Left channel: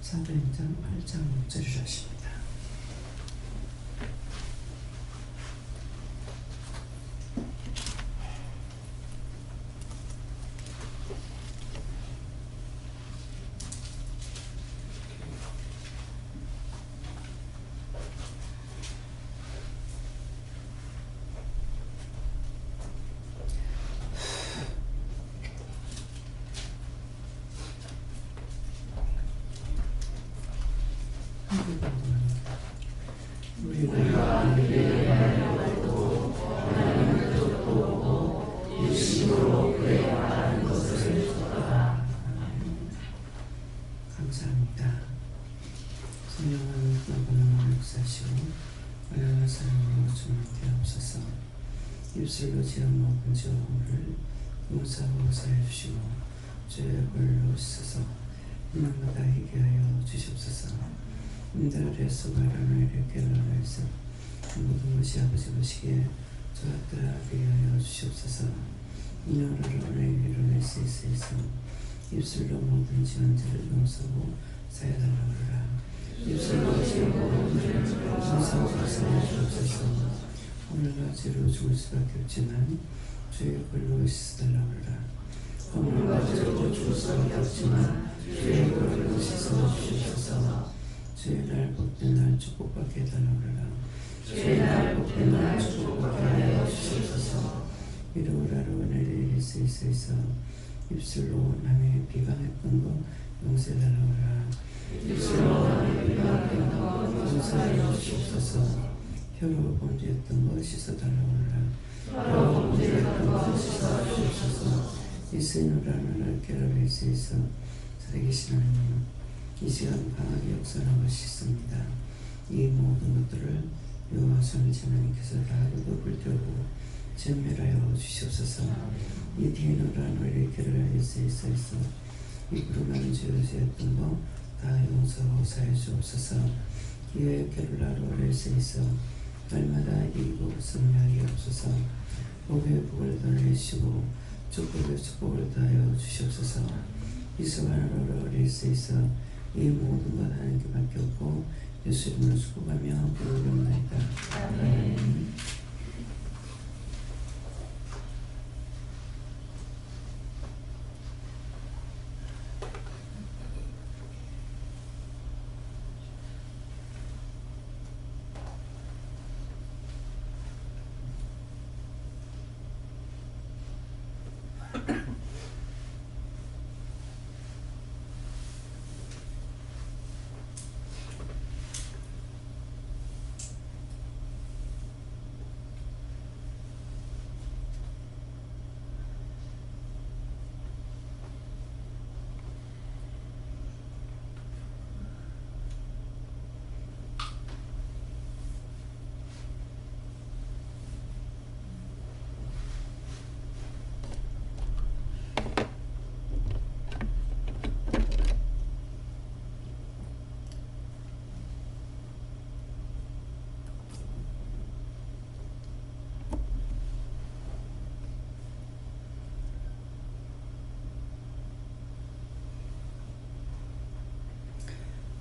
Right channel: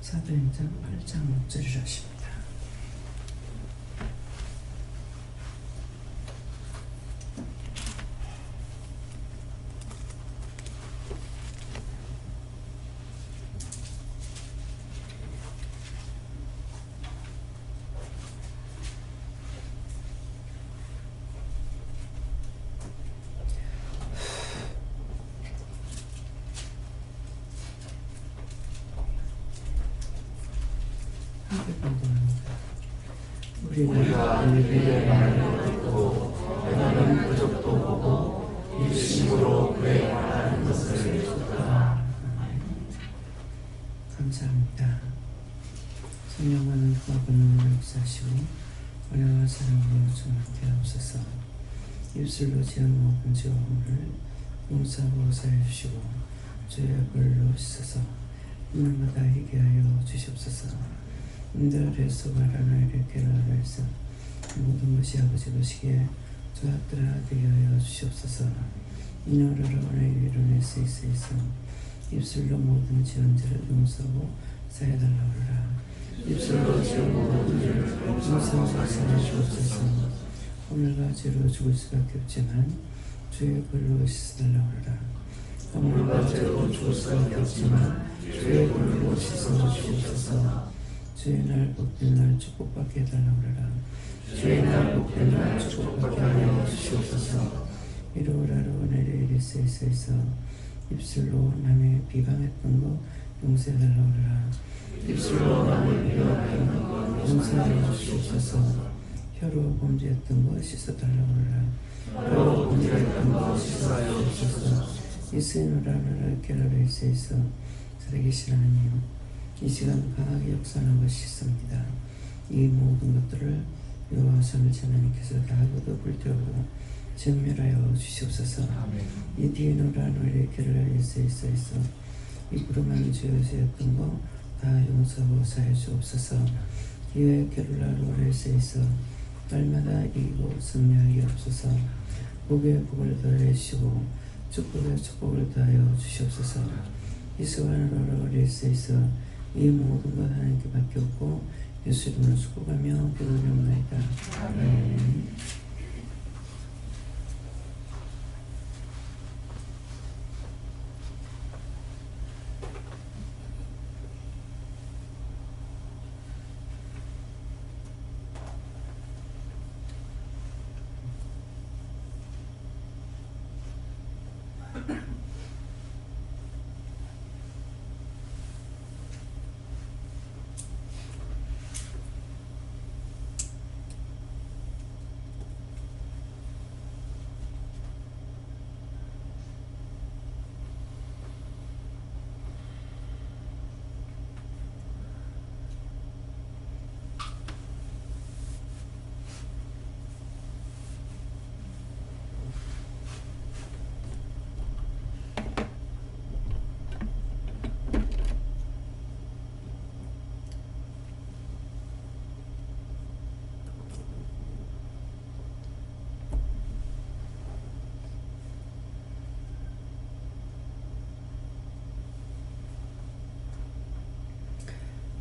사도행전 8장 6절을 하십니다. 우리가 그의 말을 듣고 그는 그것도 보고 일심으로 그의 말하는 것을 듣더라. 감사합니다. 성령은 흑암을 역사하시고 어려운 사람으로 충만케 하옵소서. 입술로 지은 모든 죄악을 용서하고 사해주시고 죄의 벌로 씻어서 날마다 희게 하여 주시옵소서. 인들의 소바라를 이렇게 나라에서 모든 것이 아버지 보시기에 저하들아 되게 하여 주시옵소서. 이노라로 오늘 이루낼 수 있어서 입술로 모든 지은 죄를 용서하고 사해달라 하라. 입술로 지은 모든 죄를 용서하고 사해 주옵소서. 오늘과 죄로 죽을 수밖에 없지만 죄의 벌로 씻어달라 하라. 오늘과 죄로 죽을 수밖에 없지만 죄의 벌로 씻어 주옵소서. 주의 날 복된 날 축복받게 해달라 그러라. 주의 날 복된 날 축복받게 하여 주시옵소서. 이루라로 내려 이리 쓰이서 입술로 남의 비방했던 거 용서해달라 그러라. 입술로 남의 비방했던 거 용서하여 주시옵소서. 혀로 범죄했던 거 씻어달라 그러라. 혀로 범죄했던 거 씻어 주시옵소서. 이스노라는 켈라베 쓰이서 살아계신 하나님, 이 시간 강하게 역사하는 것이 있습니다. 이 모든 것들을 여호와 삼위일체 하나님께서 다 거두불태우고 전멸하여 주시옵소서. 이 디노라노 이렇게를 하여 쓰이서 입으로 많은 죄를 지었던 거 다 용서하고 사해 주옵소서. 이에 게룰라로 하여 쓰이서 날마다 이기고 승리하게 하옵소서. 복에 복을 더해주시고 축복에 축복을 더하여 주시옵소서. 이스와나로 하여 쓰이서 이 모든 것 하나님께 맡겼고 예수 이름으로 축복하며 기도드립니다. 아멘.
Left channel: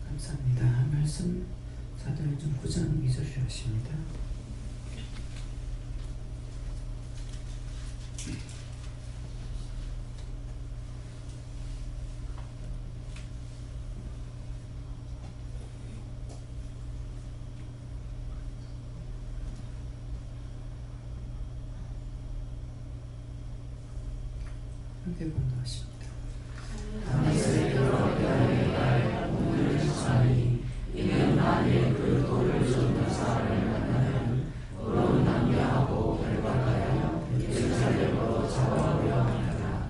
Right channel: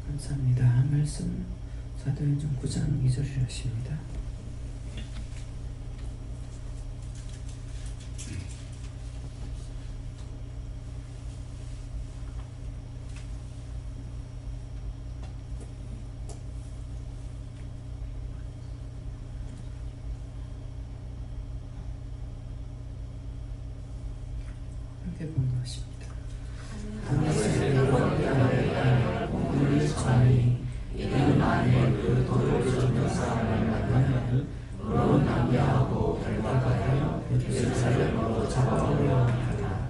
감사합니다. 말씀 사도행전 9장 2절을 하십니다. 함께 공부하십니다. 이는 만일 그 돌을 줬는 사람을 만나면 도로 낭비하고 결박하여 예루살렘으로 잡아오려 하리라.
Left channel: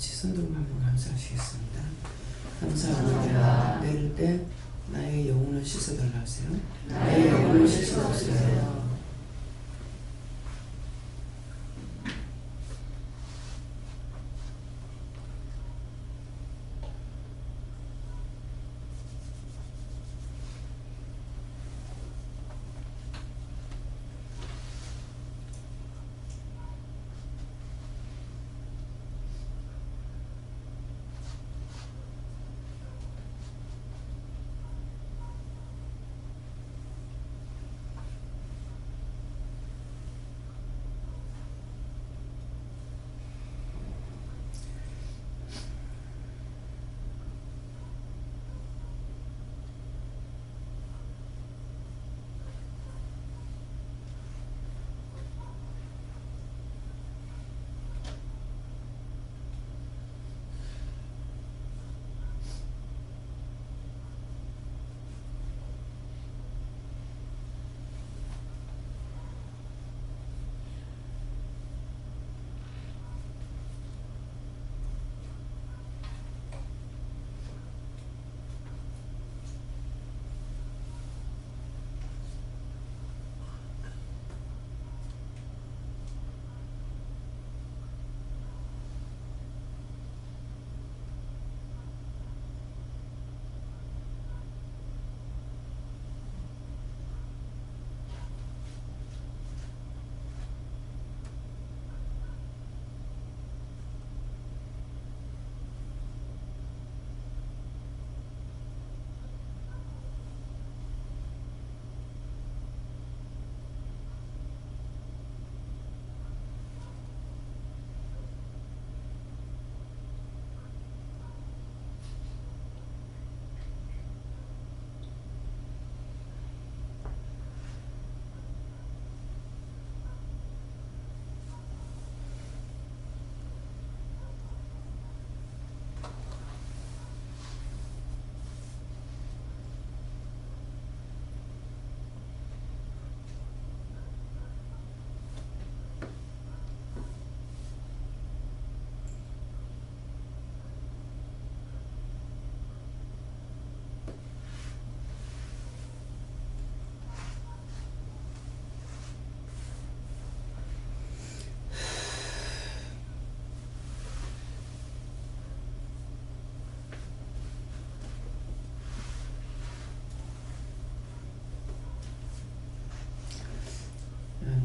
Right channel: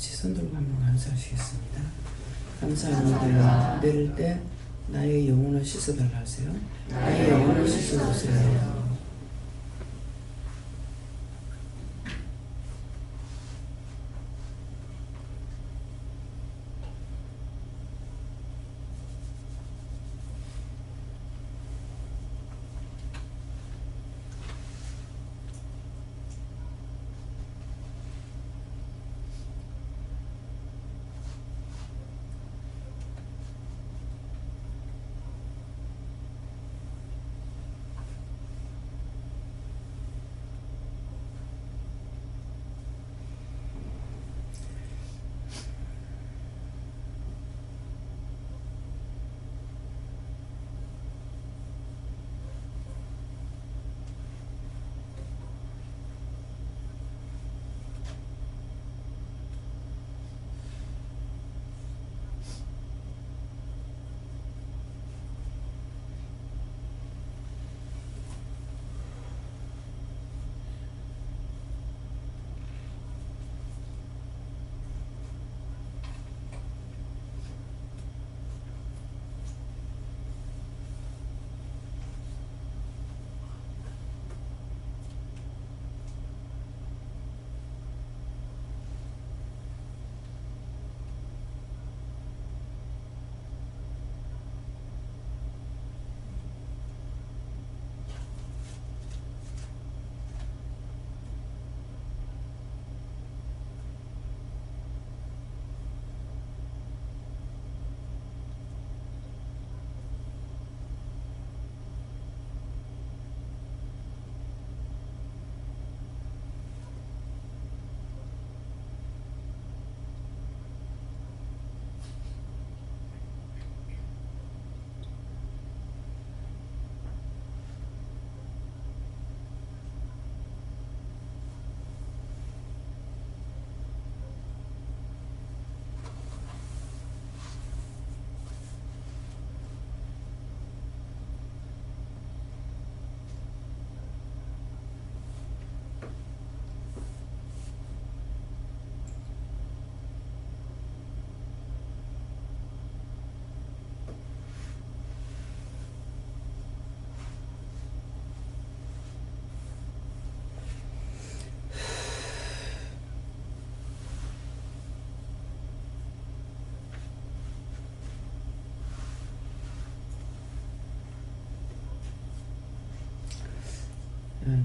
같이 손 들고 한번 감사하시겠습니다. 감사합니다. 내릴 때 나의 영혼을 씻어달라 하세요. 나의 영혼을 씻어주세요.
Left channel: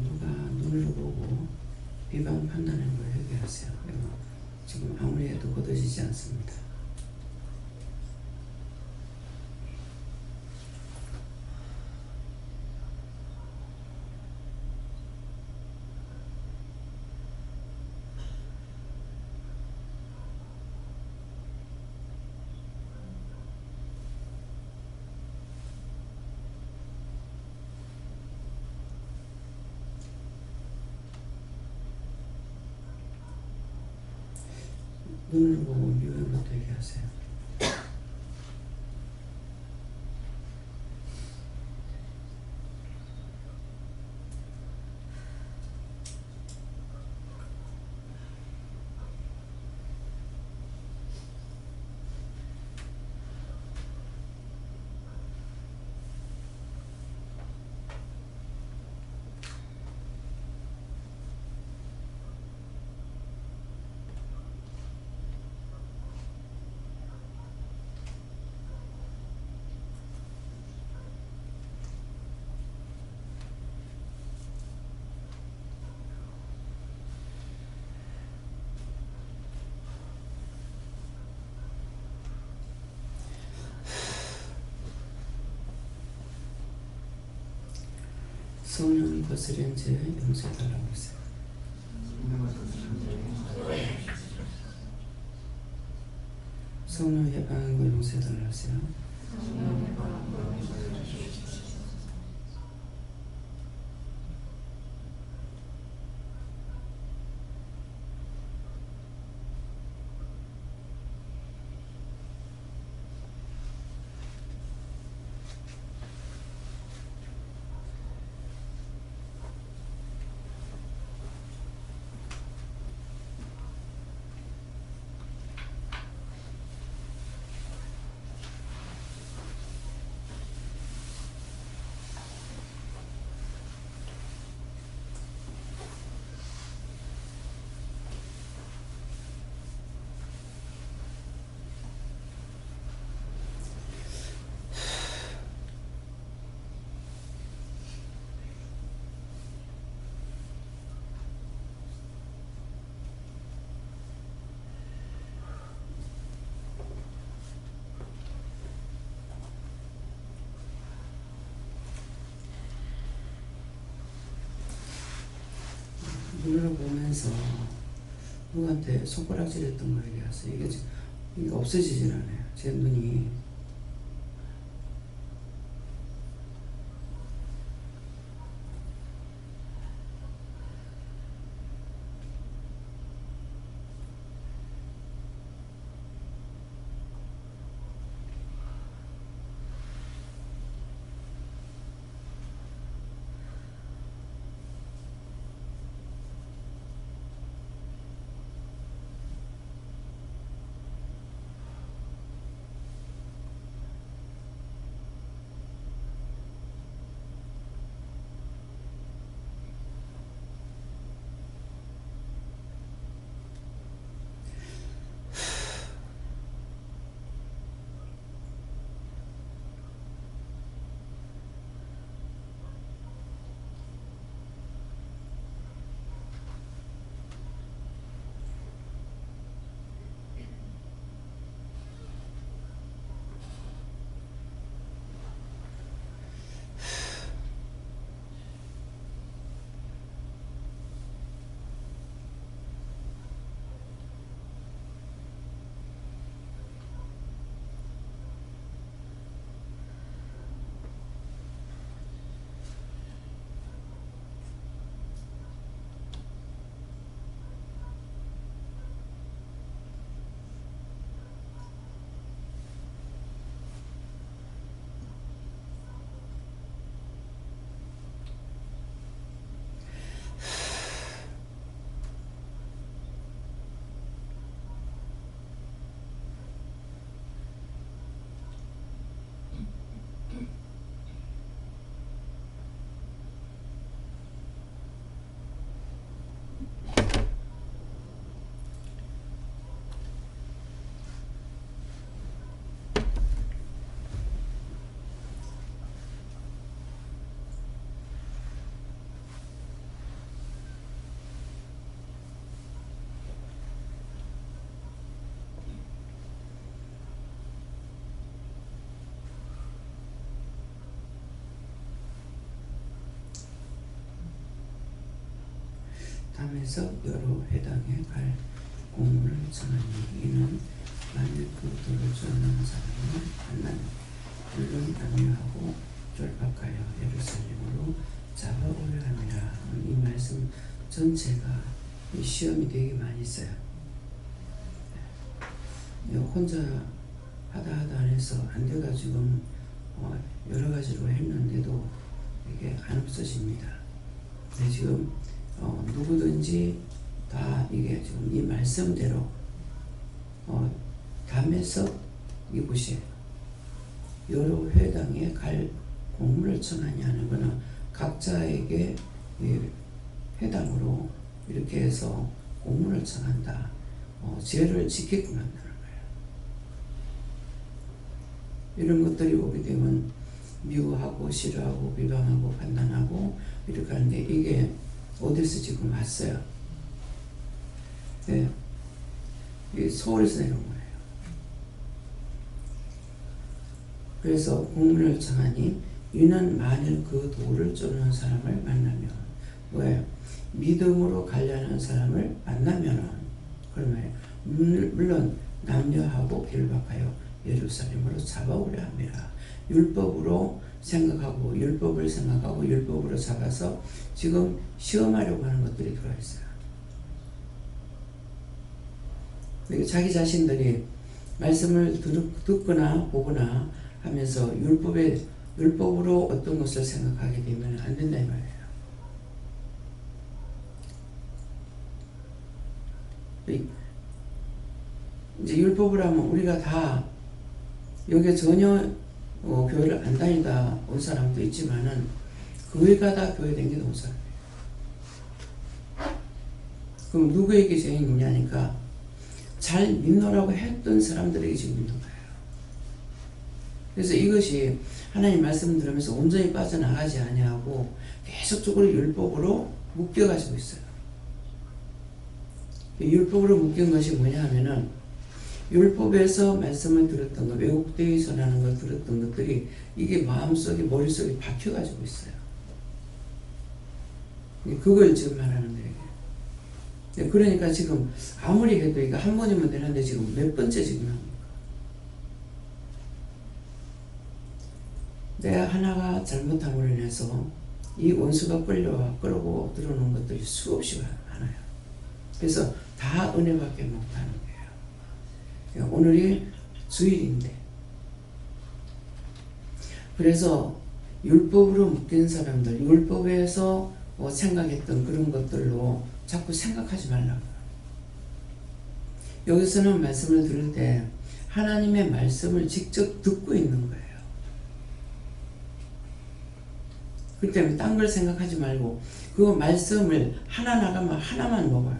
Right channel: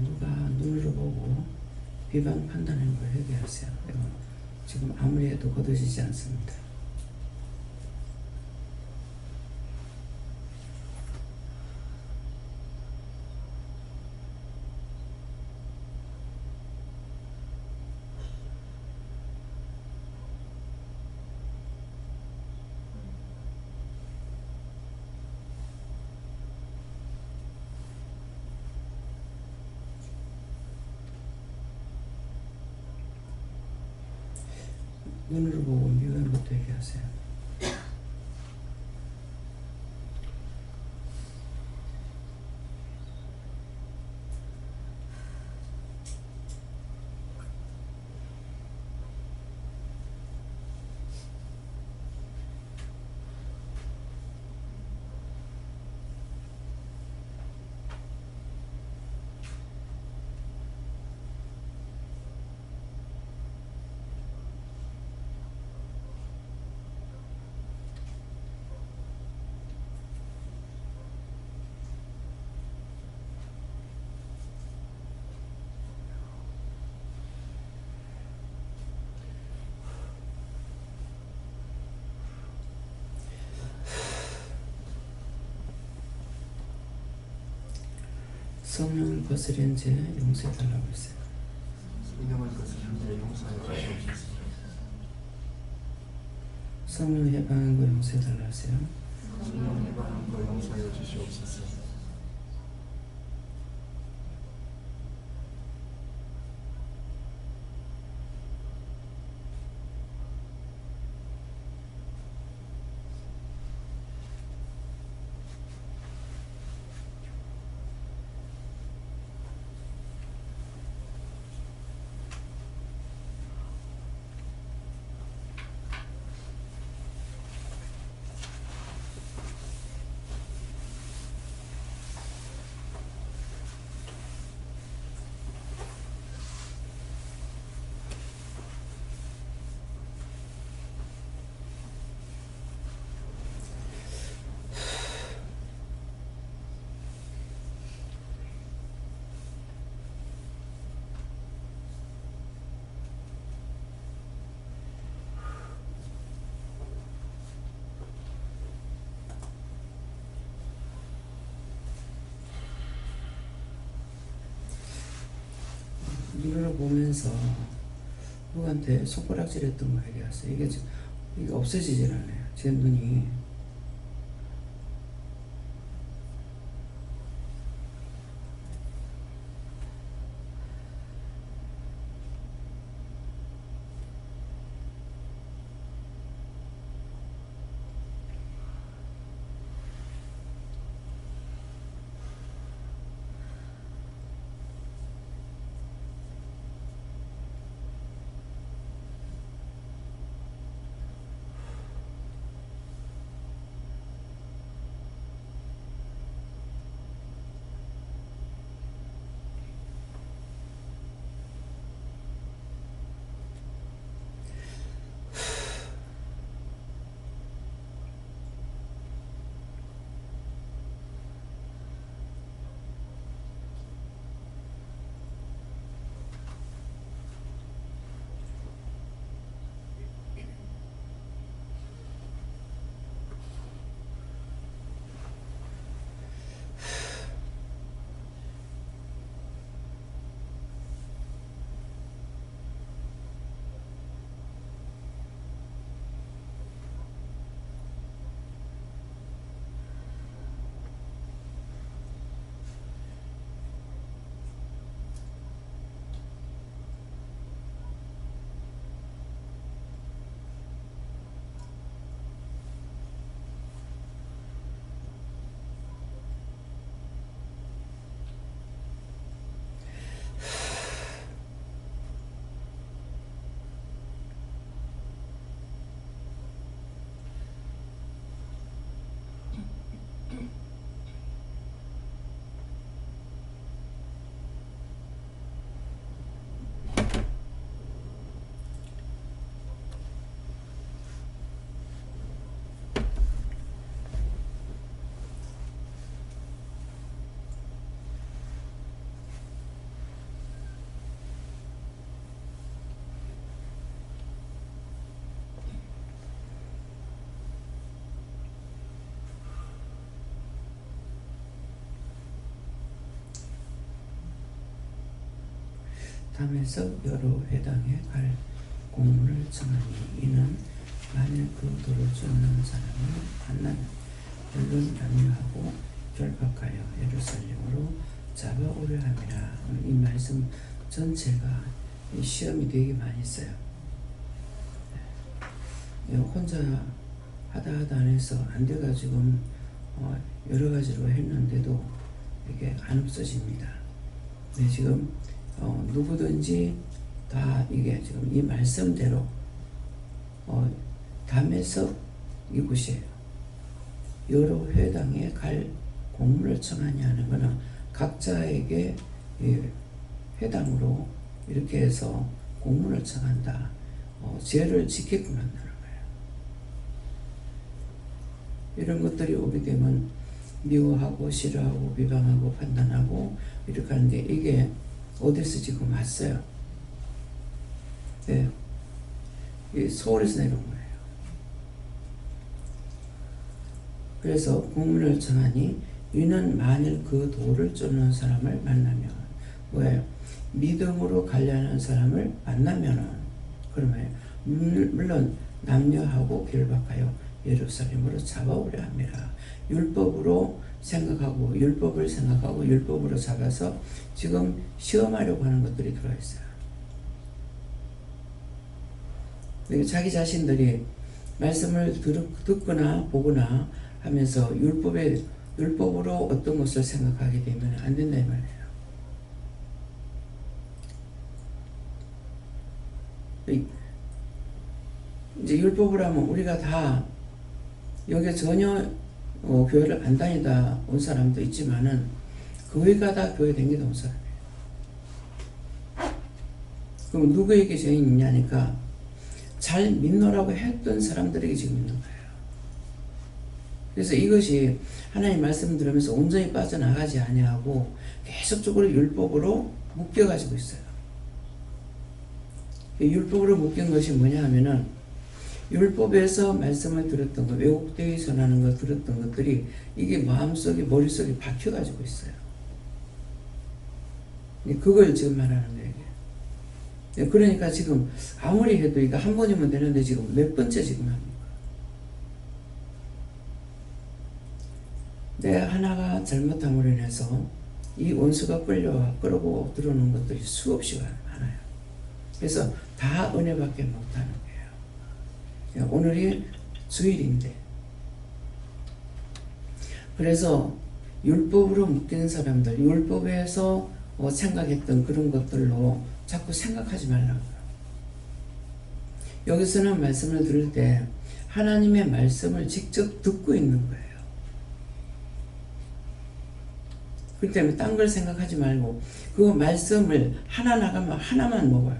누가 눈으로 보고 비방 판단하는 걸 회개하세요. 지금 아무리 해도 거둬지지 않습니다. 눈으로 보고 미워하는 것도 얘기하세요. 성령의 것을 현재 용서해달라고 했어요. 성령 해방한 거 용서해달라고 했어요. 보면서 누구한테 손가락질했던 거 얘기했어요. 이게 지금 이게 없어지질 않아요. 제 눈이. 담에서 여러 회당에 갈 공문을 청하니 이는 만일 그 도를 쫓는 사람을 만나면 물론 남유하고 결박하여 예루살렘으로 잡아오려 함이라. 이 말씀 전체가 이 시험이 되게 많이 있어요. 혼자 하다 안 해서 안 돼가지고 여러 가지로 했는데도 이게 안 없어집니다. 근데 지금 누구든지 다 이게 지금 이 말씀대로 담에석 이곳이에요. 여러 회당에 갈 공문을 청하니 하는 것은 각자에게 회당으로 이렇게 해서 공문을 청한다. 죄를 지키게끔 한다는 거예요. 이런 것들이 오게 되면 미워하고 싫어하고 비방하고 판단하고 이렇게 하는데 이게 어디서 지금 왔어요? 네. 서울에서 내려온 거예요. 그래서 공문을 청하니 이는 만일 그 도를 쫓는 사람을 만나면 뭐예요? 믿음으로 가려는 사람을 만나면은 그러면 물론 남녀하고 결박하여 예루살렘으로 잡아오려 합니다. 율법으로 생각하고 율법으로 잡아서 지금 시험하려고 하는 것들이 들어있어요. 자기 자신들이 말씀을 듣거나 보거나 하면서 율법으로 어떤 것을 생각하게 되면 안 된다 이 말이에요. 이제 율법을 하면 우리가 다 여기에 전혀 교회를 안 다니다 온 사람도 있지만은 거의가 다 교회 다니다 온 사람이에요. 그럼 누구에게 죄인이 있냐니까 잘 믿노라고 했던 사람들에게 지금 있는 거예요. 그래서 이것이 하나님 말씀 들으면서 온전히 빠져나가지 아니하고 계속적으로 율법으로 묶여가지고 있어요. 율법으로 묶인 것이 뭐냐 하면은 율법에서 말씀을 들었던 것, 왜곡되게 전하는 것 들었던 것들이 이게 마음속에 머릿속에 박혀가지고 있어요. 그걸 지금 말하는 거예요. 그러니까 지금 아무리 해도 이거 한 번이면 되는데 지금 몇 번째 지금 합니까? 내가 하나가 잘못함으로 인해서 이 원수가 끌고 들어오는 것들이 수없이 많아요. 그래서 다 은혜밖에 못하는 거예요. 오늘이 주일인데, 그래서 율법으로 묶인 사람들, 율법에서 생각했던 그런 것들로 자꾸 생각하지 말라고요. 여기서는 말씀을 들을 때 하나님의 말씀을 직접 듣고 있는 거예요. 그렇기 때문에 딴 걸 생각하지 말고 그 말씀을 하나 나가면 하나만 먹어요.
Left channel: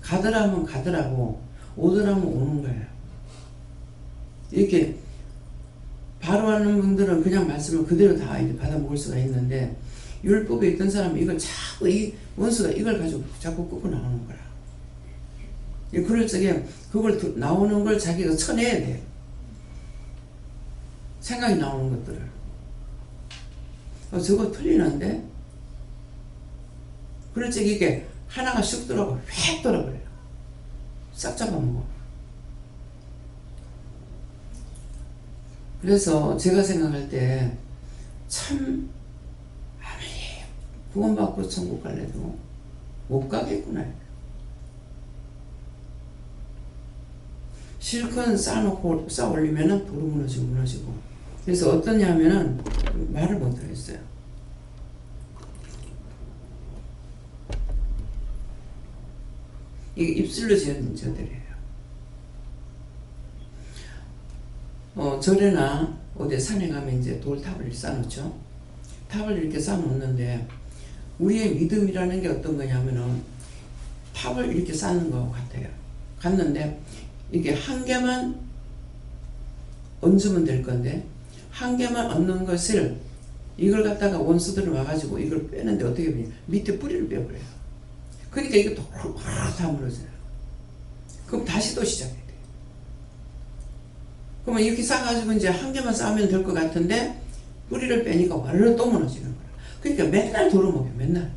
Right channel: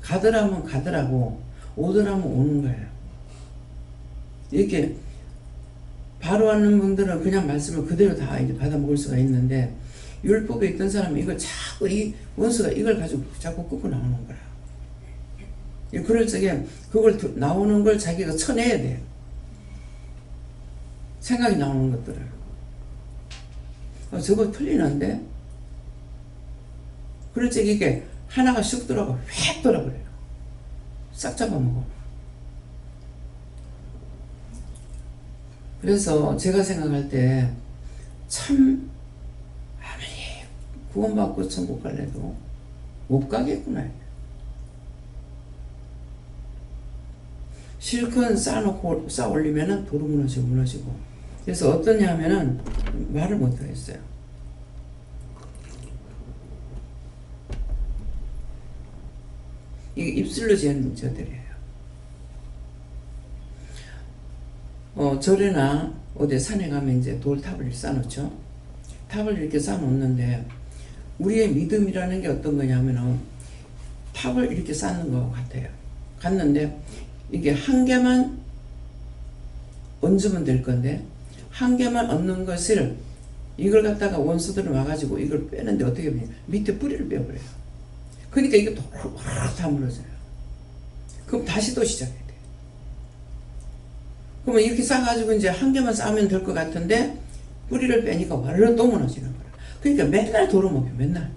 가더라면 가더라고, 오더라면 오는 거예요. 이렇게 바로 하는 분들은 그냥 말씀을 그대로 다 이렇게 받아 먹을 수가 있는데, 율법에 있던 사람은 이걸 자꾸 이 원수가 이걸 가지고 자꾸 끄고 나오는 거야. 그럴 적에 그걸 나오는 걸 자기가 쳐내야 돼. 생각이 나오는 것들을. 저거 틀리는데? 그럴 적에 이게 하나가 슉 들어가고 휙 돌아버려요. 싹 잡아먹어. 그래서 제가 생각할 때 참 아무리 구원받고 천국 갈래도 못 가겠구나. 실컷 쌓아놓고 쌓아올리면은 도로 무너지고. 그래서 어떠냐면은 말을 못하겠어요. 이게 입술로 지은 저들이에요. 절에나 어디 산에 가면 이제 돌탑을 쌓아놓죠. 탑을 이렇게 쌓아놓는데, 우리의 믿음이라는 게 어떤 거냐면은 탑을 이렇게 쌓는 것 같아요. 갔는데 이게 한 개만 얹으면 될 건데, 한 개만 얹는 것을 이걸 갖다가 원수들을 와가지고 이걸 빼는데 어떻게 보냐, 밑에 뿌리를 빼버려요. 그러니까 이게 또 다 무너져요. 그럼 다시 또 시작해야 돼. 그러면 이렇게 쌓아가지고 이제 한 개만 쌓으면 될 것 같은데 뿌리를 빼니까 와르르 또 무너지는 거야. 그러니까 맨날 도로먹여, 맨날.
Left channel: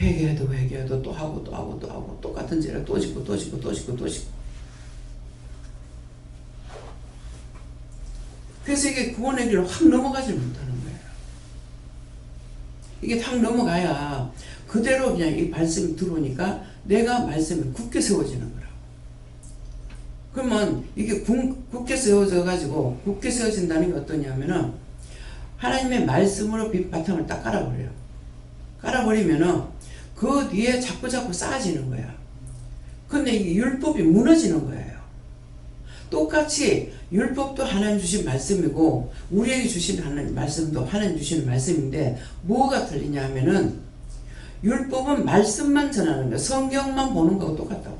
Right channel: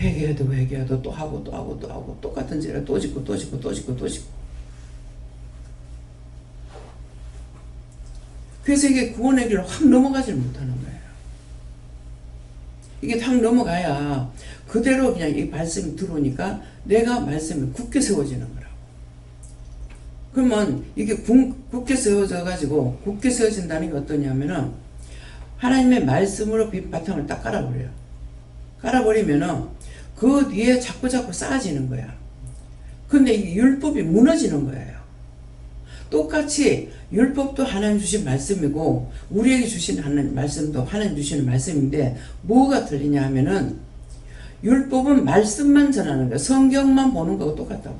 회개해도 또 하고 똑같은 죄를 또 짓고. 그래서 이게 구원의 길로 확 넘어가질 못하는 거예요. 이게 확 넘어가야 그대로 그냥 이 말씀이 들어오니까 내가 말씀이 굳게 세워지는 거라고. 그러면 이게 굳게 세워져가지고, 굳게 세워진다는 게 어떠냐면은 하나님의 말씀으로 바탕을 딱 깔아버려요. 깔아버리면은 그 뒤에 자꾸 쌓아지는 거야. 근데 이 율법이 무너지는 거예요. 똑같이 율법도 하나님 주신 말씀이고 우리에게 주신 하나님 말씀도 하나님 주시는 말씀인데, 뭐가 틀리냐 하면은 율법은 말씀만 전하는 거야. 성경만 보는 거하고 똑같다고.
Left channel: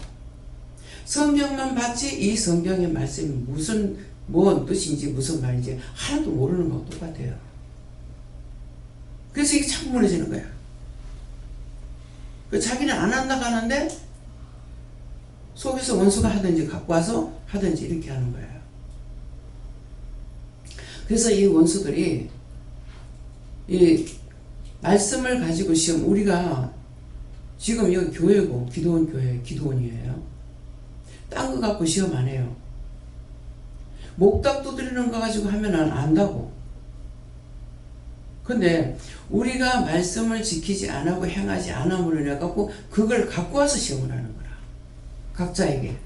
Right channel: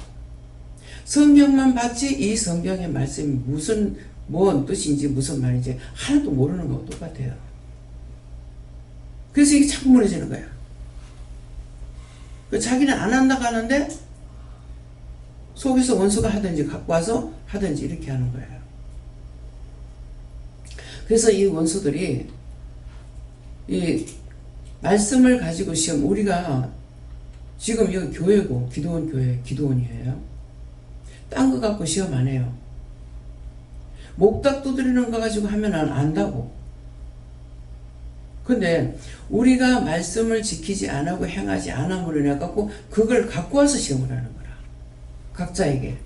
성경만 봤지 이 성경의 말씀이 뭔 뜻인지 무슨 말인지 하나도 모르는 거하고 똑같아요. 그래서 이게 자꾸 무너지는 거야. 자기는 안 한다고 하는데 속에서 원수가 하든지 갖고 와서 하든지 이렇게 하는 거예요. 그래서 이 원수들이 이 말씀을 가지고 시험, 우리가 지금 여기 교회고 기도원 교회, 기도원이에요. 딴 거 갖고 시험 안 해요. 목닥 두드리는 거 가지고 하면 안다고. 근데 우리가 말씀을 지키지 않고 행하지 않음으로 인해 갖고 그걸 갖고 와서 시험을 하는 거라. 각자에게.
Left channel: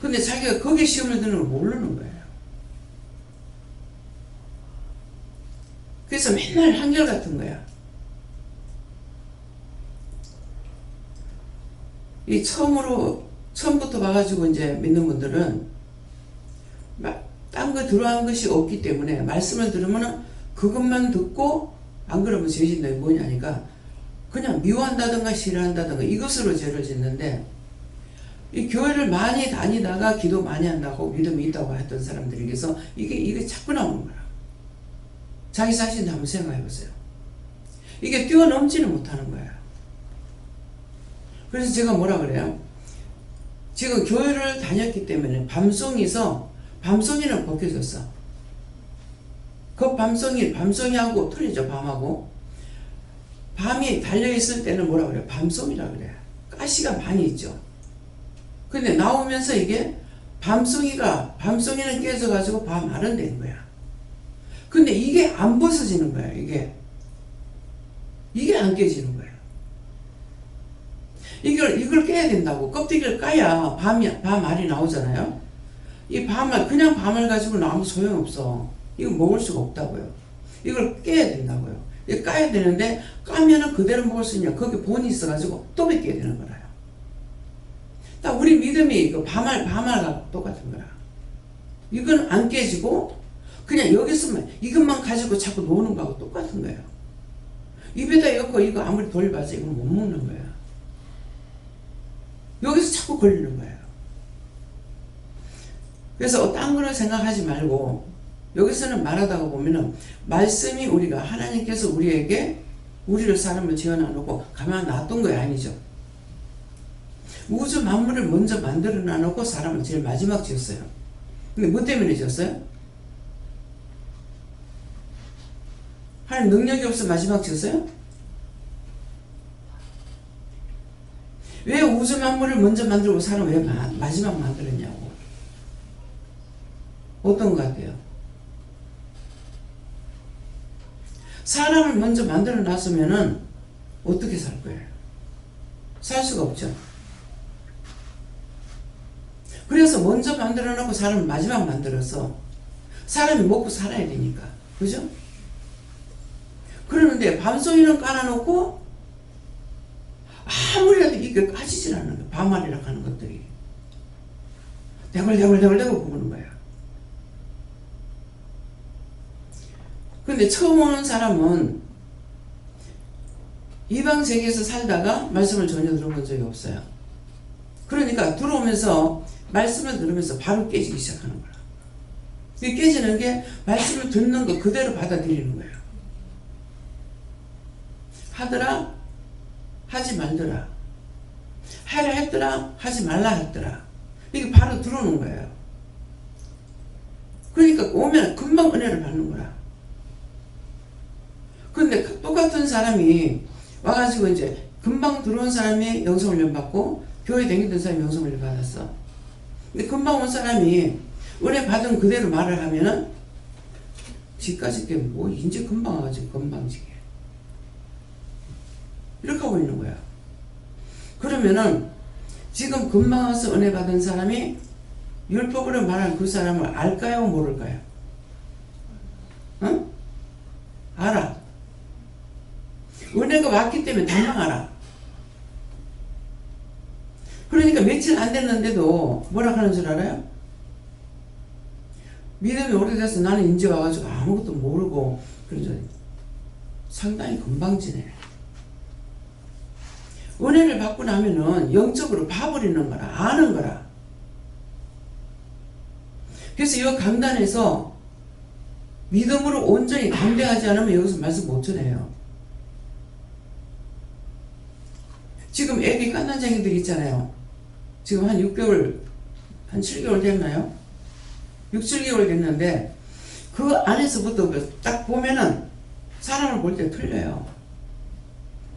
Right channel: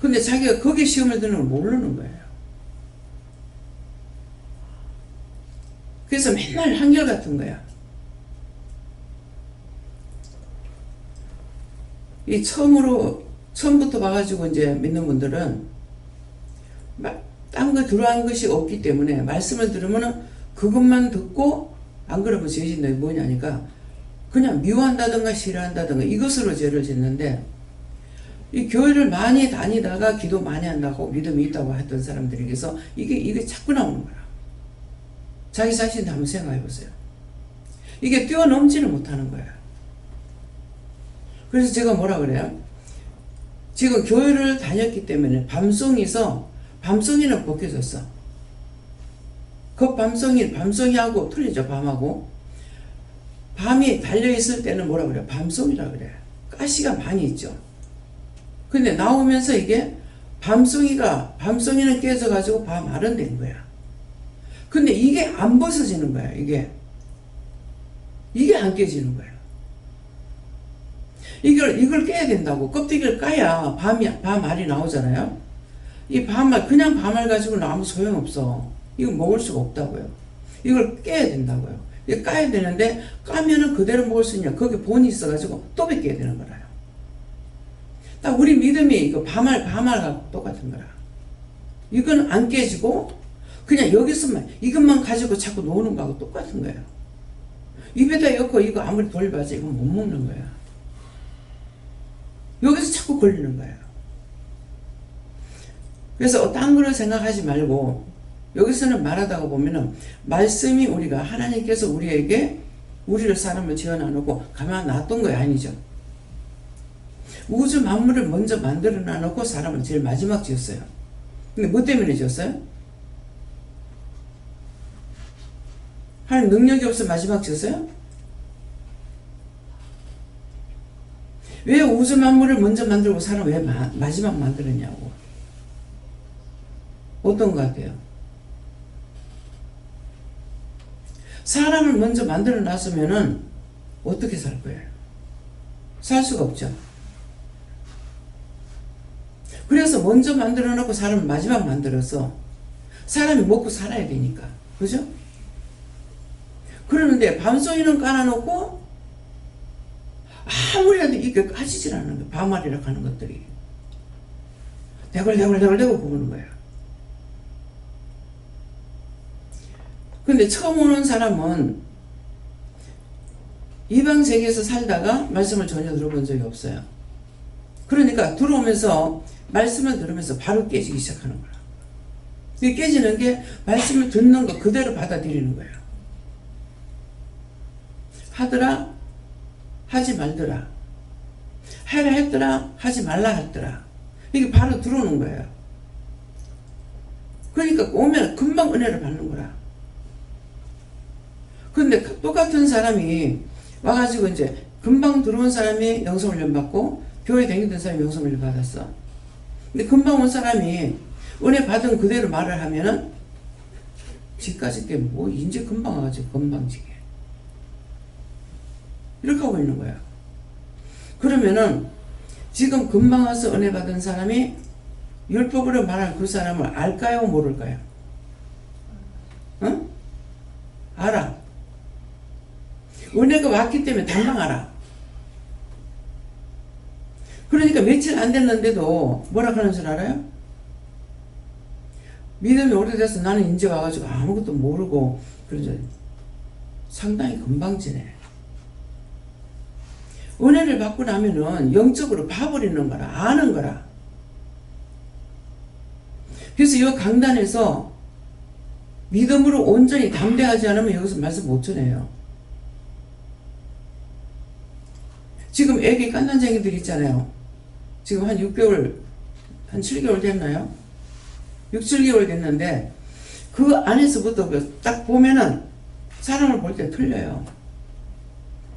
근데 자기가 거기에 시험을 드는 걸 모르는 거예요. 그래서 맨날 한결같은 거야. 이 처음부터 봐가지고 이제 믿는 분들은 딴 거 들어간 것이 없기 때문에 말씀을 들으면은 그것만 듣고, 안 그러면 죄 짓는 게 뭐냐니까 그냥 미워한다든가 싫어한다든가 이것으로 죄를 짓는데, 이 교회를 많이 다니다가 기도 많이 한다고 믿음이 있다고 했던 사람들에게서 이게 자꾸 나오는 거야. 자기 자신도 한번 생각해 보세요. 이게 뛰어넘지는 못하는 거야. 그래서 제가 뭐라 그래요? 지금 교회를 다녔기 때문에 밤송이는 벗겨졌어. 그 밤송이하고 틀리죠, 밤하고. 밤이 달려있을 때는 뭐라 그래? 밤송이라 그래. 가시가 많이 있죠. 근데 나오면서 이게 밤송이는 깨져가지고 밤알은 된 거야. 근데 이게 안 벗어지는 거야. 이게 안 깨지는 거야. 이걸 깨야 된다고. 껍데기를 까야 밤알이 나오잖아요. 이 그냥 밤알 가지고는 아무 소용없어. 이거 먹을 수가 없다고요. 이걸 깨야 된다고요. 이거 까야 되는데, 까면은 그대로 먹을 수 있냐. 거기 본이 있어가지고 또 벗겨야 되는 거라요. 딱 우리 믿음이 이거 밤알과 똑같은 거라. 이건 안 깨지고, 그냥 여기서만, 이것만 가지고 자꾸 노는 거하고 똑같은 거예요. 입에다 엮고 이거 아무리 돌려봐서 이거 못 먹는 거야. 여기서 자꾸 걸리는 거예요. 그래서 딴 거를 생각하지 말고, 여기서는 말하다가 보면은, 말씀이 하나님께서 우리를 사람을 지어 놔놓고 가만 놔둔 거 아니죠. 우주 만물을 먼저 만들어 놔놓고 사람을 제일 마지막 지었어요. 근데 뭐 때문에 지었어요? 하나님 능력이 없어 마지막 지었어요? 왜 우주 만물을 먼저 만들고 사람을 왜 마지막 만들었냐고. 어떤 것 같아요? 사람을 먼저 만들어 놨으면은 어떻게 살 거예요? 살 수가 없죠. 그래서 먼저 만들어 놓고 사람을 마지막 만들어서 사람이 먹고 살아야 되니까. 그죠? 그러는데 밤송이는 깔아놓고 아무리라도 이게 까지질 않는 거예요. 밤알이라 하는 것들이. 대걸대걸 구우는 거예요. 근데 처음 오는 사람은 이방 세계에서 살다가 말씀을 전혀 들어본 적이 없어요. 그러니까 들어오면서 말씀을 들으면서 바로 깨지기 시작하는 거야. 깨지는 게 말씀을 듣는 거 그대로 받아들이는 거예요. 하더라 하지 말더라, 해라 했더라 하지 말라 했더라, 이게 바로 들어오는 거예요. 그러니까 오면 금방 은혜를 받는 거라. 근데 똑같은 사람이 와가지고 이제 금방 들어온 사람이 영성훈련 받고 교회 다니던 사람이 영성훈련 받았어. 근데 금방 온 사람이 은혜 받은 그대로 말을 하면은 지까지 게 뭐 이제 금방 와가지고 금방지게 이렇게 하고 있는 거야. 그러면은 지금 금방 와서 은혜 받은 사람이 율법으로 말하는 그 사람을 알까요? 모를까요? 응? 알아. 은혜가 왔기 때문에 당장 알아. 그러니까 며칠 안 됐는데도 뭐라 하는 줄 알아요? 믿음이 오래돼서 나는 이제 와가지고 아무것도 모르고 그러죠. 상당히 금방 지내. 은혜를 받고 나면은 영적으로 봐버리는 거라. 아는 거라. 그래서 이 강단에서 믿음으로 온전히 담대하지 않으면 여기서 말씀 못 전해요. 지금 애기 깐난쟁이들 있잖아요. 지금 한 6개월, 한 7개월 됐나요? 6, 7개월 됐는데 그 안에서부터 딱 보면은 사람을 볼 때 틀려요.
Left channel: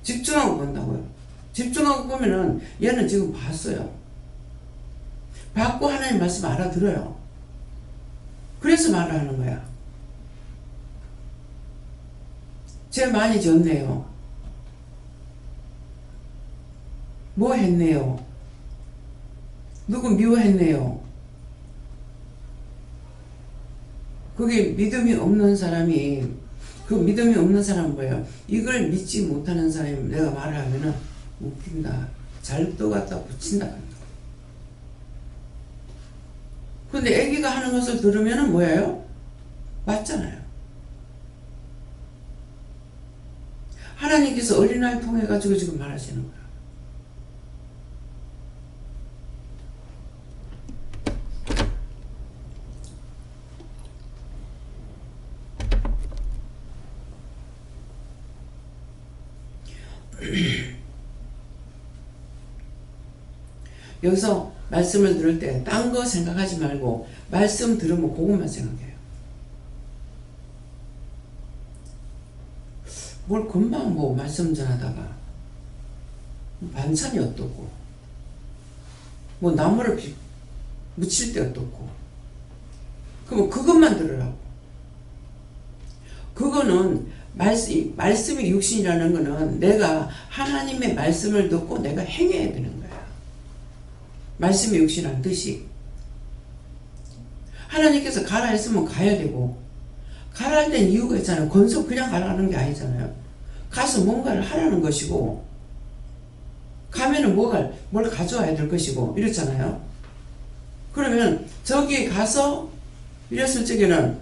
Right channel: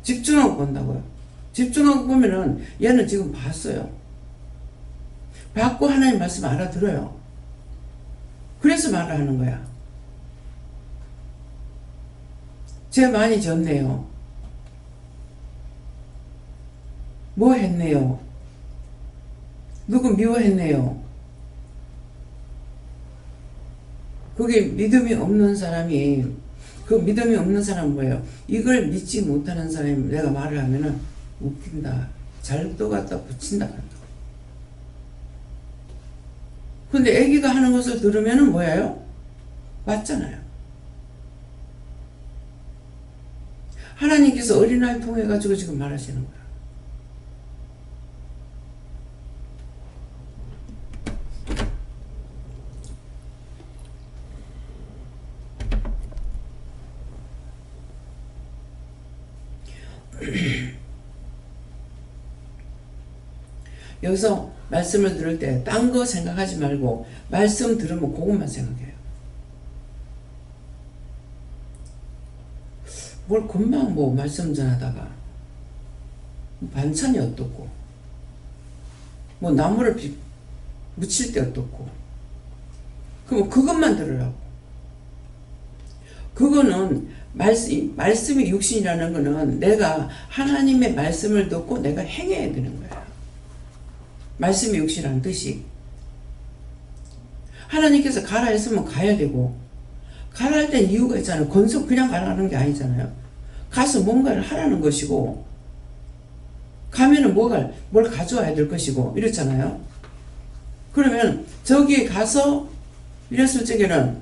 집중하고 본다고요. 집중하고 보면은 얘는 지금 봤어요. 받고 하나님 말씀 알아들어요. 그래서 말을 하는 거야. 죄 많이 졌네요. 뭐 했네요. 누구 미워했네요. 그게 믿음이 없는 사람이, 그 믿음이 없는 사람은 뭐예요? 이걸 믿지 못하는 사람이 내가 말을 하면은 웃긴다. 잘도 갖다 붙인다. 근데 애기가 하는 것을 들으면은 뭐예요? 맞잖아요. 하나님께서 어린아이 통해 가지고 지금 말하시는 거야. 여기서 말씀을 들을 때 딴 거 생각하지 말고 말씀 들으면 그것만 생각해요. 뭘 금방 뭐 말씀 전하다가 반찬이 어떻고 뭐 나무를 묻힐 때 어떻고 그럼 그것만 들으라고. 그거는 말씀이 육신이라는 거는 내가 하나님의 말씀을 듣고 내가 행해야 되는 거야. 말씀이 육신이라는 뜻이. 하나님께서 가라 했으면 가야 되고 가라 할 땐 이유가 있잖아요. 건석 그냥 가라는 게 아니잖아요. 가서 뭔가를 하라는 것이고 가면은 뭘 가져와야 될 것이고 이렇잖아요. 그러면 저기에 가서 이랬을 적에는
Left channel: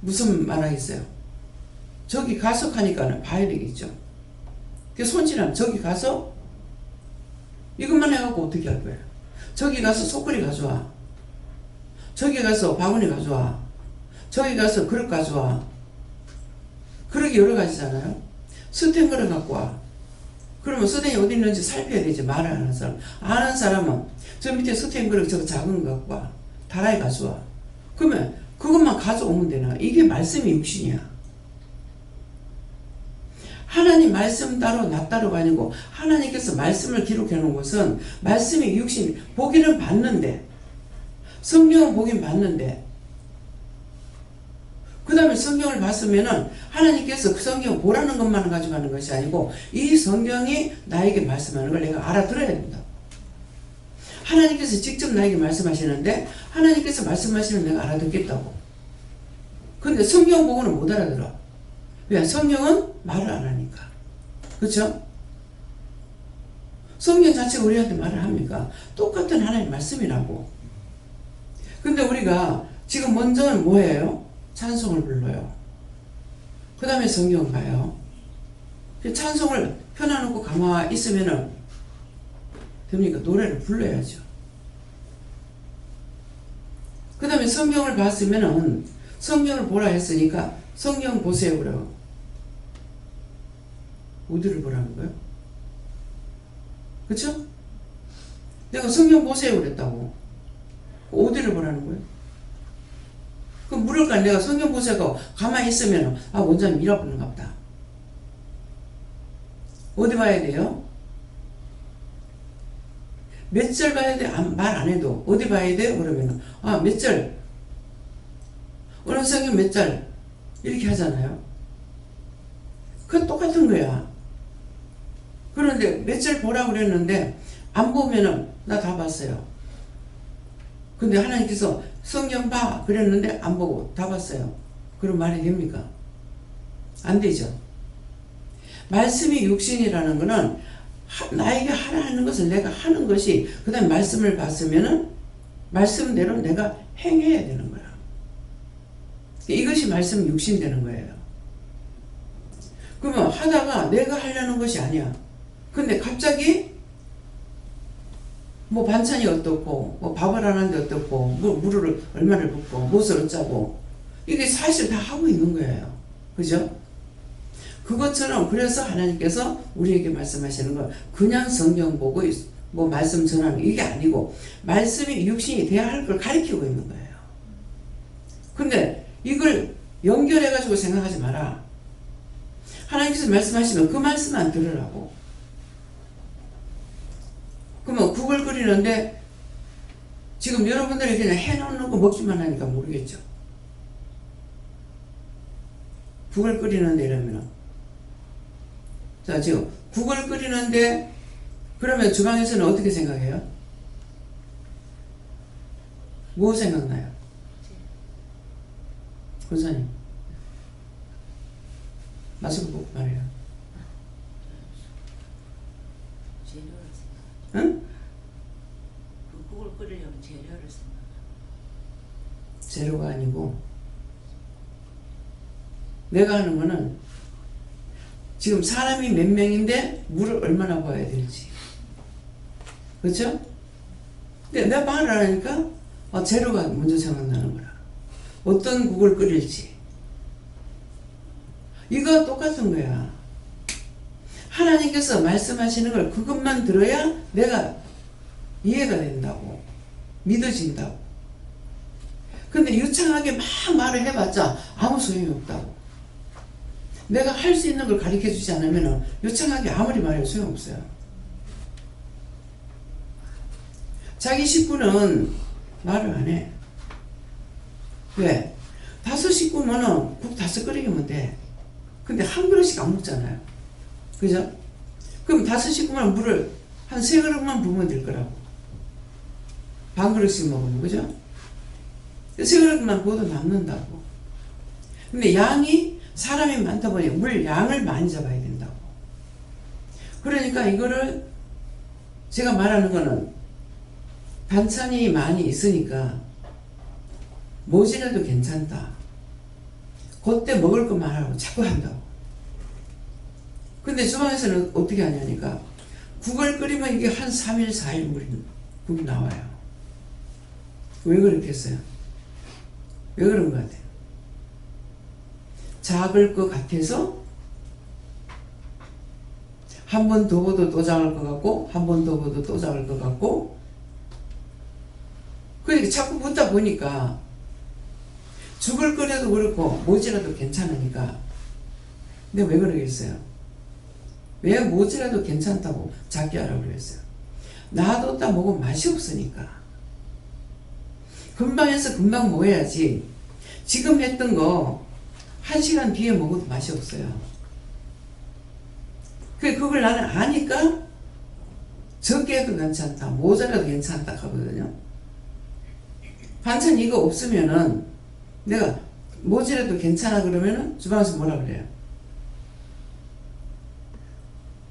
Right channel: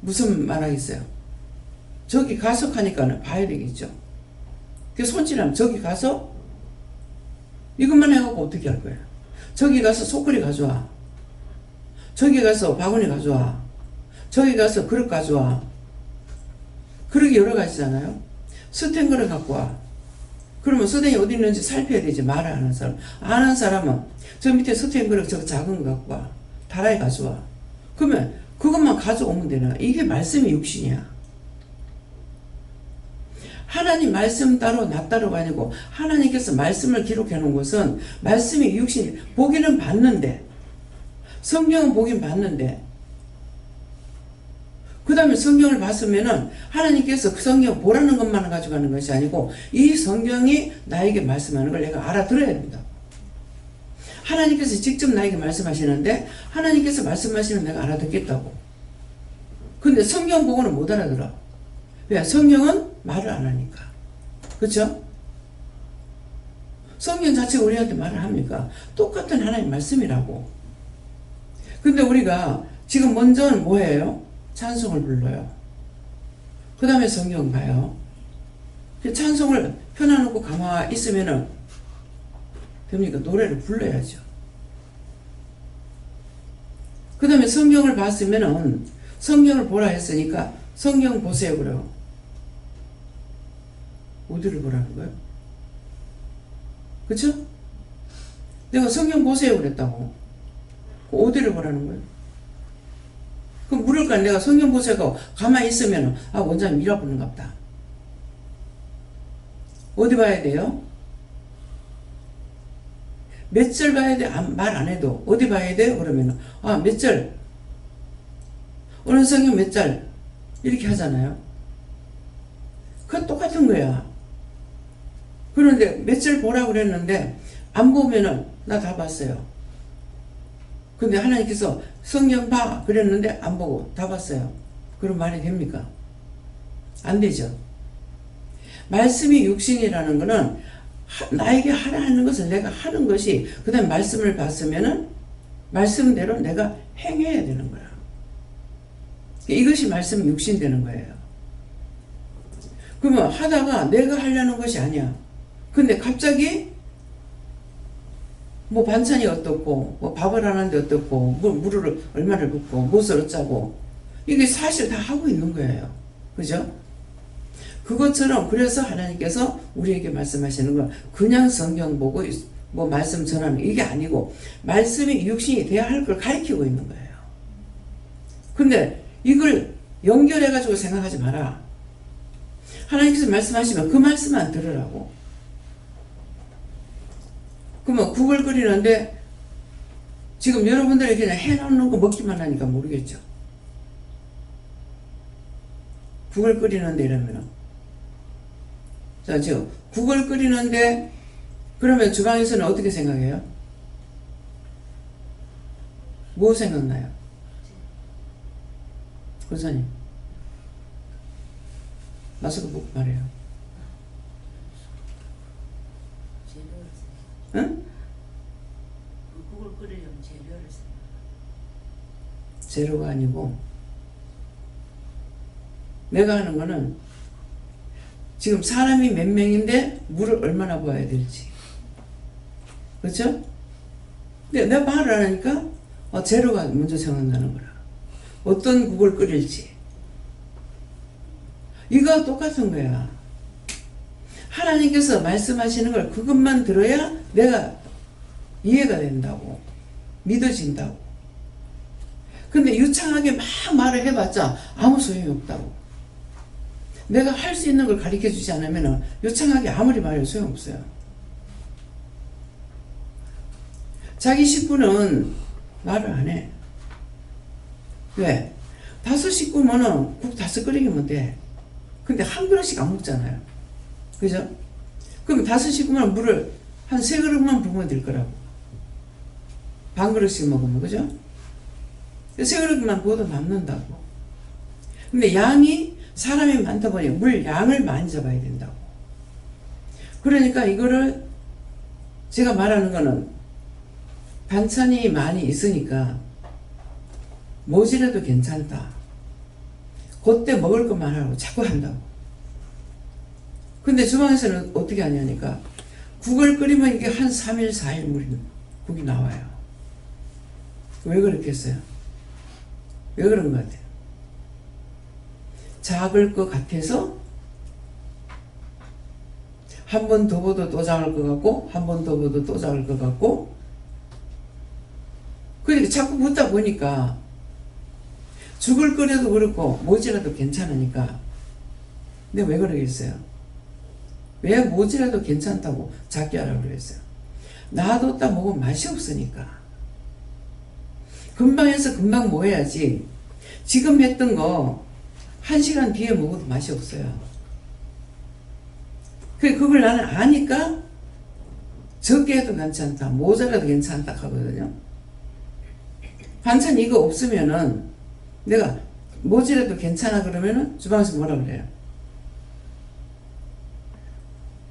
무슨 말 하겠어요? 저기 가서 하니까 봐야 되겠죠. 그 손질하면 저기 가서 이것만 해갖고 어떻게 할 거예요? 저기 가서 소쿠리 가져와. 저기 가서 바구니 가져와. 저기 가서 그릇 가져와. 그릇이 여러 가지잖아요. 스텐 그릇 갖고 와. 그러면 스텐이 어디 있는지 살펴야 되지. 말을 하는 사람. 아는 사람은 저 밑에 스텐 그릇 저거 작은 거 갖고 와. 다라이 가져와. 그러면 그것만 가져오면 되나? 이게 말씀이 육신이야. 하나님 말씀 따로 나 따로가 아니고 하나님께서 말씀을 기록해 놓은 것은 말씀이 육신. 보기는 봤는데 성경은 보긴 봤는데 그 다음에 성경을 봤으면은 하나님께서 그 성경 보라는 것만 가지고 가는 것이 아니고 이 성경이 나에게 말씀하는 걸 내가 알아들어야 된다. 하나님께서 직접 나에게 말씀하시는데 하나님께서 말씀하시면 내가 알아듣겠다고. 근데 성경 보고는 못 알아들어. 왜? 성경은 말을 안 하니까. 그렇죠? 성경 자체가 우리한테 말을 합니까? 똑같은 하나님 말씀이라고. 근데 우리가 지금 먼저는 뭐예요? 찬송을 불러요. 그 다음에 성경 가요. 찬송을 펴놔놓고 가만히 있으면은 됩니까? 노래를 불러야죠. 그 다음에 성경을 봤으면은 성경을 보라 했으니까 성경 보세요 그래요. 어디를 보라는 거예요? 그쵸? 내가 성경 보세요 그랬다고. 어디를 보라는 거예요? 그럼 물을까? 내가 성경 보세요 가만히 있으면 원장님 밀어보는가 보다. 어디 봐야 돼요? 몇 절 봐야 돼? 말 안 해도 어디 봐야 돼요? 그러면 몇 절 어느 성경 몇 절 이렇게 하잖아요. 그건 똑같은 거야. 그런데 몇 절 보라고 그랬는데 안 보면은 나 다 봤어요. 근데 하나님께서 성경 봐 그랬는데 안 보고 다 봤어요. 그런 말이 됩니까? 안 되죠. 말씀이 육신이라는 거는 나에게 하라 하는 것을 내가 하는 것이 그 다음에 말씀을 봤으면은 말씀대로 내가 행해야 되는 거야. 이것이 말씀 육신 되는 거예요. 그러면 하다가 내가 하려는 것이 아니야. 근데 갑자기 뭐 반찬이 어떻고 뭐 밥을 하는데 어떻고 뭐 물을 얼마나 붓고 무엇을 어쩌고 이게 사실 다 하고 있는 거예요. 그죠? 그것처럼 그래서 하나님께서 우리에게 말씀하시는 건 그냥 성경 보고 뭐 말씀 전하는 이게 아니고 말씀이 육신이 돼야 할 걸 가르치고 있는 거예요. 근데 이걸 연결해 가지고 생각하지 마라. 하나님께서 말씀하시면 그 말씀만 들으라고. 그러면 국을 끓이는데 지금 여러분들이 그냥 해놓는 거 먹기만 하니까 모르겠죠. 국을 끓이는데 이러면은 자 지금 국을 끓이는데 그러면 주방에서는 어떻게 생각해요? 뭐 생각나요? 권사님 마스크 보고 말해요. 응? 그 국을 끓이려면 재료를 생각. 재료가 아니고 내가 하는 거는 지금 사람이 몇 명인데 물을 얼마나 부어야 될지. 그렇죠? 근데 내가 말을 안 하니까 재료가 먼저 생각나는 거라. 어떤 국을 끓일지. 이거 똑같은 거야. 하나님께서 말씀하시는 걸 그것만 들어야 내가 이해가 된다고. 믿어진다고. 근데 유창하게 막 말을 해봤자 아무 소용이 없다고. 내가 할 수 있는 걸 가르쳐 주지 않으면 요청하기 아무리 말해도 소용없어요. 자기 식구는 말을 안 해. 왜? 5식구면은 국 5 끓이면 돼. 근데 한 그릇씩 안 먹잖아요. 그죠? 그럼 5식구면 물을 한 3그릇만 부으면 될 거라고. 반 그릇씩 먹으면, 그죠? 3그릇만 부어도 남는다고. 근데 양이 사람이 많다 보니 물 양을 많이 잡아야 된다고. 그러니까 이거를 제가 말하는 거는 반찬이 많이 있으니까 뭐지라도 괜찮다. 그때 먹을 것만 하라고 자꾸 한다고. 근데 주방에서는 어떻게 하냐니까 국을 끓이면 이게 한 3일 4일 국이 나와요. 왜 그렇겠어요? 왜 그런 것 같아요? 작을 것 같아서 한 번 더 봐도 또 작을 것 같고 한 번 더 봐도 또 작을 것 같고 그러니까 자꾸 붓다 보니까 죽을 끓여도 그렇고 뭐지라도 괜찮으니까 근데 왜 그러겠어요? 왜 뭐지라도 괜찮다고 작게 하라고 그랬어요? 놔뒀다 먹으면 맛이 없으니까 금방 해서 금방 뭐 해야지 지금 했던 거 1시간 뒤에 먹어도 맛이 없어요. 그걸 나는 아니까 적게 해도 괜찮다 모자라도 괜찮다 하거든요. 반찬 이거 없으면은 내가 뭐지라도 괜찮아 그러면은 주방에서 뭐라 그래요?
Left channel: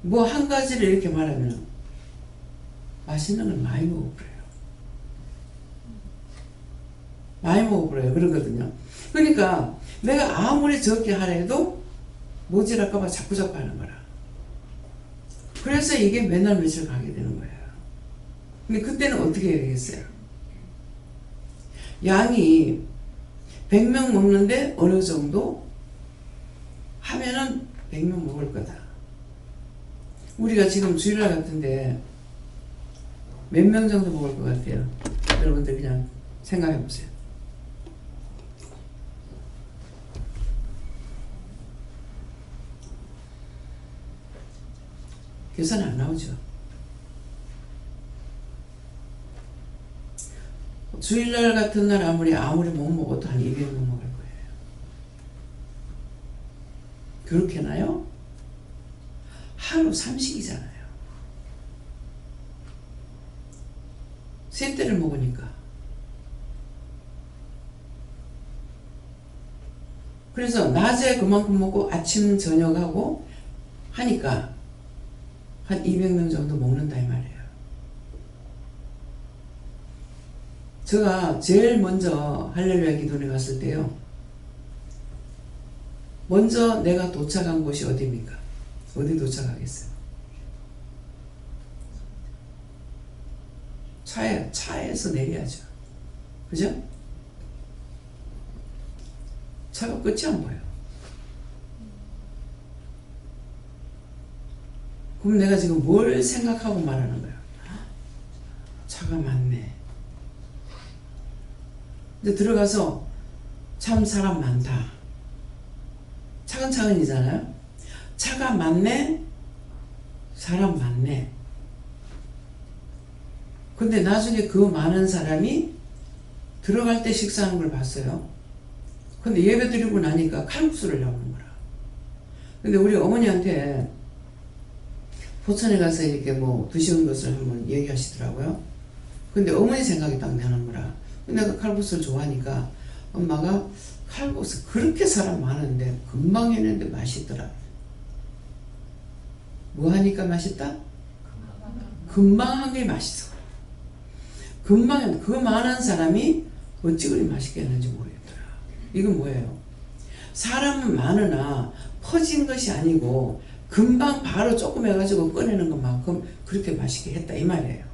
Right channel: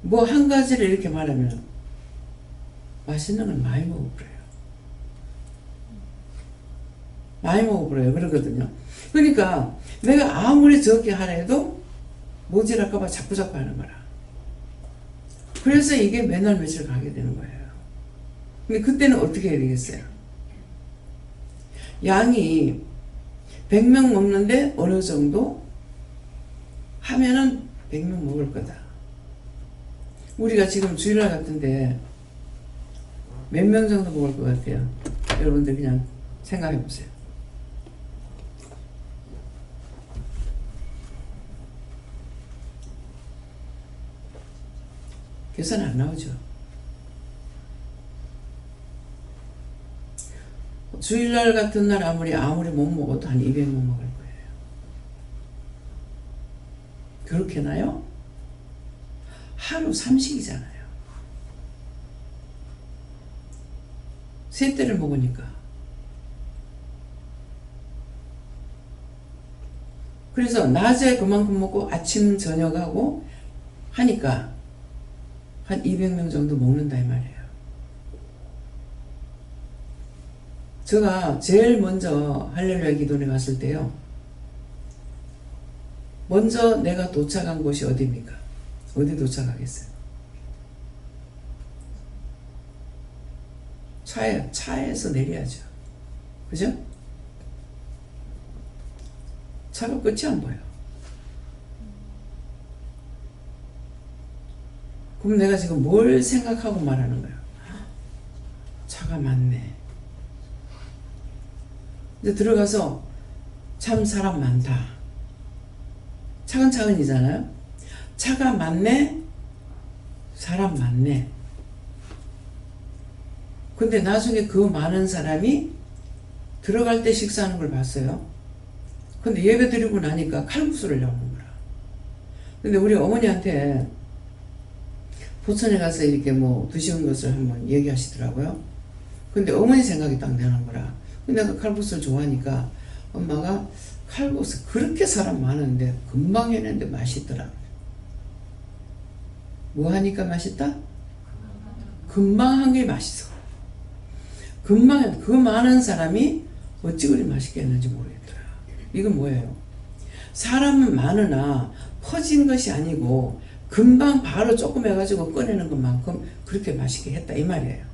뭐 한 가지를 이렇게 말하면 맛있는 걸 많이 먹어버려요. 많이 먹어버려요. 그러거든요. 그러니까 내가 아무리 적게 하라 해도 모질할까봐 자꾸 하는 거라. 그래서 이게 맨날 며칠 가게 되는 거예요. 근데 그때는 어떻게 해야 되겠어요? 양이 100명 먹는데 어느 정도 하면은 100명 먹을 거다. 우리가 지금 주일날 같은데 몇 명 정도 먹을 것 같아요? 여러분들 그냥 생각해 보세요. 계산 안 나오죠? 주일날 같은 날 아무리 못 먹어도 한 200명 먹을 거예요. 그렇게나요? 하루 3식이잖아요. 세 때를 먹으니까. 그래서 낮에 그만큼 먹고 아침 저녁하고 하니까 한 200명 정도 먹는다 이 말이에요. 제가 제일 먼저 할렐루야 기도원에 갔을 때요. 먼저 내가 도착한 곳이 어디입니까? 어디 도착하겠어요? 차에서 내려야죠. 그죠? 차가 끝이 안 보여. 그럼 내가 지금 뭘 생각하고 말하는 거야? 차가 많네. 이제 들어가서 참 사람 많다. 차근차근이잖아요. 차가 많네. 사람 많네. 근데 나중에 그 많은 사람이 들어갈 때 식사하는 걸 봤어요. 근데 예배 드리고 나니까 칼국수를 나오는 거라. 근데 우리 어머니한테 포천에 가서 이렇게 뭐 드시는 것을 한번 얘기하시더라고요. 근데 어머니 생각이 딱 나는 거라. 근데 내가 칼국수를 좋아하니까 엄마가 칼국수 그렇게 사람 많은데 금방 해냈는데 맛있더라. 뭐 하니까 맛있다? 금방 한 게 맛있어. 금방 그 많은 사람이 어찌 그리 맛있게 했는지 모르겠더라. 이건 뭐예요? 사람은 많으나 퍼진 것이 아니고 금방 바로 조금 해가지고 꺼내는 것만큼 그렇게 맛있게 했다 이 말이에요.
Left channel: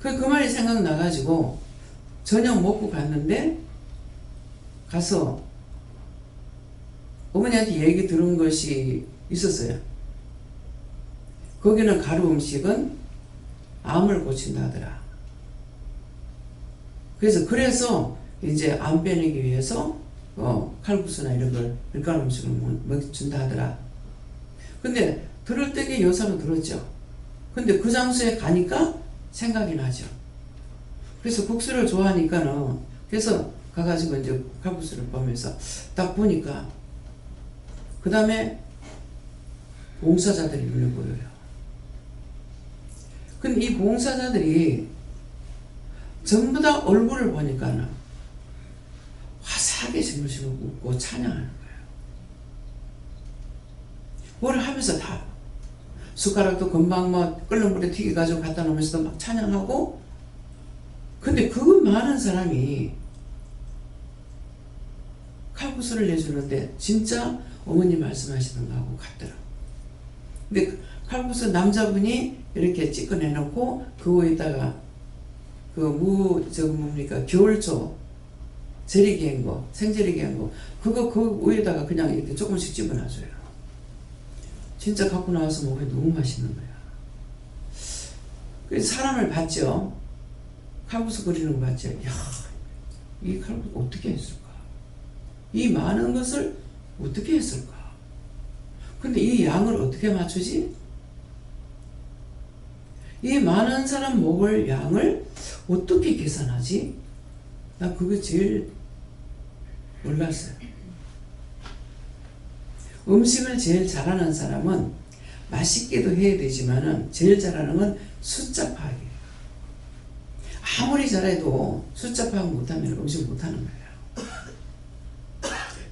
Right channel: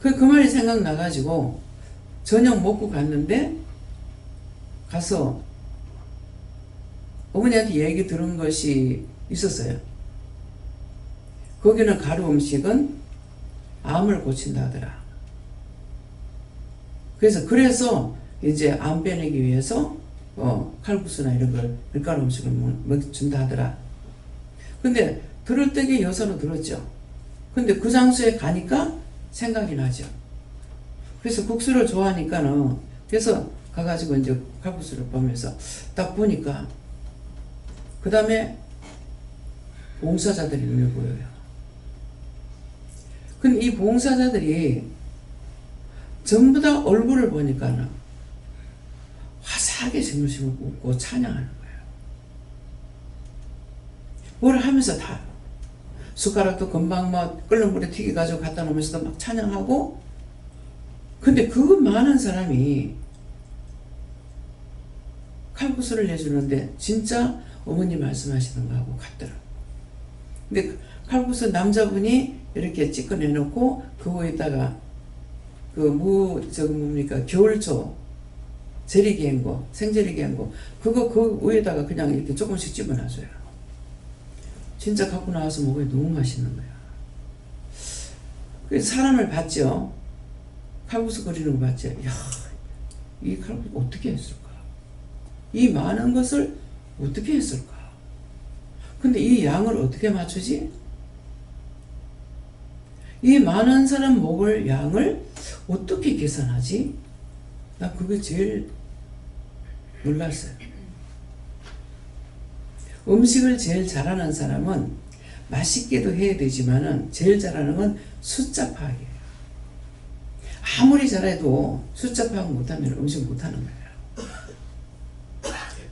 그 말이 생각나가지고 저녁 먹고 갔는데 가서 어머니한테 얘기 들은 것이 있었어요. 거기는 가루 음식은 암을 고친다 하더라. 그래서 이제 암 빼내기 위해서 칼국수나 이런 걸 밀가루 음식을 준다 하더라. 근데 들을 때게 여사로 들었죠. 근데 그 장소에 가니까 생각이 나죠. 그래서 국수를 좋아하니까는 그래서 가가지고 이제 칼국수를 보면서 딱 보니까 그 다음에 봉사자들이 눈에 보여요. 근데 이 봉사자들이 전부 다 얼굴을 보니까는 화사하게 스물스물 웃고 찬양하는 거예요. 뭘 하면서 다 숟가락도 금방 끓는 물에 튀겨가지고 갖다 놓으면서도 막 찬양하고. 근데 그 많은 사람이 칼국수를 내주는데 진짜 어머니 말씀하시는 거하고 같더라. 근데 칼국수 남자분이 이렇게 찌꺼 내놓고 그 위에다가 겨울초 재리기 한 거, 생재리기 한 거, 그거 그 위에다가 그냥 이렇게 조금씩 집어놔줘요. 진짜 갖고 나와서 먹으니 너무 맛있는 거야. 그래서 사람을 봤죠. 칼국수 끓이는 거 봤죠. 야, 이 칼국수 어떻게 했을까? 이 많은 것을 어떻게 했을까? 근데 이 양을 어떻게 맞추지? 이 많은 사람 먹을 양을 어떻게 계산하지? 나 그게 제일 놀랐어요. 음식을 제일 잘하는 사람은 맛있게도 해야 되지만은 제일 잘하는 건 숫자 파악이에요. 아무리 잘해도 숫자 파악 못하면 음식 못하는 거예요.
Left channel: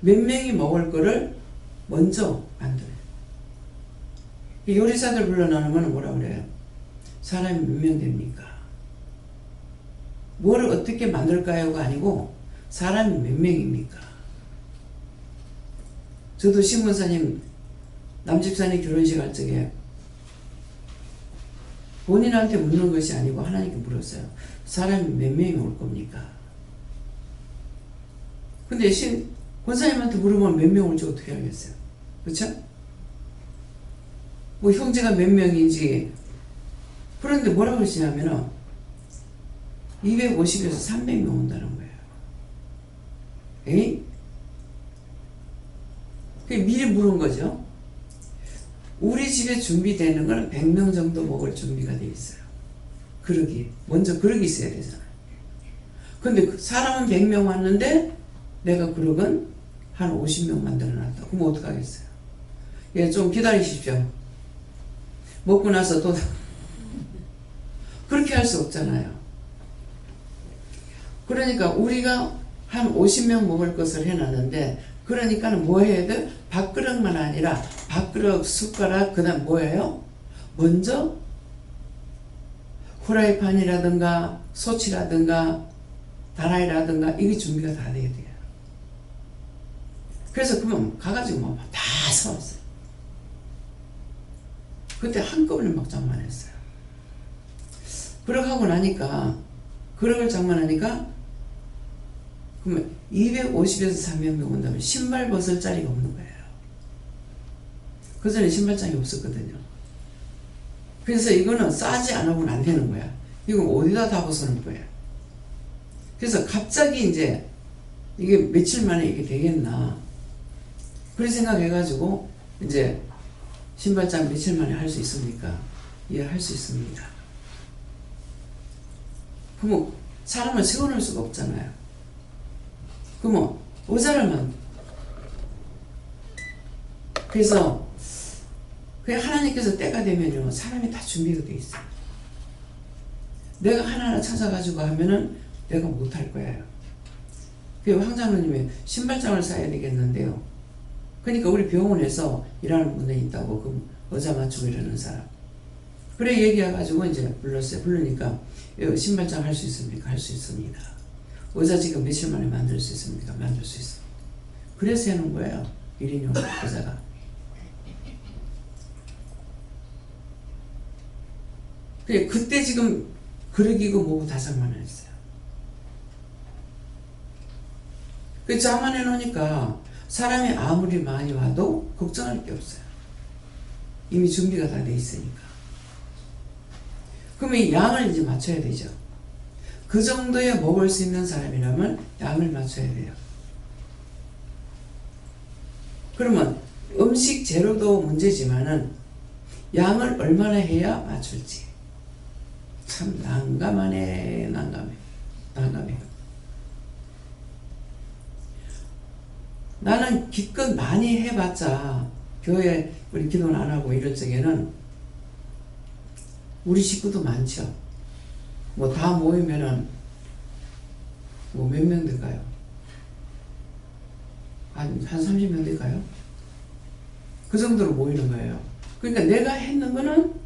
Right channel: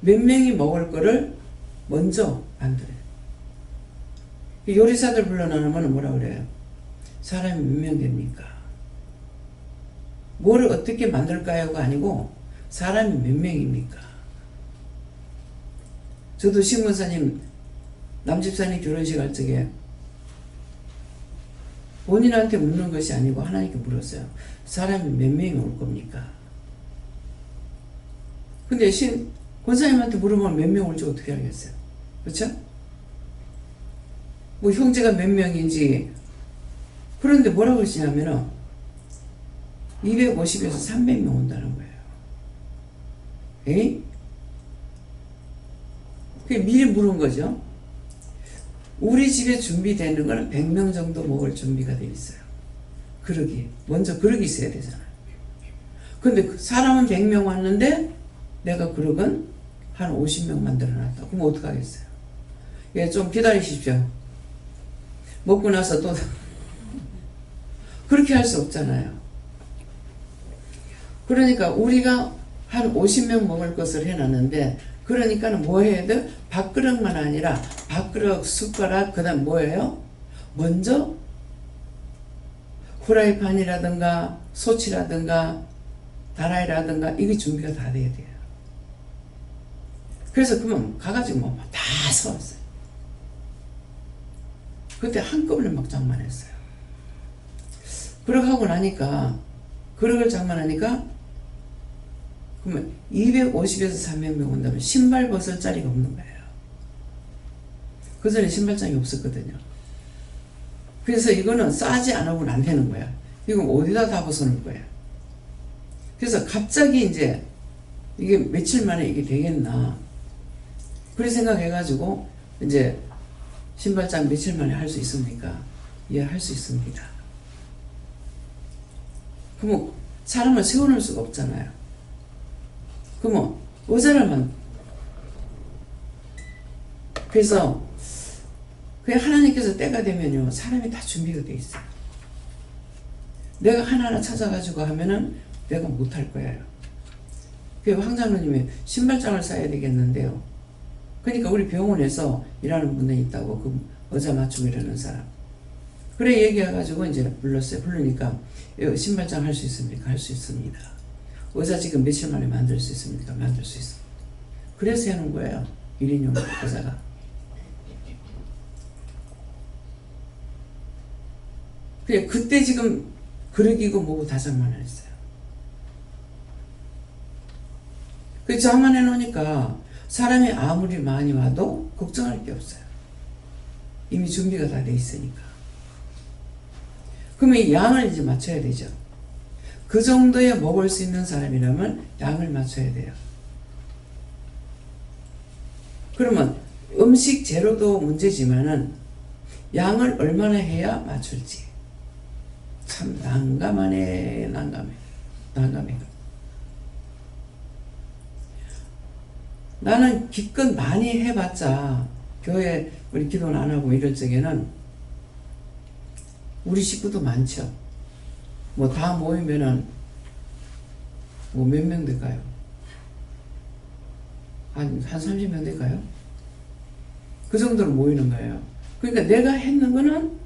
몇 명이 먹을 거를 먼저 만들어요. 요리사들 불러놓으면 뭐라 그래요? 사람이 몇 명 됩니까? 뭐를 어떻게 만들까요가 아니고 사람이 몇 명입니까? 저도 신문사님 남집사님 결혼식 할 적에 본인한테 묻는 것이 아니고 하나님께 물었어요. 사람이 몇 명이 올 겁니까? 근데 권사님한테 물으면 몇 명 올지 어떻게 알겠어요? 그렇죠? 뭐 형제가 몇 명인지. 그런데 뭐라고 그러시냐면은 250에서 300명 온다는 거예요. 에이? 그게 미리 물은 거죠. 우리 집에 준비되는 건 100명 정도 먹을 준비가 돼 있어요. 그릇이. 먼저 그릇이 있어야 되잖아요. 근데 사람은 100명 왔는데 내가 그릇은 한 50명 만들어 놨다. 그럼 어떡하겠어요? 예, 좀 기다리십시오. 먹고 나서 또 그렇게 할 수 없잖아요. 그러니까 우리가 한 50명 먹을 것을 해놨는데, 그러니까는 뭐 해야 돼? 밥그릇만 아니라 밥그릇, 숟가락, 그 다음 뭐예요? 먼저 후라이팬이라든가 소치라든가 다라이라든가 이게 준비가 다 돼야 돼요. 그래서 그러면 가가지고 뭐 다 사왔어요. 그때 한꺼번에 막 장만했어요. 그렇게 하고 나니까, 그릇을 장만하니까 그러면 250에서 300명 온다면 신발 벗을 자리가 없는 거예요. 그 전에 신발장이 없었거든요. 그래서 이거는 싸지 않으면 안 되는 거야. 이거 어디다 다 벗어놓을 거야. 그래서 갑자기 이제 이게 며칠 만에 이게 되겠나. 그런 생각해가지고 이제 신발장 며칠 만에 할 수 있습니까? 예, 할 수 있습니다. 그러면 사람을 세워놓을 수가 없잖아요. 그러면 의자를만. 그래서 그냥 하나님께서 때가 되면요, 사람이 다 준비가 돼 있어요. 내가 하나하나 찾아가지고 하면은 내가 못할 거예요. 그 황장로님이 신발장을 사야 되겠는데요. 그러니까 우리 병원에서 일하는 분들이 있다고, 그 의자 맞추고 이러는 사람. 그래 얘기해가지고 이제 불렀어요. 부르니까 신발장 할 수 있습니까? 할 수 있습니다. 의자 지금 며칠 만에 만들 수 있습니까? 만들 수 있습니다. 그래서 해놓은 거예요. 1인용 의자가. 그래 그때 지금 그러기고 뭐고 다 장만했어요. 그 장만해 놓으니까 사람이 아무리 많이 와도 걱정할 게 없어요. 이미 준비가 다 돼 있으니까. 그러면 이 양을 이제 맞춰야 되죠. 그 정도에 먹을 수 있는 사람이라면 양을 맞춰야 돼요. 그러면 음식 재료도 문제지만은 양을 얼마나 해야 맞출지 참 난감하네. 난감해. 나는 기껏 많이 해봤자 교회 우리 기도는 안 하고 이럴 적에는 우리 식구도 많죠. 뭐 다 모이면은 뭐 몇 명 될까요? 한 30명 될까요? 그 정도로 모이는 거예요. 그러니까 내가 했는 거는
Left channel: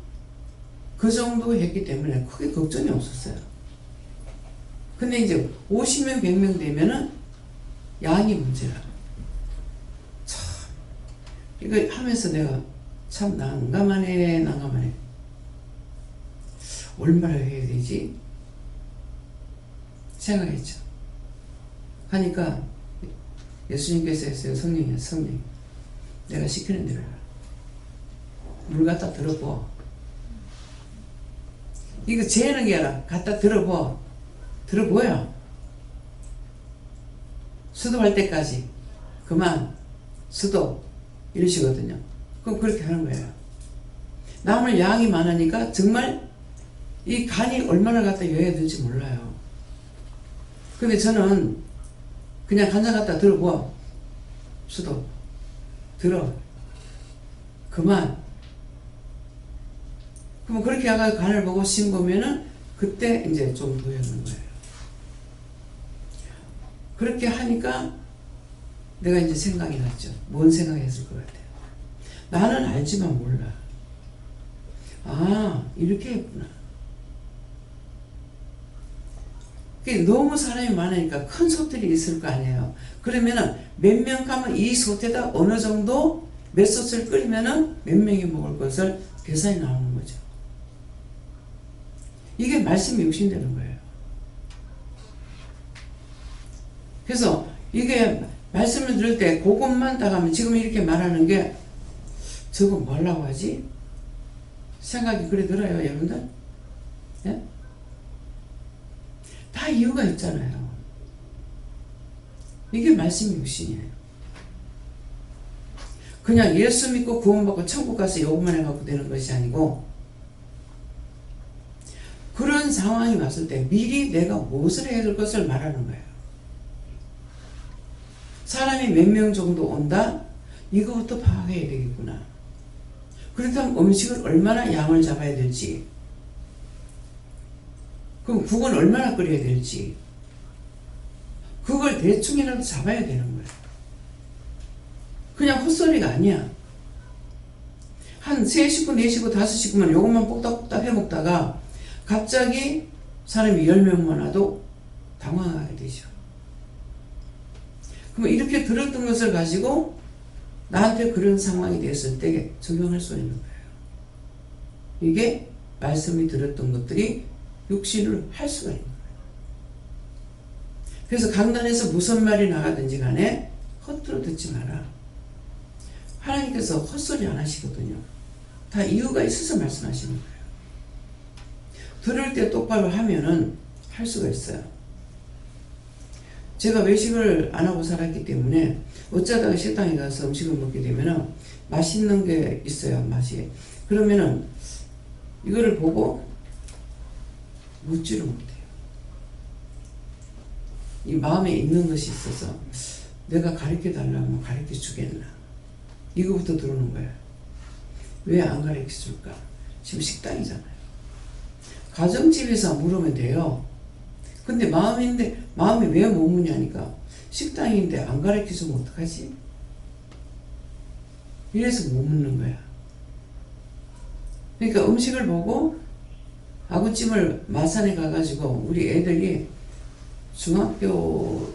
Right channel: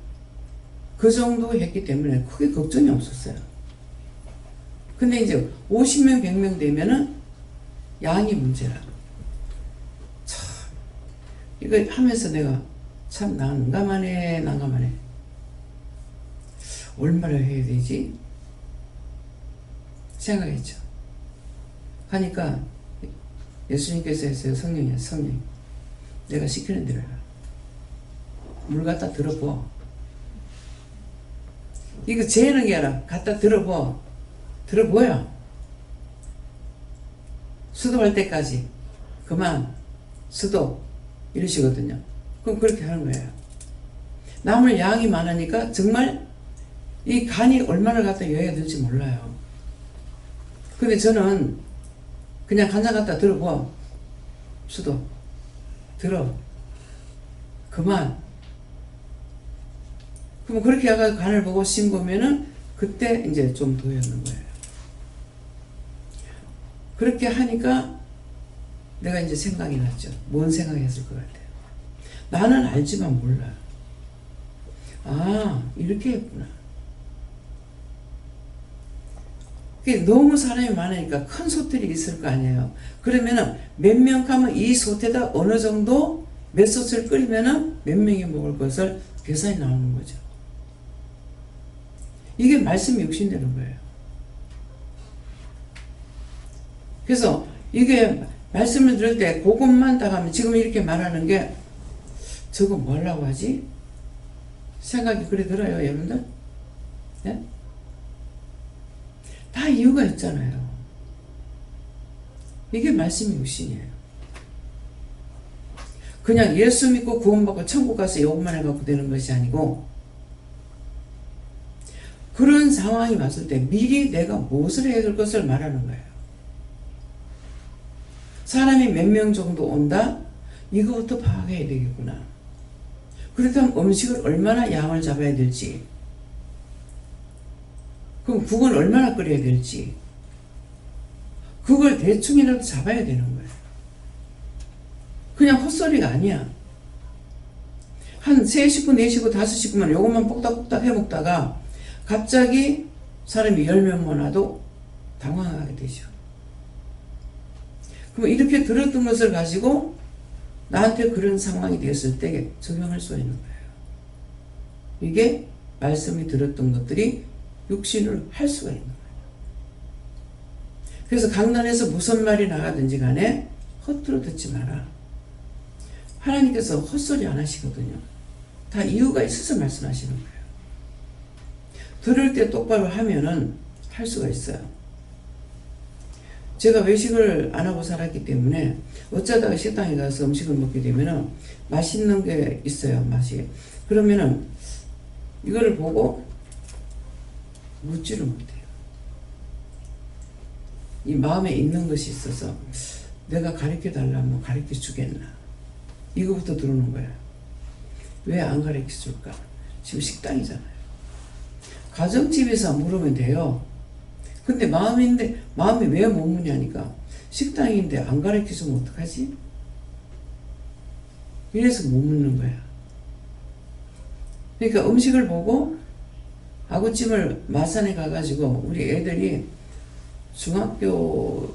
그 정도 했기 때문에 크게 걱정이 없었어요. 근데 이제 50명, 100명 되면은 양이 문제라. 참, 이거 하면서 내가 참 난감하네. 얼마나 해야 되지? 생각했죠. 하니까 예수님께서 했어요. 성령이야. 내가 시키는 대로 해라. 물 갖다 들어보. 이거 재는 게 아니라 갖다 들어보여. 수도할 때까지 그만 수도 이러시거든요. 그럼 그렇게 하는 거예요. 남을 양이 많으니까 정말 이 간이 얼마나 갖다 여야 될지 몰라요. 근데 저는 그냥 간장 갖다 들어보. 수도 들어. 그만. 그럼 그렇게 해가 간을 보고 싱거면은 그때 이제 좀 도였는 거예요. 그렇게 하니까 내가 이제 생각이 났죠. 뭔 생각했을 것 같아요. 나는 알지만 몰라. 아, 이렇게 했구나. 너무 사람이 많으니까 큰 솥들이 있을 거 아니에요. 그러면은 몇 명 가면 이 솥에다 어느 정도 몇 솥을 끓이면은 몇 명이 먹을 것을 계산이 나오는 거죠. 이게 말씀이 육신되는 거예요. 그래서 이게 말씀을 들을 때 그것만 딱 하면 지금 이렇게 말하는 게 저거 뭐라고 하지? 생각이 그래 들어요, 여러분들? 예? 다 이유가 있잖아요. 이게 말씀이 육신이에요. 그냥 예수 믿고 구원받고 천국 가서 요것만 해갖고 되는 것이 아니고 그런 상황이 왔을 때 미리 내가 무엇을 해야 될 것을 말하는 거예요. 사람이 몇 명 정도 온다? 이거부터 파악해야 되겠구나. 그렇다면 음식을 얼마나 양을 잡아야 될지, 그럼 국은 얼마나 끓여야 될지, 그걸 대충이라도 잡아야 되는 거예요. 그냥 헛소리가 아니야. 한 3식구, 4식구, 5식구만 요것만 뽁닥뽁닥 해먹다가 갑자기 사람이 10명만 와도 당황하게 되죠. 그럼 이렇게 들었던 것을 가지고 나한테 그런 상황이 됐을 때 적용할 수 있는 거예요. 이게 말씀이 들었던 것들이 육신으로 할 수가 있는 거예요. 그래서 강단에서 무슨 말이 나가든지 간에 헛들어 듣지 마라. 하나님께서 헛소리 안 하시거든요. 다 이유가 있어서 말씀하시는 거예요. 들을 때 똑바로 하면은 할 수가 있어요. 제가 외식을 안 하고 살았기 때문에 어쩌다가 식당에 가서 음식을 먹게 되면은 맛있는 게 있어요, 맛이. 그러면은 이거를 보고 묻지를 못해요. 이 마음에 있는 것이 있어서 내가 가르쳐 달라면 가르쳐 주겠나. 이거부터 들어오는 거야. 왜 안 가르쳐 줄까? 지금 식당이잖아요. 가정집에서 물으면 돼요. 근데 마음이 왜 못 묻냐니까 식당인데 안 가르쳐 주면 어떡하지? 이래서 못 묻는 거야. 그러니까 음식을 보고 아구찜을 마산에 가가지고 우리 애들이 초등학교,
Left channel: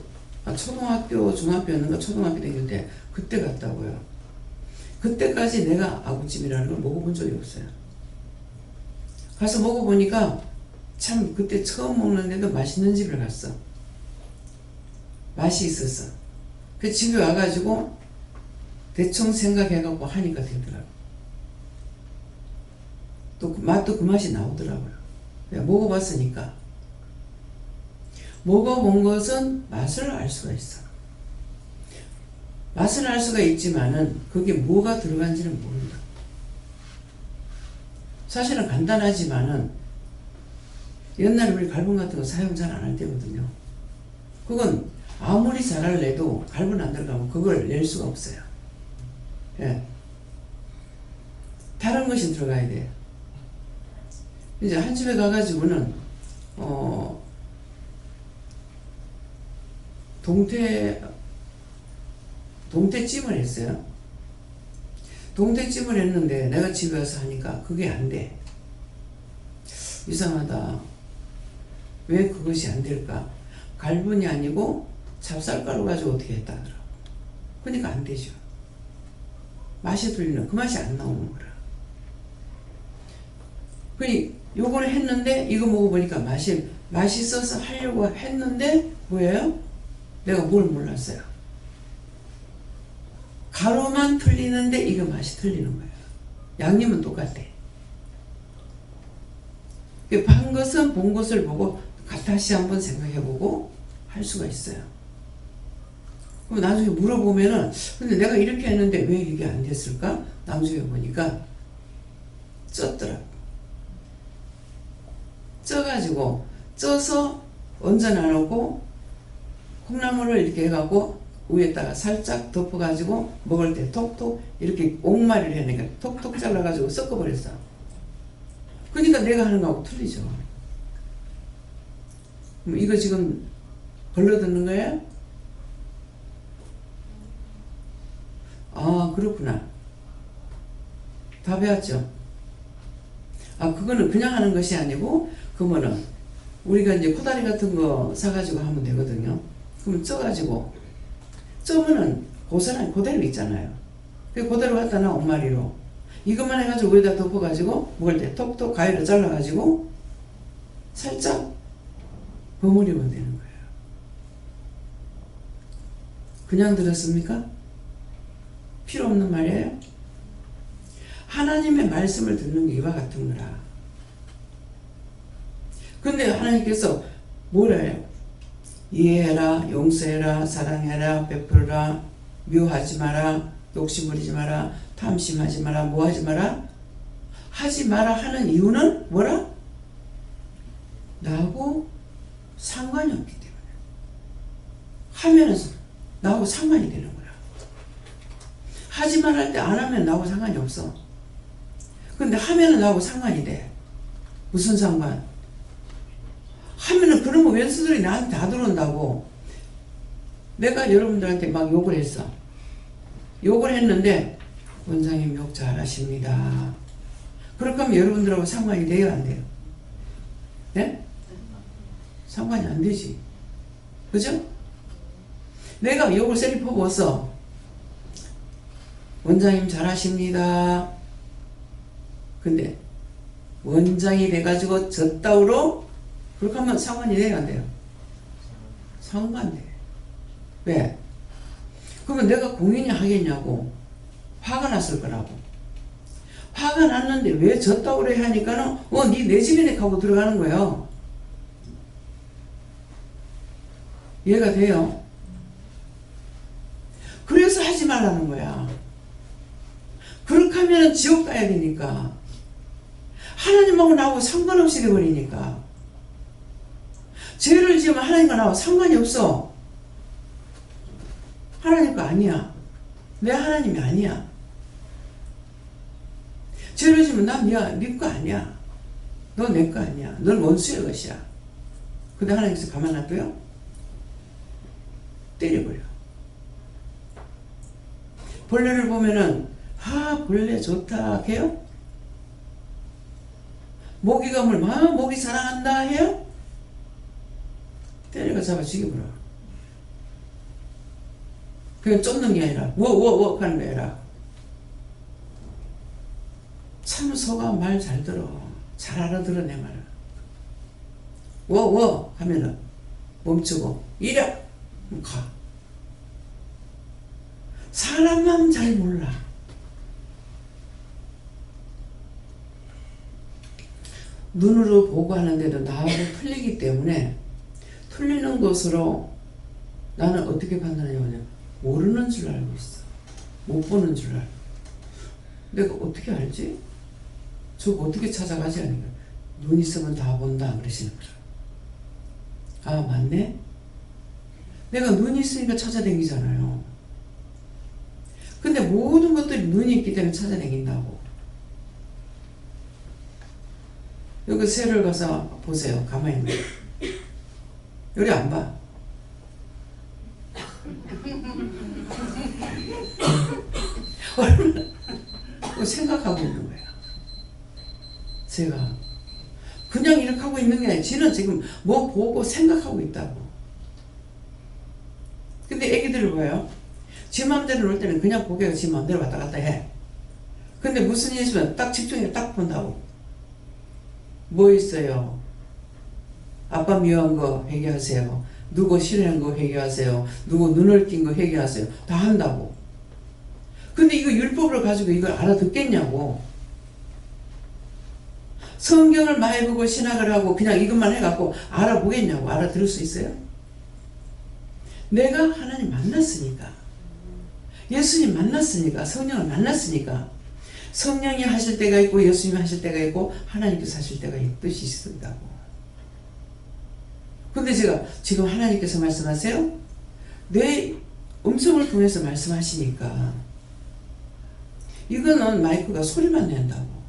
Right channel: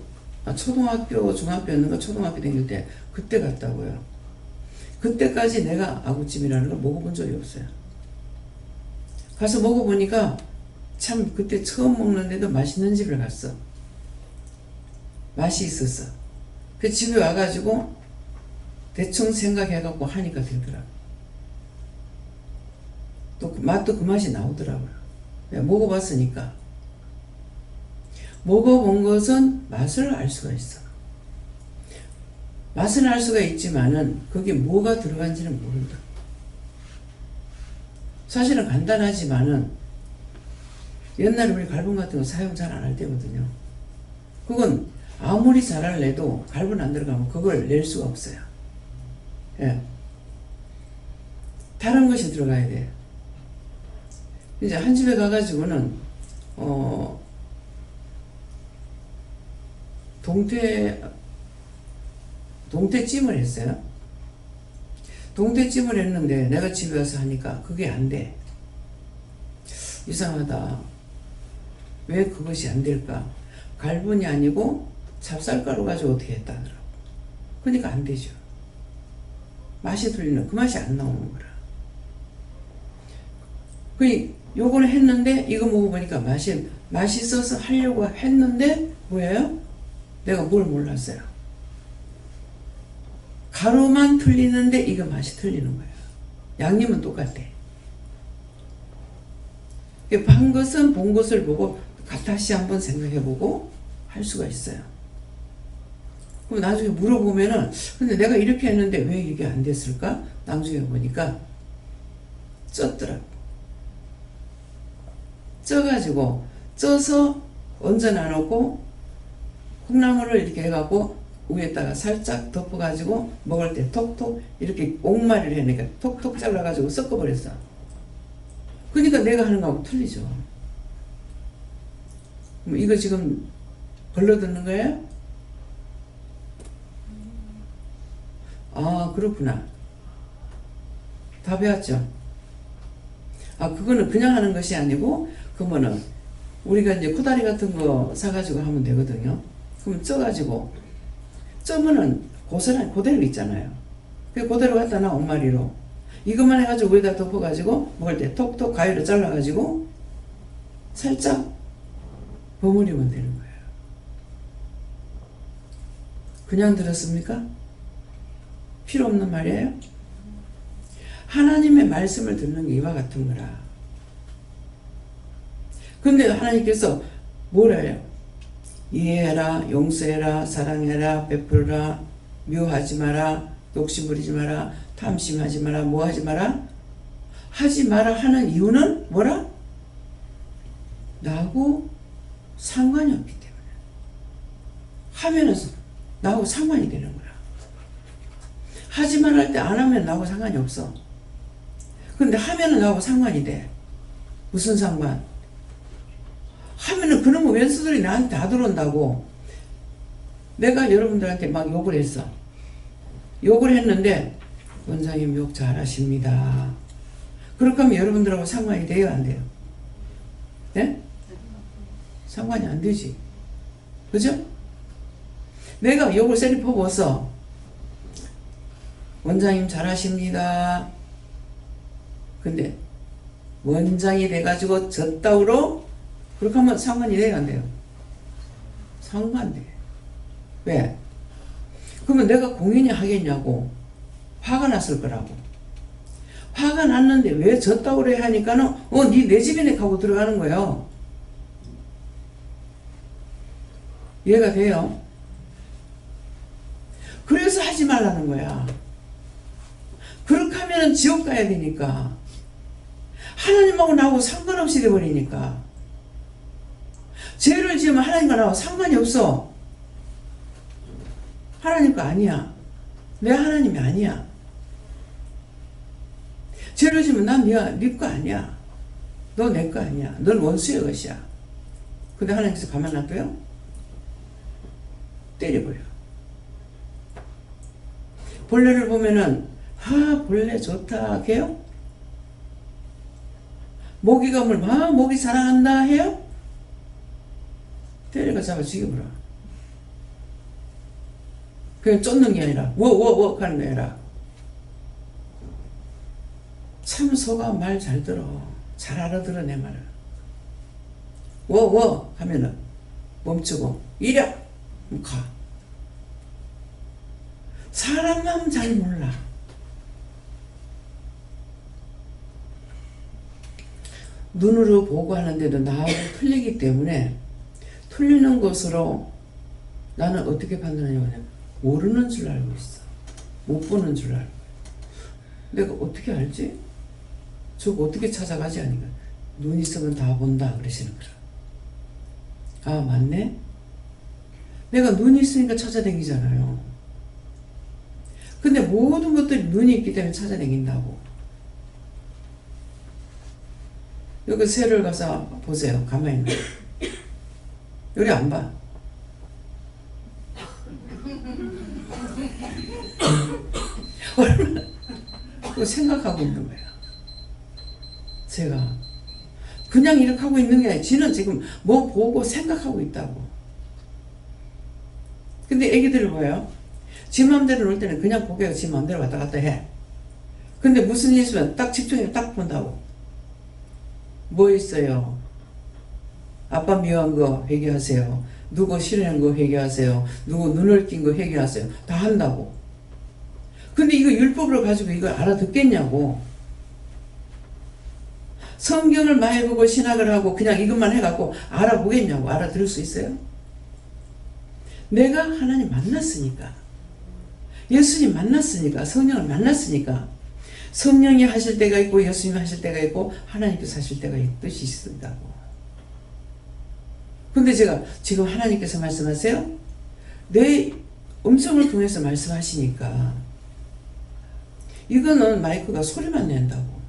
중학교였는가 초등학교 다닐 때 그때 갔다고요. 그때까지 내가 아구찜이라는 걸 먹어본 적이 없어요. 가서 먹어보니까 참 그때 처음 먹는데도 맛있는 집을 갔어. 맛이 있었어. 그 집에 와가지고 대충 생각해갖고 하니까 되더라고. 또 맛도 그 맛이 나오더라고요. 내가 먹어봤으니까. 먹어본 것은 맛을 알 수가 있어. 맛은 알 수가 있지만은 그게 뭐가 들어간지는 모른다. 사실은 간단하지만은 옛날에 우리 갈분 같은 거 사용 잘 안 할 때거든요. 그건 아무리 잘할래도 갈분 안 들어가면 그걸 낼 수가 없어요. 예. 다른 것이 들어가야 돼요. 이제 한 집에 가가지고는 동태찜을 했어요. 동태찜을 했는데 내가 집에 와서 하니까 그게 안 돼. 이상하다. 왜 그것이 안 될까? 갈분이 아니고 찹쌀가루 가지고 어떻게 했다 하더라고. 그러니까 안 되죠. 맛이 틀리는 그 맛이 안 나오는 거라. 그니 요거는 했는데 이거 먹어보니까 맛있어서 하려고 했는데 뭐예요? 내가 뭘 몰랐어요. 가루만 틀리는데 이거 맛이 틀리는 거예요. 양념은 똑같아. 반 것은 본 것을 보고 다시 한번 생각해보고 할 수가 있어요. 그럼 나중에 물어보면은 근데 내가 이렇게 했는데 왜 이게 안 됐을까? 나중에 보니까 쪘더라. 쪄가지고 쪄서 얹어놔놓고 콩나물을 이렇게 해갖고 위에다가 살짝 덮어가지고 먹을 때 톡톡 이렇게 옥말이를 해내니까 톡톡 잘라가지고 섞어버렸어. 그러니까 내가 하는 거하고 틀리죠. 이거 지금 걸러듣는 거예요? 아, 그렇구나. 다 배웠죠? 아, 그거는 그냥 하는 것이 아니고, 그러면은, 우리가 이제 코다리 같은 거 사가지고 하면 되거든요. 그럼 쪄가지고, 쪄면은 고스란히 그대로 있잖아요. 그대로 갖다 놔, 옥마리로. 이것만 해가지고 위에다 덮어가지고, 먹을 때 톡톡 가위로 잘라가지고, 살짝 버무리면 되는 거예요. 그냥 들었습니까? 필요 없는 말이에요? 하나님의 말씀을 듣는 게 이와 같은 거라. 근데 하나님께서 뭐라 해요? 이해해라, 용서해라, 사랑해라, 베풀어라, 미워하지 마라, 욕심 부리지 마라, 탐심하지 마라, 뭐 하지 마라? 하지 마라 하는 이유는 뭐라? 나하고 상관이 없기 때문에. 하면은 나하고 상관이 되는 거야. 하지 말할 때 안 하면 나하고 상관이 없어. 근데 하면은 나하고 상관이 돼. 무슨 상관? 하면은 그놈의 왼수들이 나한테 다 들어온다고. 내가 여러분들한테 막 욕을 했어. 욕을 했는데 원장님 욕 잘하십니다. 그렇게 하면 여러분들하고 상관이 돼요, 안 돼요? 네? 상관이 안 되지. 그죠? 내가 욕을 세리 퍼부었어. 원장님 잘하십니다. 근데 원장이 돼가지고 젖다우로 그렇게 하면 상관이 돼요, 안 돼요? 상관돼. 왜? 그러면 내가 공연이 하겠냐고. 화가 났을 거라고. 화가 났는데 왜 젖다우로 해 하니까는 니 내 집이네 하고 들어가는 거예요. 이해가 돼요? 그래서 하지 말라는 거야. 그렇게 하면 지옥 가야 되니까. 하나님하고 나하고 상관없이 돼버리니까. 죄를 지으면 하나님과 나하고 상관이 없어. 하나님 거 아니야. 내 하나님이 아니야. 죄를 지으면 난 네 거 아니야. 너 내 거 아니야. 넌 원수의 것이야. 근데 하나님께서 가만 놔둬요? 때려버려. 벌레를 보면은 벌레 좋다 해요? 모기가 모기 사랑한다 해요? 때려가 잡아 죽여버려. 그냥 쫓는 게 아니라 워워워 하는 게 아니라 참 소가 말 잘 들어. 잘 알아들어 내 말을. 워워 하면은 멈추고 이려 가. 사람 마음 잘 몰라. 눈으로 보고 하는데도 나하고 틀리기 때문에 틀리는 것으로 나는 어떻게 판단하냐면 모르는 줄 알고 있어. 못 보는 줄 알고. 내가 어떻게 알지? 저거 어떻게 찾아가지? 하니까 눈 있으면 다 본다 그러시는 거라. 아 맞네? 내가 눈이 있으니까 찾아다니잖아요. 근데 모든 것들이 눈이 있기 때문에 찾아다닌다고. 여기 새를 가서 보세요. 가만히 있는 여기 안 봐. 얼마나 생각하고 있는 거야. 제가 그냥 이렇게 하고 있는 게 아니라 지는 지금 뭐 보고 생각하고 있다고. 근데 애기들을 봐요. 지 마음대로 놀 때는 그냥 고개가 지 마음대로 왔다 갔다 해. 근데 무슨 일 있으면 딱 집중해서 딱 본다고. 뭐 있어요? 아빠 미워한 거 회개하세요. 누구 싫어하는 거 회개하세요. 누구 눈을 낀 거 회개하세요. 다 한다고. 근데 이거 율법을 가지고 이걸 알아듣겠냐고. 성경을 많이 보고 신학을 하고 그냥 이것만 해갖고 알아보겠냐고. 알아들을 수 있어요? 내가 하나님 만났으니까, 예수님 만났으니까, 성령을 만났으니까, 성령이 하실 때가 있고 예수님이 하실 때가 있고 하나님께서 하실 때가 뜻이 있다고. 근데 제가 지금 하나님께서 말씀하세요? 내 음성을 통해서 말씀하시니까 이거는 마이크가 소리만 낸다고.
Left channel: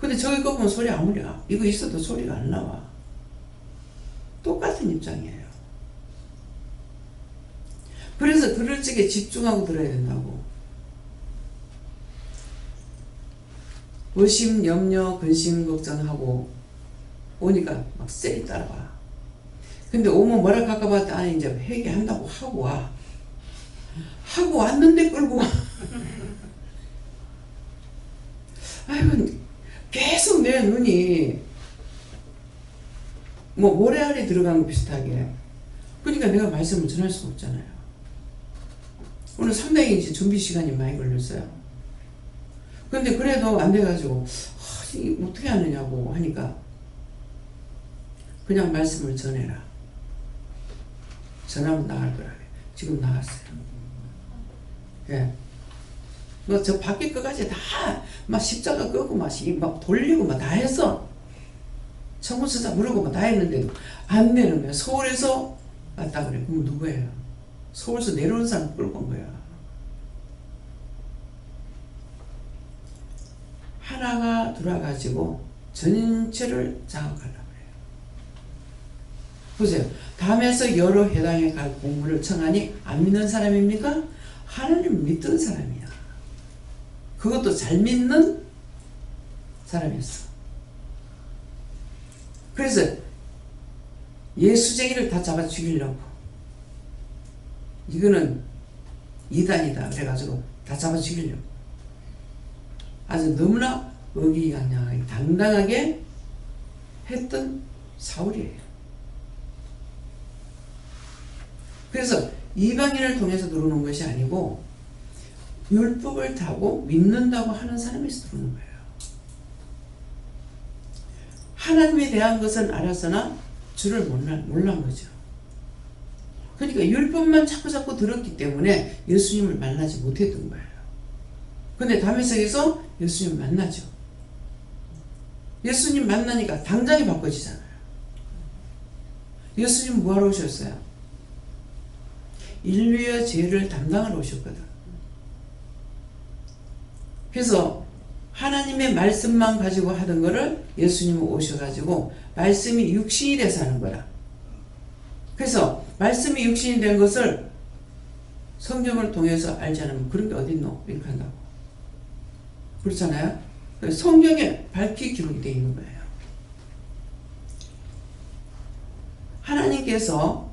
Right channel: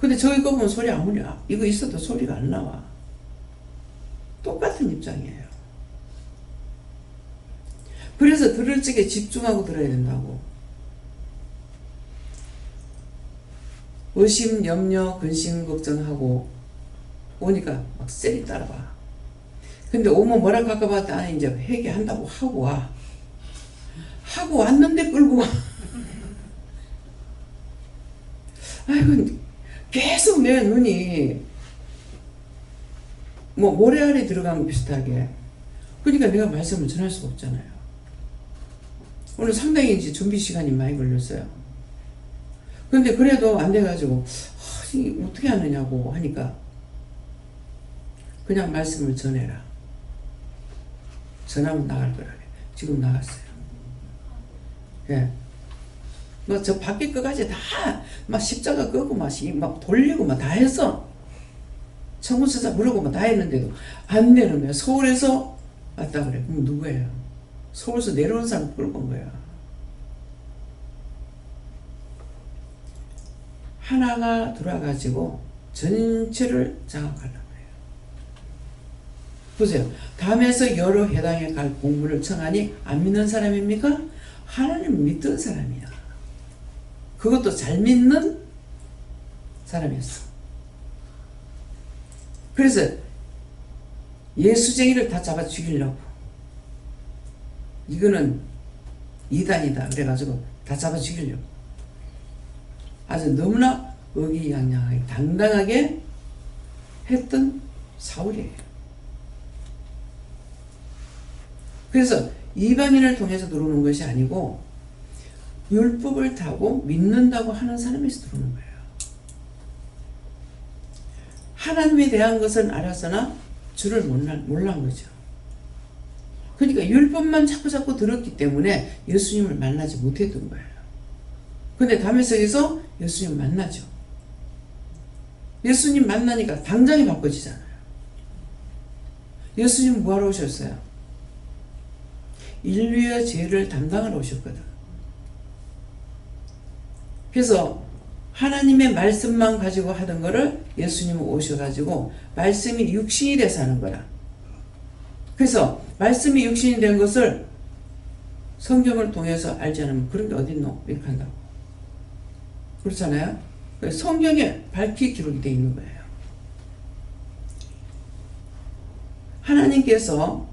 근데 저기 거 보면 소리 아무리 이거 있어도 소리가 안 나와. 똑같은 입장이에요. 그래서 들을 적에 집중하고 들어야 된다고. 의심, 염려, 근심, 걱정하고 오니까 막 쎄리 따라와. 근데 오면 뭐라 할까봐 나는 이제 회개한다고 하고 와. 하고 왔는데 끌고 와. 아이고, 계속 내 눈이 뭐 모래알이 들어간 거 비슷하게. 그러니까 내가 말씀을 전할 수가 없잖아요. 오늘 상당히 이제 준비 시간이 많이 걸렸어요. 근데 그래도 안 돼가지고 이게 어떻게 하느냐고 하니까 그냥 말씀을 전해라. 전하면 나갈 거라. 지금 나갔어요. 예. 뭐 저 밖에 끝까지 다 막 십자가 끄고 막 돌리고 막 다 했어. 청구서자 부르고 막 다 했는데도 안 되는 거야. 서울에서 왔다 그래. 그럼 누구예요? 서울에서 내려온 사람 끌고 온 거야. 하나가 들어와가지고 전체를 장악하려고 해요. 보세요. 담에서 여러 회당에 갈 공부를 청하니 안 믿는 사람입니까? 하나님 믿던 사람이야. 그것도 잘 믿는 사람이었어. 그래서 예수쟁이를 다 잡아 죽이려고. 이거는 이단이다 그래가지고 다 잡아 죽이려고. 아주 너무나 의기양양하게 당당하게 했던 사울이에요. 그래서 이방인을 통해서 들어오는 것이 아니고 율법을 타고 믿는다고 하는 사람에서 들어오는 거예요. 하나님에 대한 것은 알았으나 주를 몰란 거죠. 그러니까 율법만 자꾸 들었기 때문에 예수님을 만나지 못했던 거예요. 근데 다메섹에서 예수님 만나죠. 예수님 만나니까 당장이 바꿔지잖아요. 예수님 뭐하러 오셨어요? 인류의 죄를 담당하러 오셨거든. 그래서 하나님의 말씀만 가지고 하던 거를 예수님은 오셔가지고 말씀이 육신이 돼서 하는 거야. 그래서 말씀이 육신이 된 것을 성경을 통해서 알지 않으면 그런 게 어딨노? 이렇게 한다고. 그렇잖아요. 성경에 밝히 기록이 되어 있는 거예요. 하나님께서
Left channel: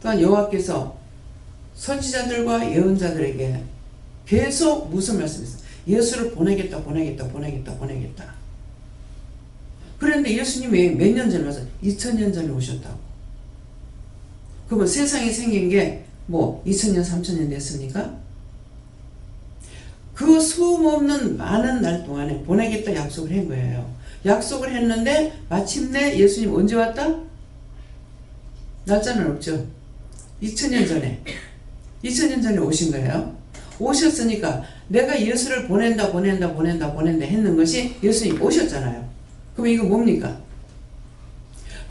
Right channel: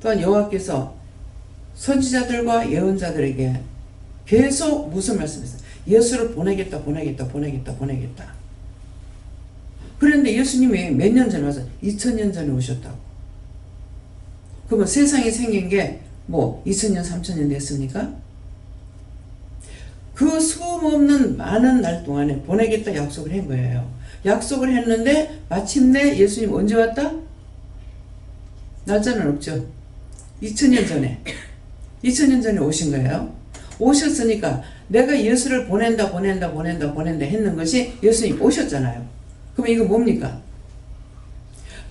또한 여호와께서 선지자들과 예언자들에게 계속 무슨 말씀했어요? 예수를 보내겠다. 그런데 예수님이 몇 년 전에 와서 2000년 전에 오셨다고. 그러면 세상이 생긴 게 뭐 2000년 3000년 됐습니까? 그 수음 없는 많은 날 동안에 보내겠다 약속을 한 거예요. 약속을 했는데 마침내 예수님 언제 왔다? 날짜는 없죠. 2000년 전에 2000년 전에 오신 거예요. 오셨으니까 내가 예수를 보낸다 했는 것이 예수님 오셨잖아요. 그럼 이거 뭡니까?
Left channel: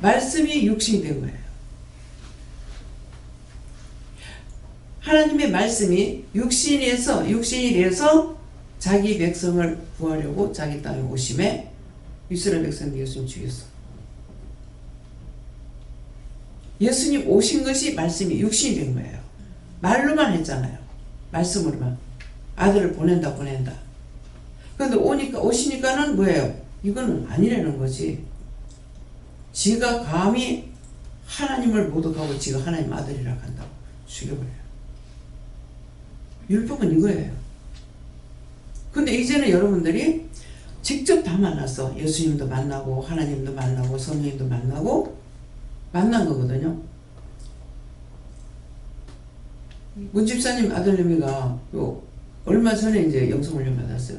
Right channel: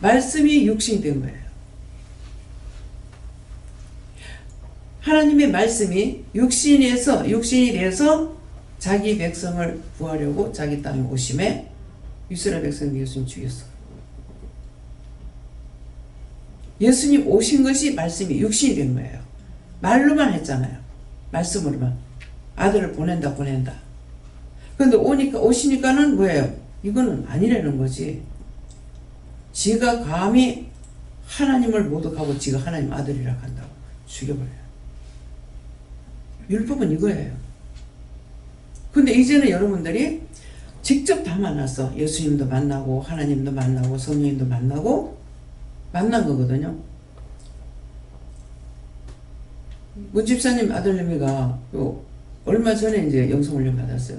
말씀이 육신이 된 거예요. 하나님의 말씀이 육신이 돼서 자기 백성을 구하려고 자기 땅에 오심에 이스라엘 백성들 예수님 죽였어. 예수님 오신 것이 말씀이 육신이 된 거예요. 말로만 했잖아요. 말씀으로만. 아들을 보낸다. 그런데 오시니까는 뭐예요? 이거는 아니라는 거지. 지가 감히 하나님을 모독하고 지가 하나님 아들이라 한다고 죽여버려요. 율법은 이거예요. 근데 이제는 여러분들이 직접 다 만났어. 예수님도 만나고 하나님도 만나고 성령님도 만나고 만난 거거든요. 문집사님 아들내미가 얼마 전에 이제 영성훈련 받았어요.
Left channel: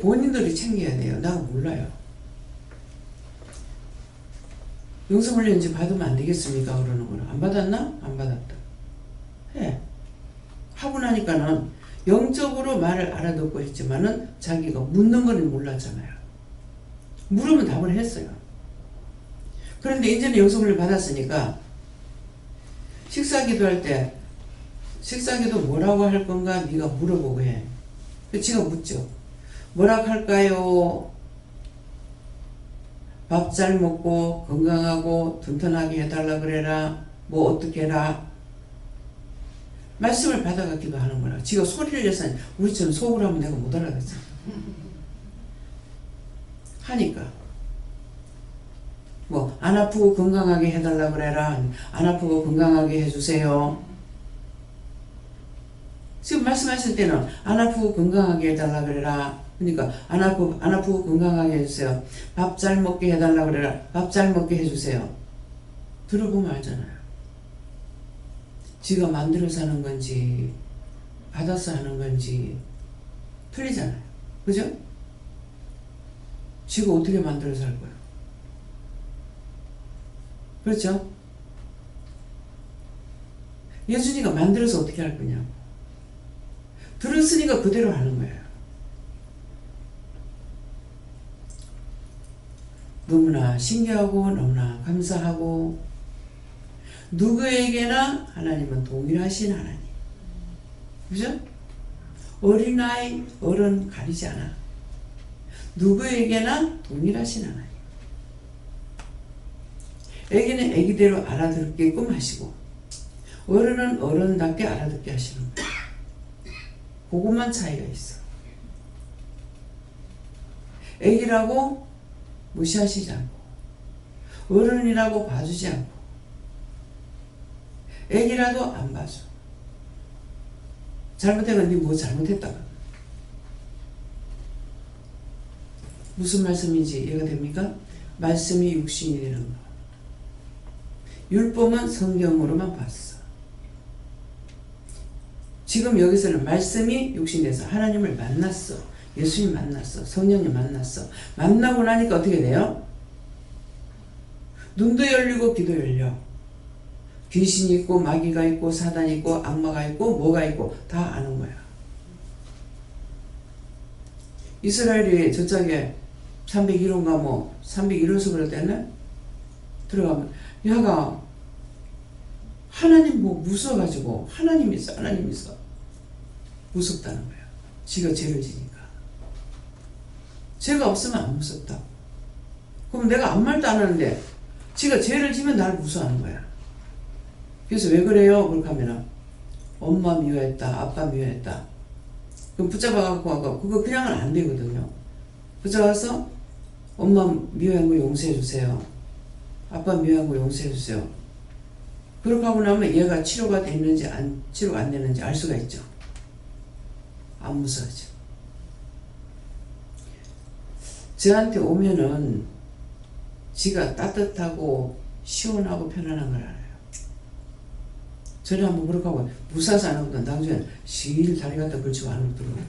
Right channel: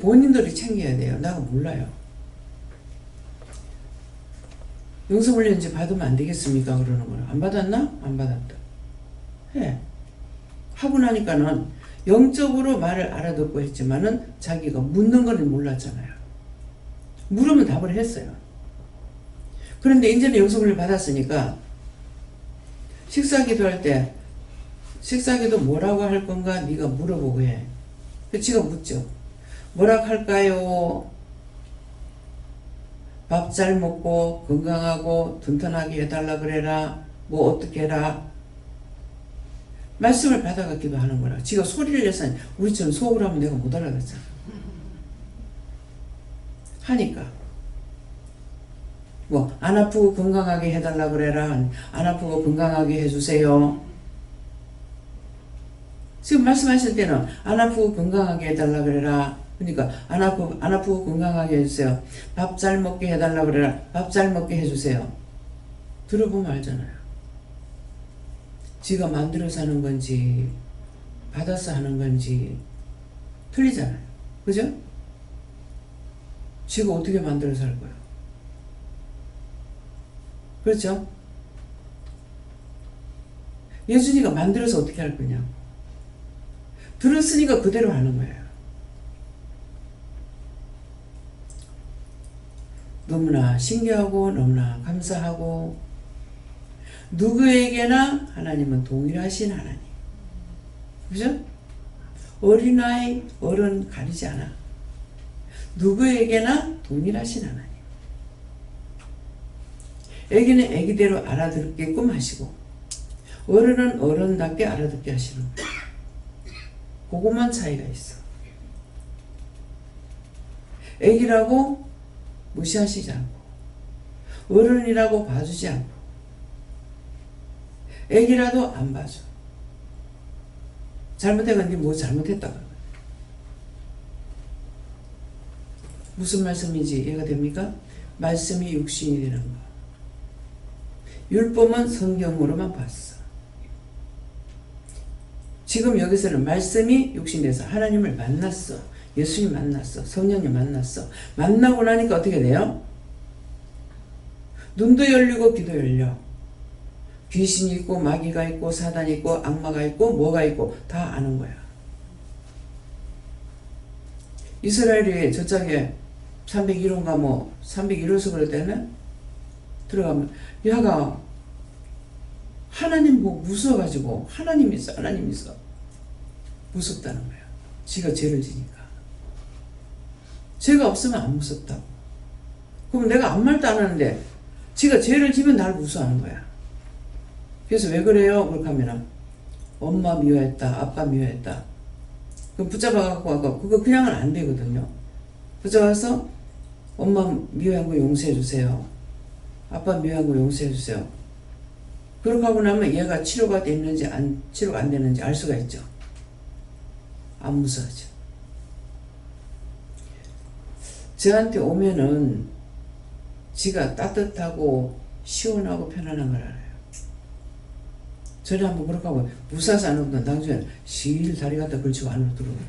본인들이 챙겨야 돼요. 나가 몰라요. 영성훈련 이제 받으면 안 되겠습니까? 그러는 거야. 안 받았나? 안 받았다. 해. 하고 나니까는 영적으로 말을 알아듣고 했지만은 자기가 묻는 거는 몰랐잖아요. 물으면 답을 했어요. 그런데 이제는 영성훈련 받았으니까 식사기도 할 때 식사기도 뭐라고 할 건가 네가 물어보고 해. 지가 묻죠. 뭐라고 할까요? 밥 잘 먹고 건강하고 튼튼하게 해달라 그래라. 뭐 어떻게 해라. 말씀을 받아갖기도 하는 거라. 지가 소리를 내서 우리처럼 속으로 하면 내가 못 알아듣잖아. 하니까 뭐 안 아프고 건강하게 해달라 그래라. 안 아프고 건강하게 해주세요. 지금 말씀하실 때는 안 아프고 건강하게 해달라 그래라. 그러니까 안 아프고 건강하게 해주세요. 밥 잘 먹게 해달라 그래라. 밥 잘 먹게 해주세요. 들어보면 알잖아요. 지가 만들어서 하는 건지 받아서 하는 건지 틀리잖아요. 그죠? 지가 어떻게 만들어서 할 거야. 그렇죠? 예준이가 만들어서 어떻게 할 거냐고. 들었으니까 그대로 하는 거예요. 너무나 신기하고 너무나 감사하고 누구에게나 하나님은 동일하신 하나님. 그죠? 어린아이, 어른 가리지 않아. 누구에게나 동일하신 하나님. 애기는 애기대로 알아듣게끔 하시고 어른은 어른답게 알아듣게 하시는 거예요. 그것만 차이가 있어. 애기라고 무시하시지 않고 어른이라고 봐주지 않고 애기라도 안 봐줘. 잘못해가 니 뭐 잘못했다고. 무슨 말씀인지 이해가 됩니까? 말씀이 육신이 되는 거. 율법은 성경으로만 봤어. 지금 여기서는 말씀이 육신돼서 하나님을 만났어. 예수님 만났어. 성령님 만났어. 만나고 나니까 어떻게 돼요? 눈도 열리고 귀도 열려. 귀신이 있고 마귀가 있고 사단이 있고 악마가 있고 뭐가 있고 다 아는 거야. 이스라엘이 저짝에 301호인가 뭐 301호서 그럴 때는 들어가면 야가 하나님 뭐 무서워가지고 하나님 있어 무섭다는 거야. 지가 죄를 지니까. 죄가 없으면 안 무섭다고. 그럼 내가 아무 말도 안 하는데 지가 죄를 지면 날 무서워하는 거야. 그래서 왜 그래요? 그렇게 하면은 엄마 미워했다, 아빠 미워했다. 그럼 붙잡아갖고 그거 그냥은 안 되거든요. 붙잡아서 엄마 미워한 거 용서해 주세요. 아빠 미워한 거 용서해 주세요. 그렇게 하고 나면 얘가 치료가 됐는지 치료가 안 됐는지 알 수가 있죠. 안 무서워져. 저한테 오면은 지가 따뜻하고 시원하고 편안한 걸 알아요. 전에 한번 그렇게 하고 무사서 안 하거든. 나중에 실 다리 갖다 걸치고 안으로 들어오고.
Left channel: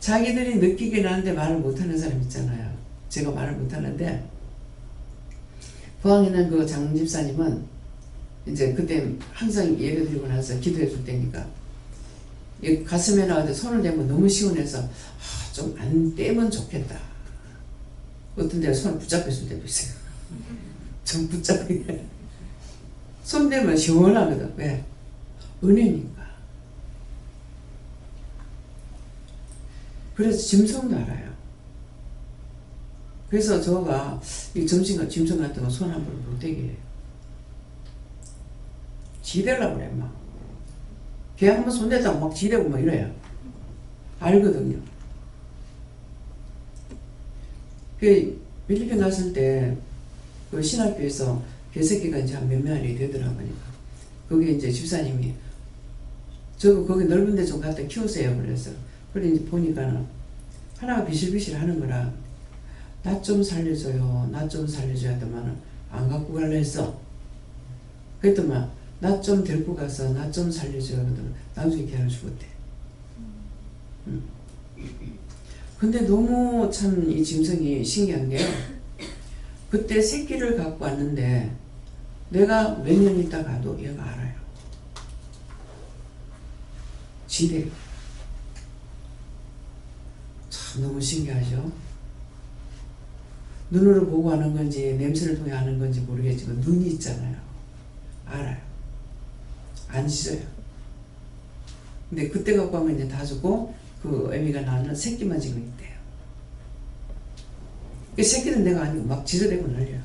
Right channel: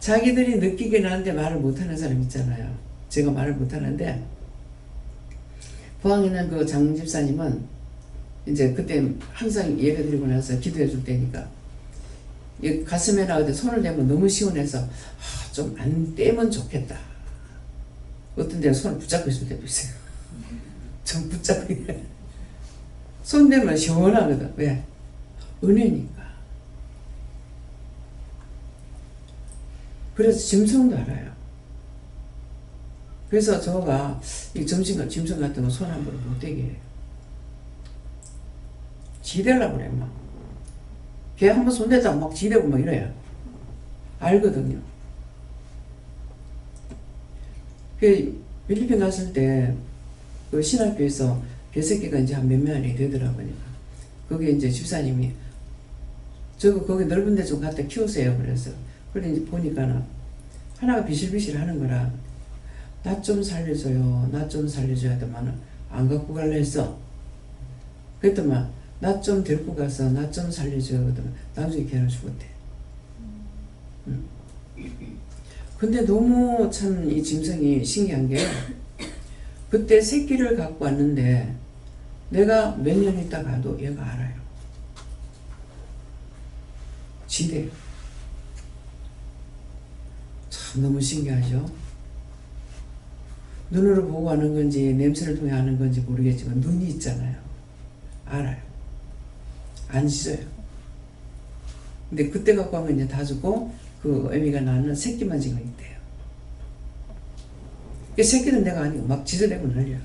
자기들이 느끼긴 하는데 말을 못하는 사람 있잖아요. 제가 말을 못하는데 포항에 있는 그 장 집사님은 이제 그때 항상 예배 드리고 나서 기도해 줄 때니까 이 가슴에나 어디 손을 대면 너무 시원해서 좀 안 떼면 좋겠다. 어떤 데는 손을 붙잡고 있을 때도 있어요. 좀 붙잡고 손 대면 시원하거든. 왜? 은혜니까. 그래서 짐승도 알아요. 그래서 저가 이 짐승 같은 거 손 함부로 못 대게 해요. 지대려고 그래 막. 걔 한번 손대자고 막 지대고 막 이래요. 알거든요. 그 필리핀 갔을 때 그 신학교에서 개새끼가 이제 한 몇 마리 되더라고요. 거기 이제 집사님이 저거 거기 넓은 데 좀 갖다 키우세요. 그래서 그래 이제 보니까는 하나가 비실비실 하는 거라 나 좀 살려줘요. 나 좀 살려줘야 하더만은 안 갖고 갈래 했어. 그랬더만 나 좀 데리고 가서 나 좀 살려줘요. 그러더만 나중에 걔는 죽었대. 근데 너무 참 이 짐승이 신기한 게 그때 새끼를 갖고 왔는데 내가 몇 년 있다 가도 얘가 알아요. 지대요. 참 너무 신기하죠. 눈으로 보고 하는 건지 냄새를 통해 하는 건지 모르겠지만 눈이 있잖아요. 알아요. 안 짖어요. 근데 그때 갖고 하면 이제 다 죽고 그 애미가 낳는 새끼만 지금 있대요. 그 새끼는 내가 아니고 막 짖어대고 난리야.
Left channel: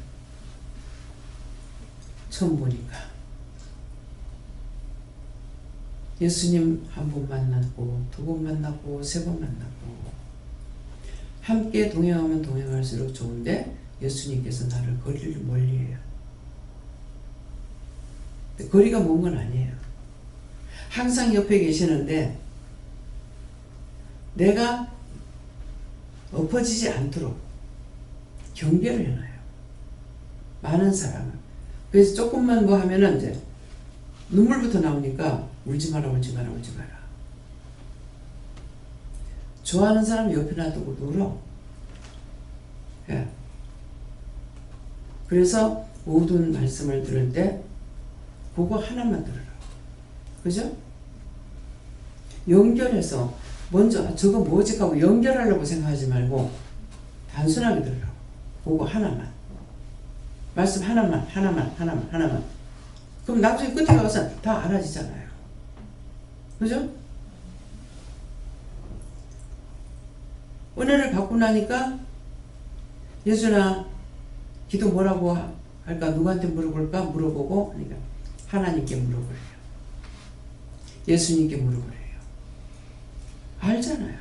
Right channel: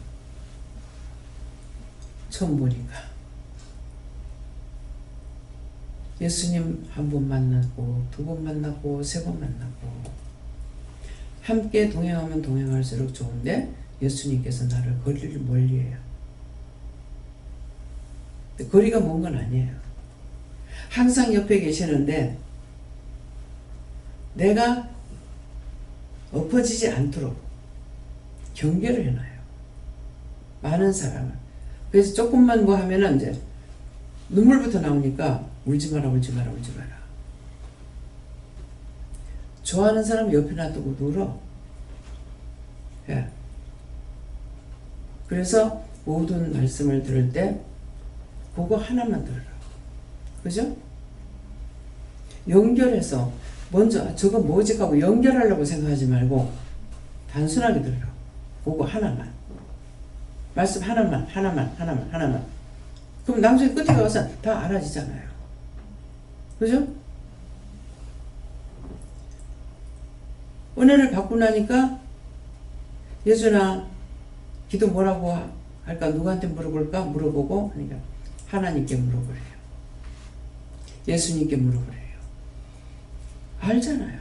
처음 보니까. 예수님 한 번 만났고 두 번 만났고 세 번 만났고 함께 동행하면 동행할수록 좋은데 예수님께서 나를 거리를 멀리해요. 거리가 먼 건 아니에요. 항상 옆에 계시는데 내가 엎어지지 않도록 경계를 해놔요. 많은 사람은. 그래서 조금만 뭐 하면은 이제 눈물부터 나오니까 울지 마라 울지 마라 울지 마라. 좋아하는 사람 옆에 놔두고 울어. 예. 그래서 모든 말씀을 들을 때 그거 하나만 들으라고. 그죠? 연결해서 먼저 저거 뭐지 하고 연결하려고 생각하지 말고 단순하게 들으라고. 그거 하나만. 말씀 하나만. 그럼 나중에 끝에 가서 다 알아지잖아요. 그죠? 은혜를 받고 나니까 예수나 기도 뭐라고 할까? 누구한테 물어볼까? 물어보고 하니까 하나님께 물어보래요. 예수님께 물어보래요. 알잖아요.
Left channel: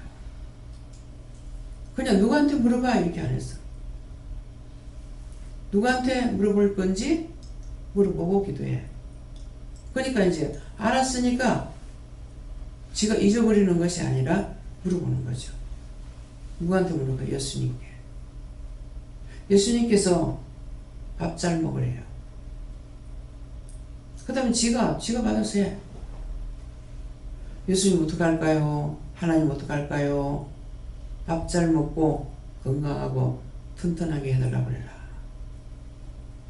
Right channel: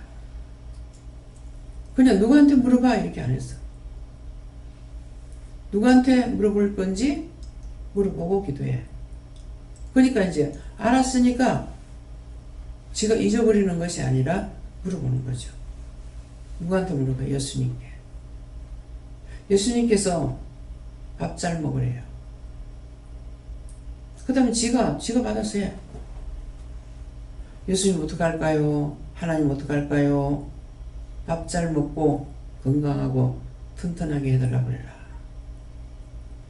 그냥 누구한테 물어봐 이렇게 안 했어. 누구한테 물어볼 건지 물어보고 기도해. 그러니까 이제 알았으니까 지가 잊어버리는 것이 아니라 물어보는 거죠. 누구한테 물어봐? 예수님께. 예수님께서 밥 잘 먹으래요. 그 다음에 지가 받아서 해. 예수님 어떡할까요? 하나님 어떡할까요? 밥 잘 먹고 건강하고 튼튼하게 해달라고 그래라.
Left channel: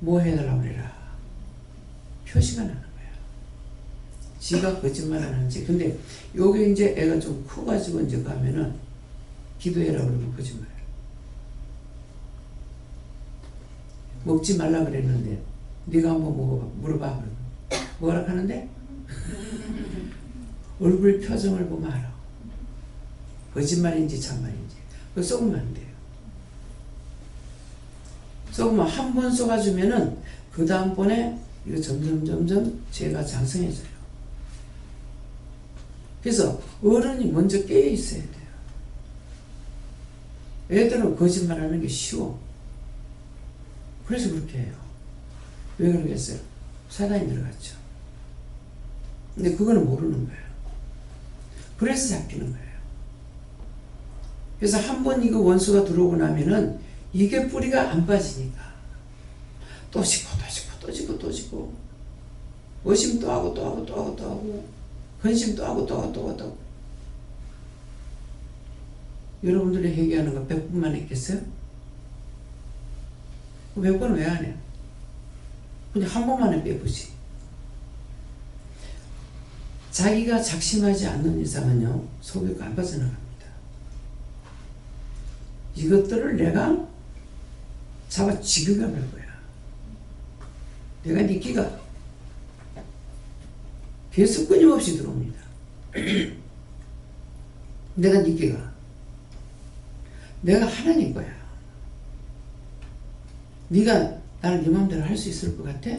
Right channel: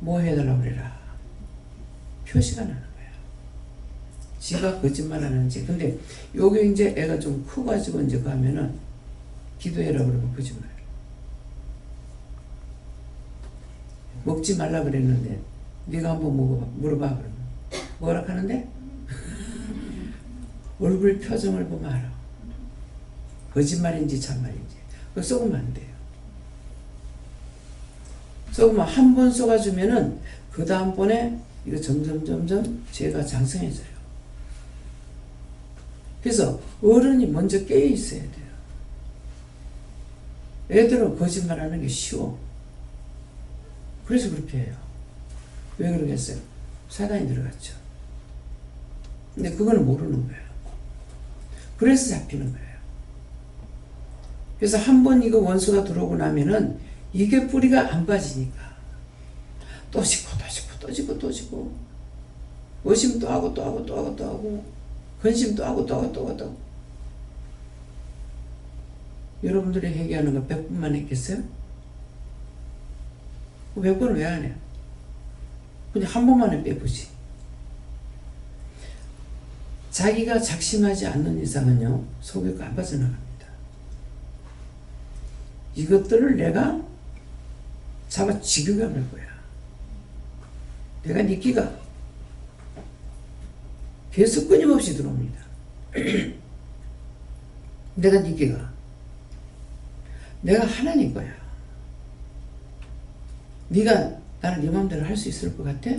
뭐 해달라고 그래라. 표시가 나는 거야. 지가 거짓말 하는지. 근데 요게 이제 애가 좀 커가지고 이제 가면은 기도해라 그러면 거짓말. 먹지 말라 그랬는데 네가 한번 먹어봐. 물어봐 그러면 뭐라 하는데? 얼굴 표정을 보면 알아. 거짓말인지 참말인지. 그거 쏘면 안 돼요. 쏘면 한 번 쏘아주면은 그 다음번에 이거 점점 죄가 장성해져요. 그래서 어른이 먼저 깨어 있어야 돼요. 애들은 거짓말하는 게 쉬워. 그래서 그렇게 해요. 왜 그러겠어요? 사단이 들어갔죠. 근데 그거는 모르는 거예요. 그래서 잡히는 거예요. 그래서 한 번 이거 원수가 들어오고 나면은 이게 뿌리가 안 빠지니까 또 짓고 의심 또 하고 근심 또 하고 여러분들이 회개하는 거 100번만 했겠어요? 100번은 왜 안 해요? 그냥 한 번만에 빼보지. 자기가 작심하지 않는 이상은요, 속에 안 빠져나갑니다. 이것들을 내가 잡아 지금 갈 거야. 내가 네 끼가 계속 끊임없이 들어옵니다. 내가 네 끼가 내가 하나님 거야. 네가 나를 네 마음대로 할 수 있을 것 같아?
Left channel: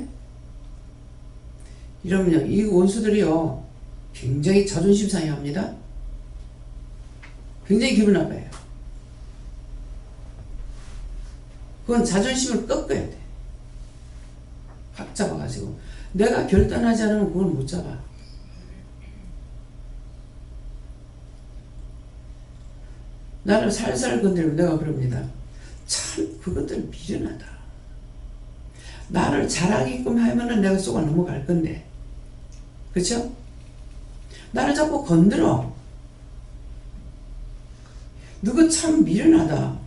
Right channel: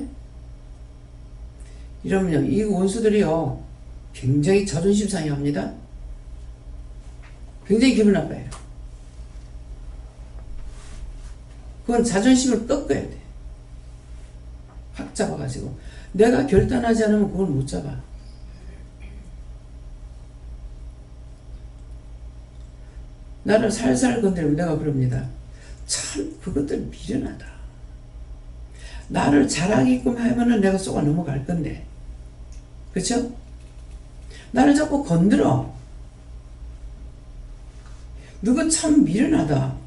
이러면요, 이 원수들이요 굉장히 자존심 상해합니다. 굉장히 기분 나빠요. 그건 자존심을 꺾어야 돼. 확 잡아가지고 내가 결단하지 않으면 그걸 못 잡아. 나를 살살 건드리면 내가 그럽니다. 참 그것들 미련하다. 나를 잘하게끔 하면은 내가 쏘가 넘어갈 건데, 그쵸? 나를 자꾸 건드려. 너가 참 미련하다.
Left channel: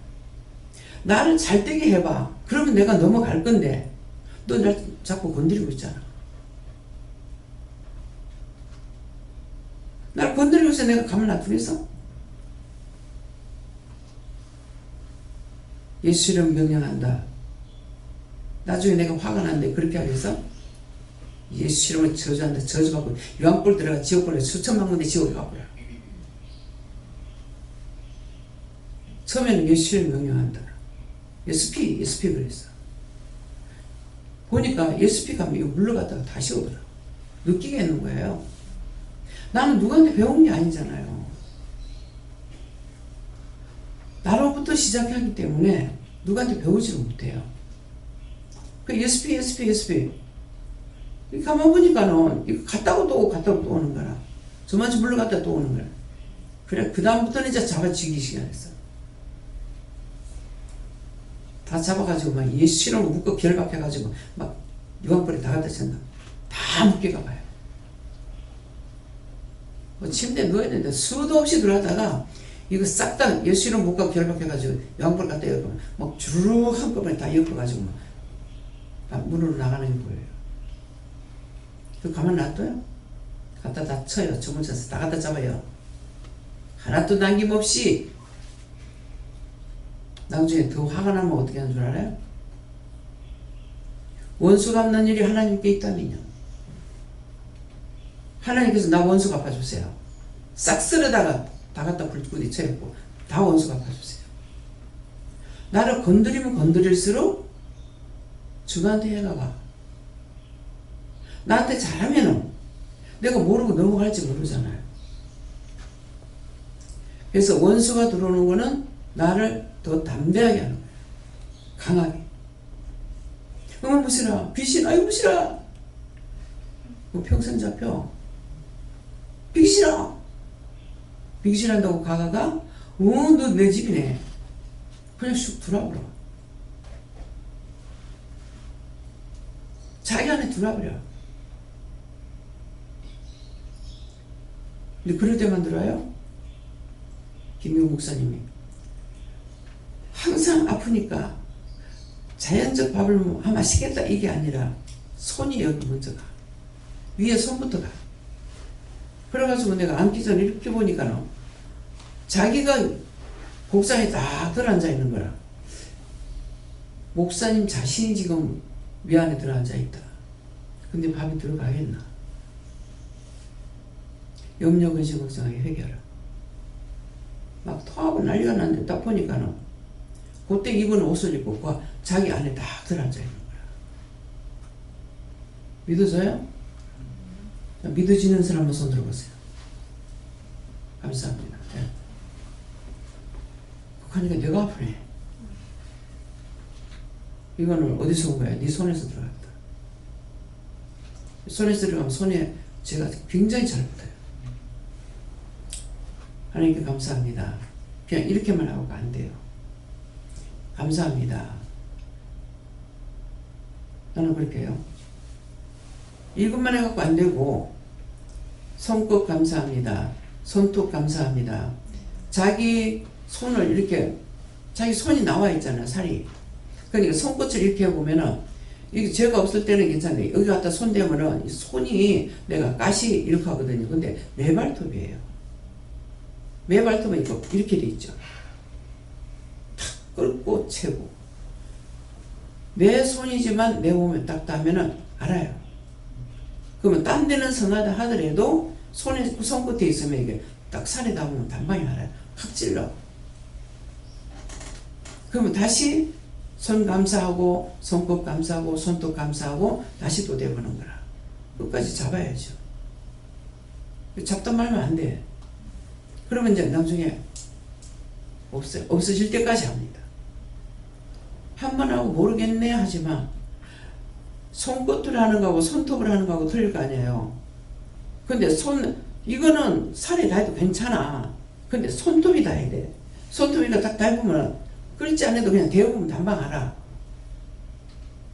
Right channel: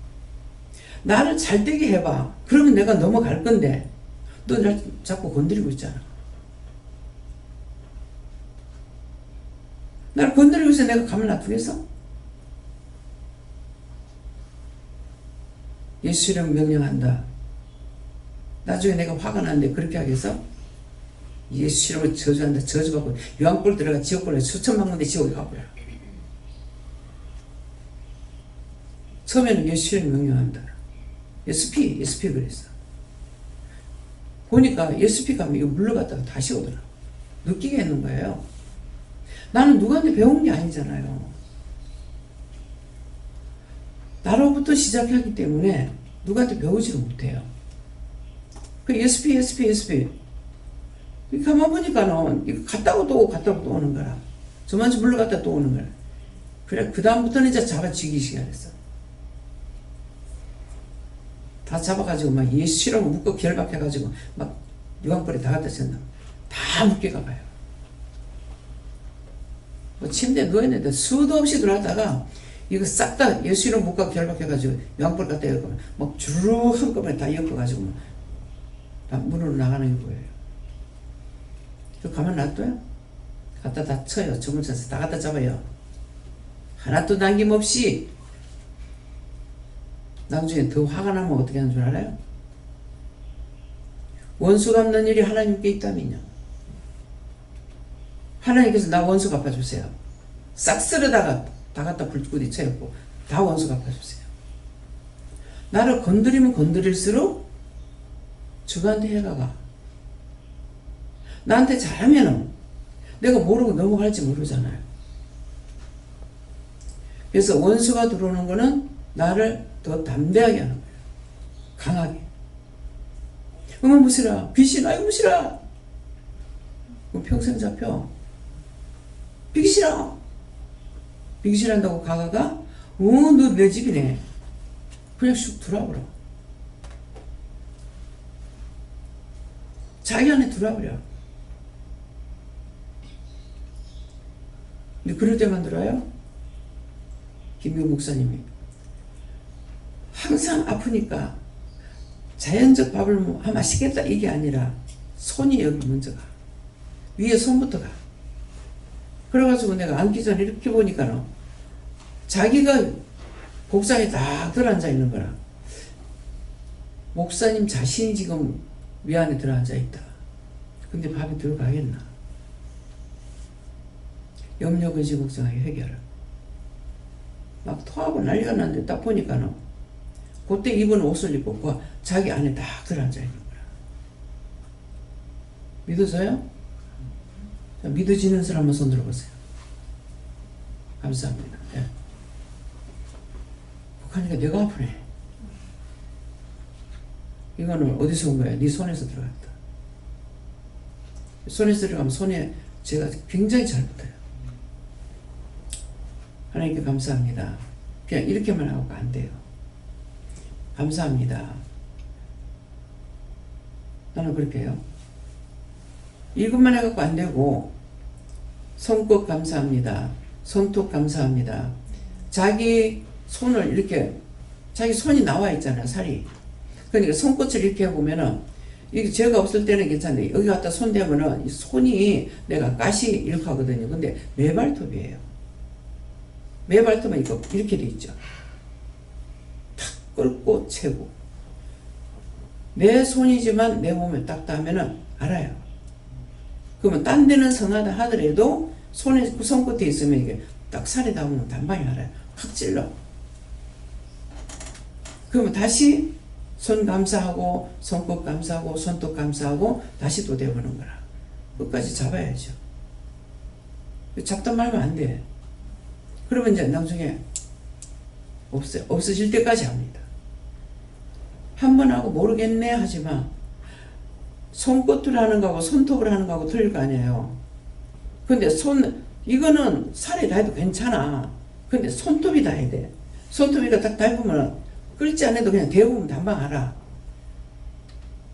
나를 잘되게 해봐. 그러면 내가 넘어갈 건데 너 날 자꾸 건드리고 있잖아. 나를 건드리고 있어 내가 가만 놔두겠어? 예수 이름 명령한다. 나중에 내가 화가 나는데 그렇게 하겠어? 예수 이름을 저주한다. 저주받고 유황불 들어가 지옥불에 수천만 군데 지옥에 가버려. 처음에는 예수 이름 명령한다. SP 그랬어. 보니까 SP 가면 이거 물러갔다가 다시 오더라. 느끼게 했는 거예요. 나는 누구한테 배운 게 아니잖아요. 나로부터 시작하기 때문에 누구한테 배우지를 못해요. 그 SP 가만 보니까는 이거 갔다고 또 오고 갔다고 또 오는 거라. 저만치 물러갔다 또 오는 거라. 그래 그 다음부터는 이제 잡아쥐기 시작했어. 다 잡아가지고 막 예수로 묶어 결박해가지고 막 유황불에 다 갖다 쳤나. 다 묶여가 봐요. 뭐 침대에 누워있는데 수도 없이 들어왔다가 이거 싹 다 예수로 묶어 결박해가지고 유황불 갖다 엮으면 막 주르륵 한꺼번에 다 엮어가지고 막 다 문으로 나가는 거예요. 그 가만 놔둬요? 갖다 다 쳐요. 주문 쳐서 다 갖다 잡아요. 하나도 남김없이. 나중에 더 화가 나면 어떻게 하는 줄 알아요? 원수 갚는 일이 하나님께 있다면요. 하나님께서 나 원수 갚아주세요. 싹 쓸어다가 다 갖다 부딪혀있고 다 원수 갚아주세요. 나를 건드리면 건드릴수록 주관한테 해가 가. 나한테 잘하면은 내가 모르고 넘어갈지 모르잖아요. 그래서 원수가 들어오는 거는 나를 더 담대하게 하는 거예요. 강하게. 어머 무시라. 귀신 아이고 무시라. 평생 잡혀. 비기시라. 비기시란다고 가가가 너 내 집이네. 그냥 쑥 들어와버려. 자기 안에 들어와버려. 근데 그럴 때만 들어와요? 김명 목사님이 항상 아프니까 자연적 밥을 마시겠다 이게 아니라 손이 여기 먼저 가. 위에 손부터 가. 그래가지고 내가 앉기 전에 이렇게 보니까 자기가 복상에 딱 들어앉아 있는 거라. 목사님 자신이 지금 위 안에 들어앉아 있다. 근데 밥이 들어가겠나? 염려 근심 걱정하게 해결을. 막 토하고 난리가 났는데 딱 보니까는 그때 입은 옷을 입고 자기 안에 딱 들어앉아 있는 거야. 믿어져요? 믿어지는 사람만 손 들어보세요. 감사합니다. 네. 하니까 내가 아프네. 이거는 어디서 온 거야? 네 손에서 들어갔다. 손에서 들어가면 손에 제가 굉장히 잘 붙어요. 하나님께 감사합니다. 그냥 이렇게만 하고 안 돼요. 감사합니다. 나는 그렇게 해요. 이것만 해갖고 안 되고 손끝 감사합니다. 손톱 감사합니다. 자기 손을 이렇게 자기 손이 나와 있잖아 살이. 그러니까 손끝을 이렇게 해보면은 이게 죄가 없을 때는 괜찮아요. 여기 갖다 손 대면은 이 손이 내가 가시 이렇게 하거든요. 근데 매발톱이에요. 매발톱은 이렇게 돼 있죠. 탁 끓고 채고. 내 손이지만 내 몸에 딱 닿으면은 알아요. 그러면 딴 데는 성하다 하더라도 손끝에 있으면 이게 딱 살에 닿으면 단방에 알아요. 확 찔러. 그러면 다시 손 감싸고 손끝 감싸고 손톱 감싸고 다시 또 대보는 거라. 끝까지 잡아야죠. 잡다 말면 안 돼. 그러면 이제 나중에 없어요. 없어질 때까지 합니다. 한 번 하고 모르겠네 하지만 손끝을 하는 거하고 손톱을 하는 거하고 틀릴 거 아니에요. 근데 이거는 살에 닿아도 괜찮아. 근데 손톱이 닿아야 돼. 손톱이가 딱 닿으면 끓지 않아도 그냥 데우면 단방 알아.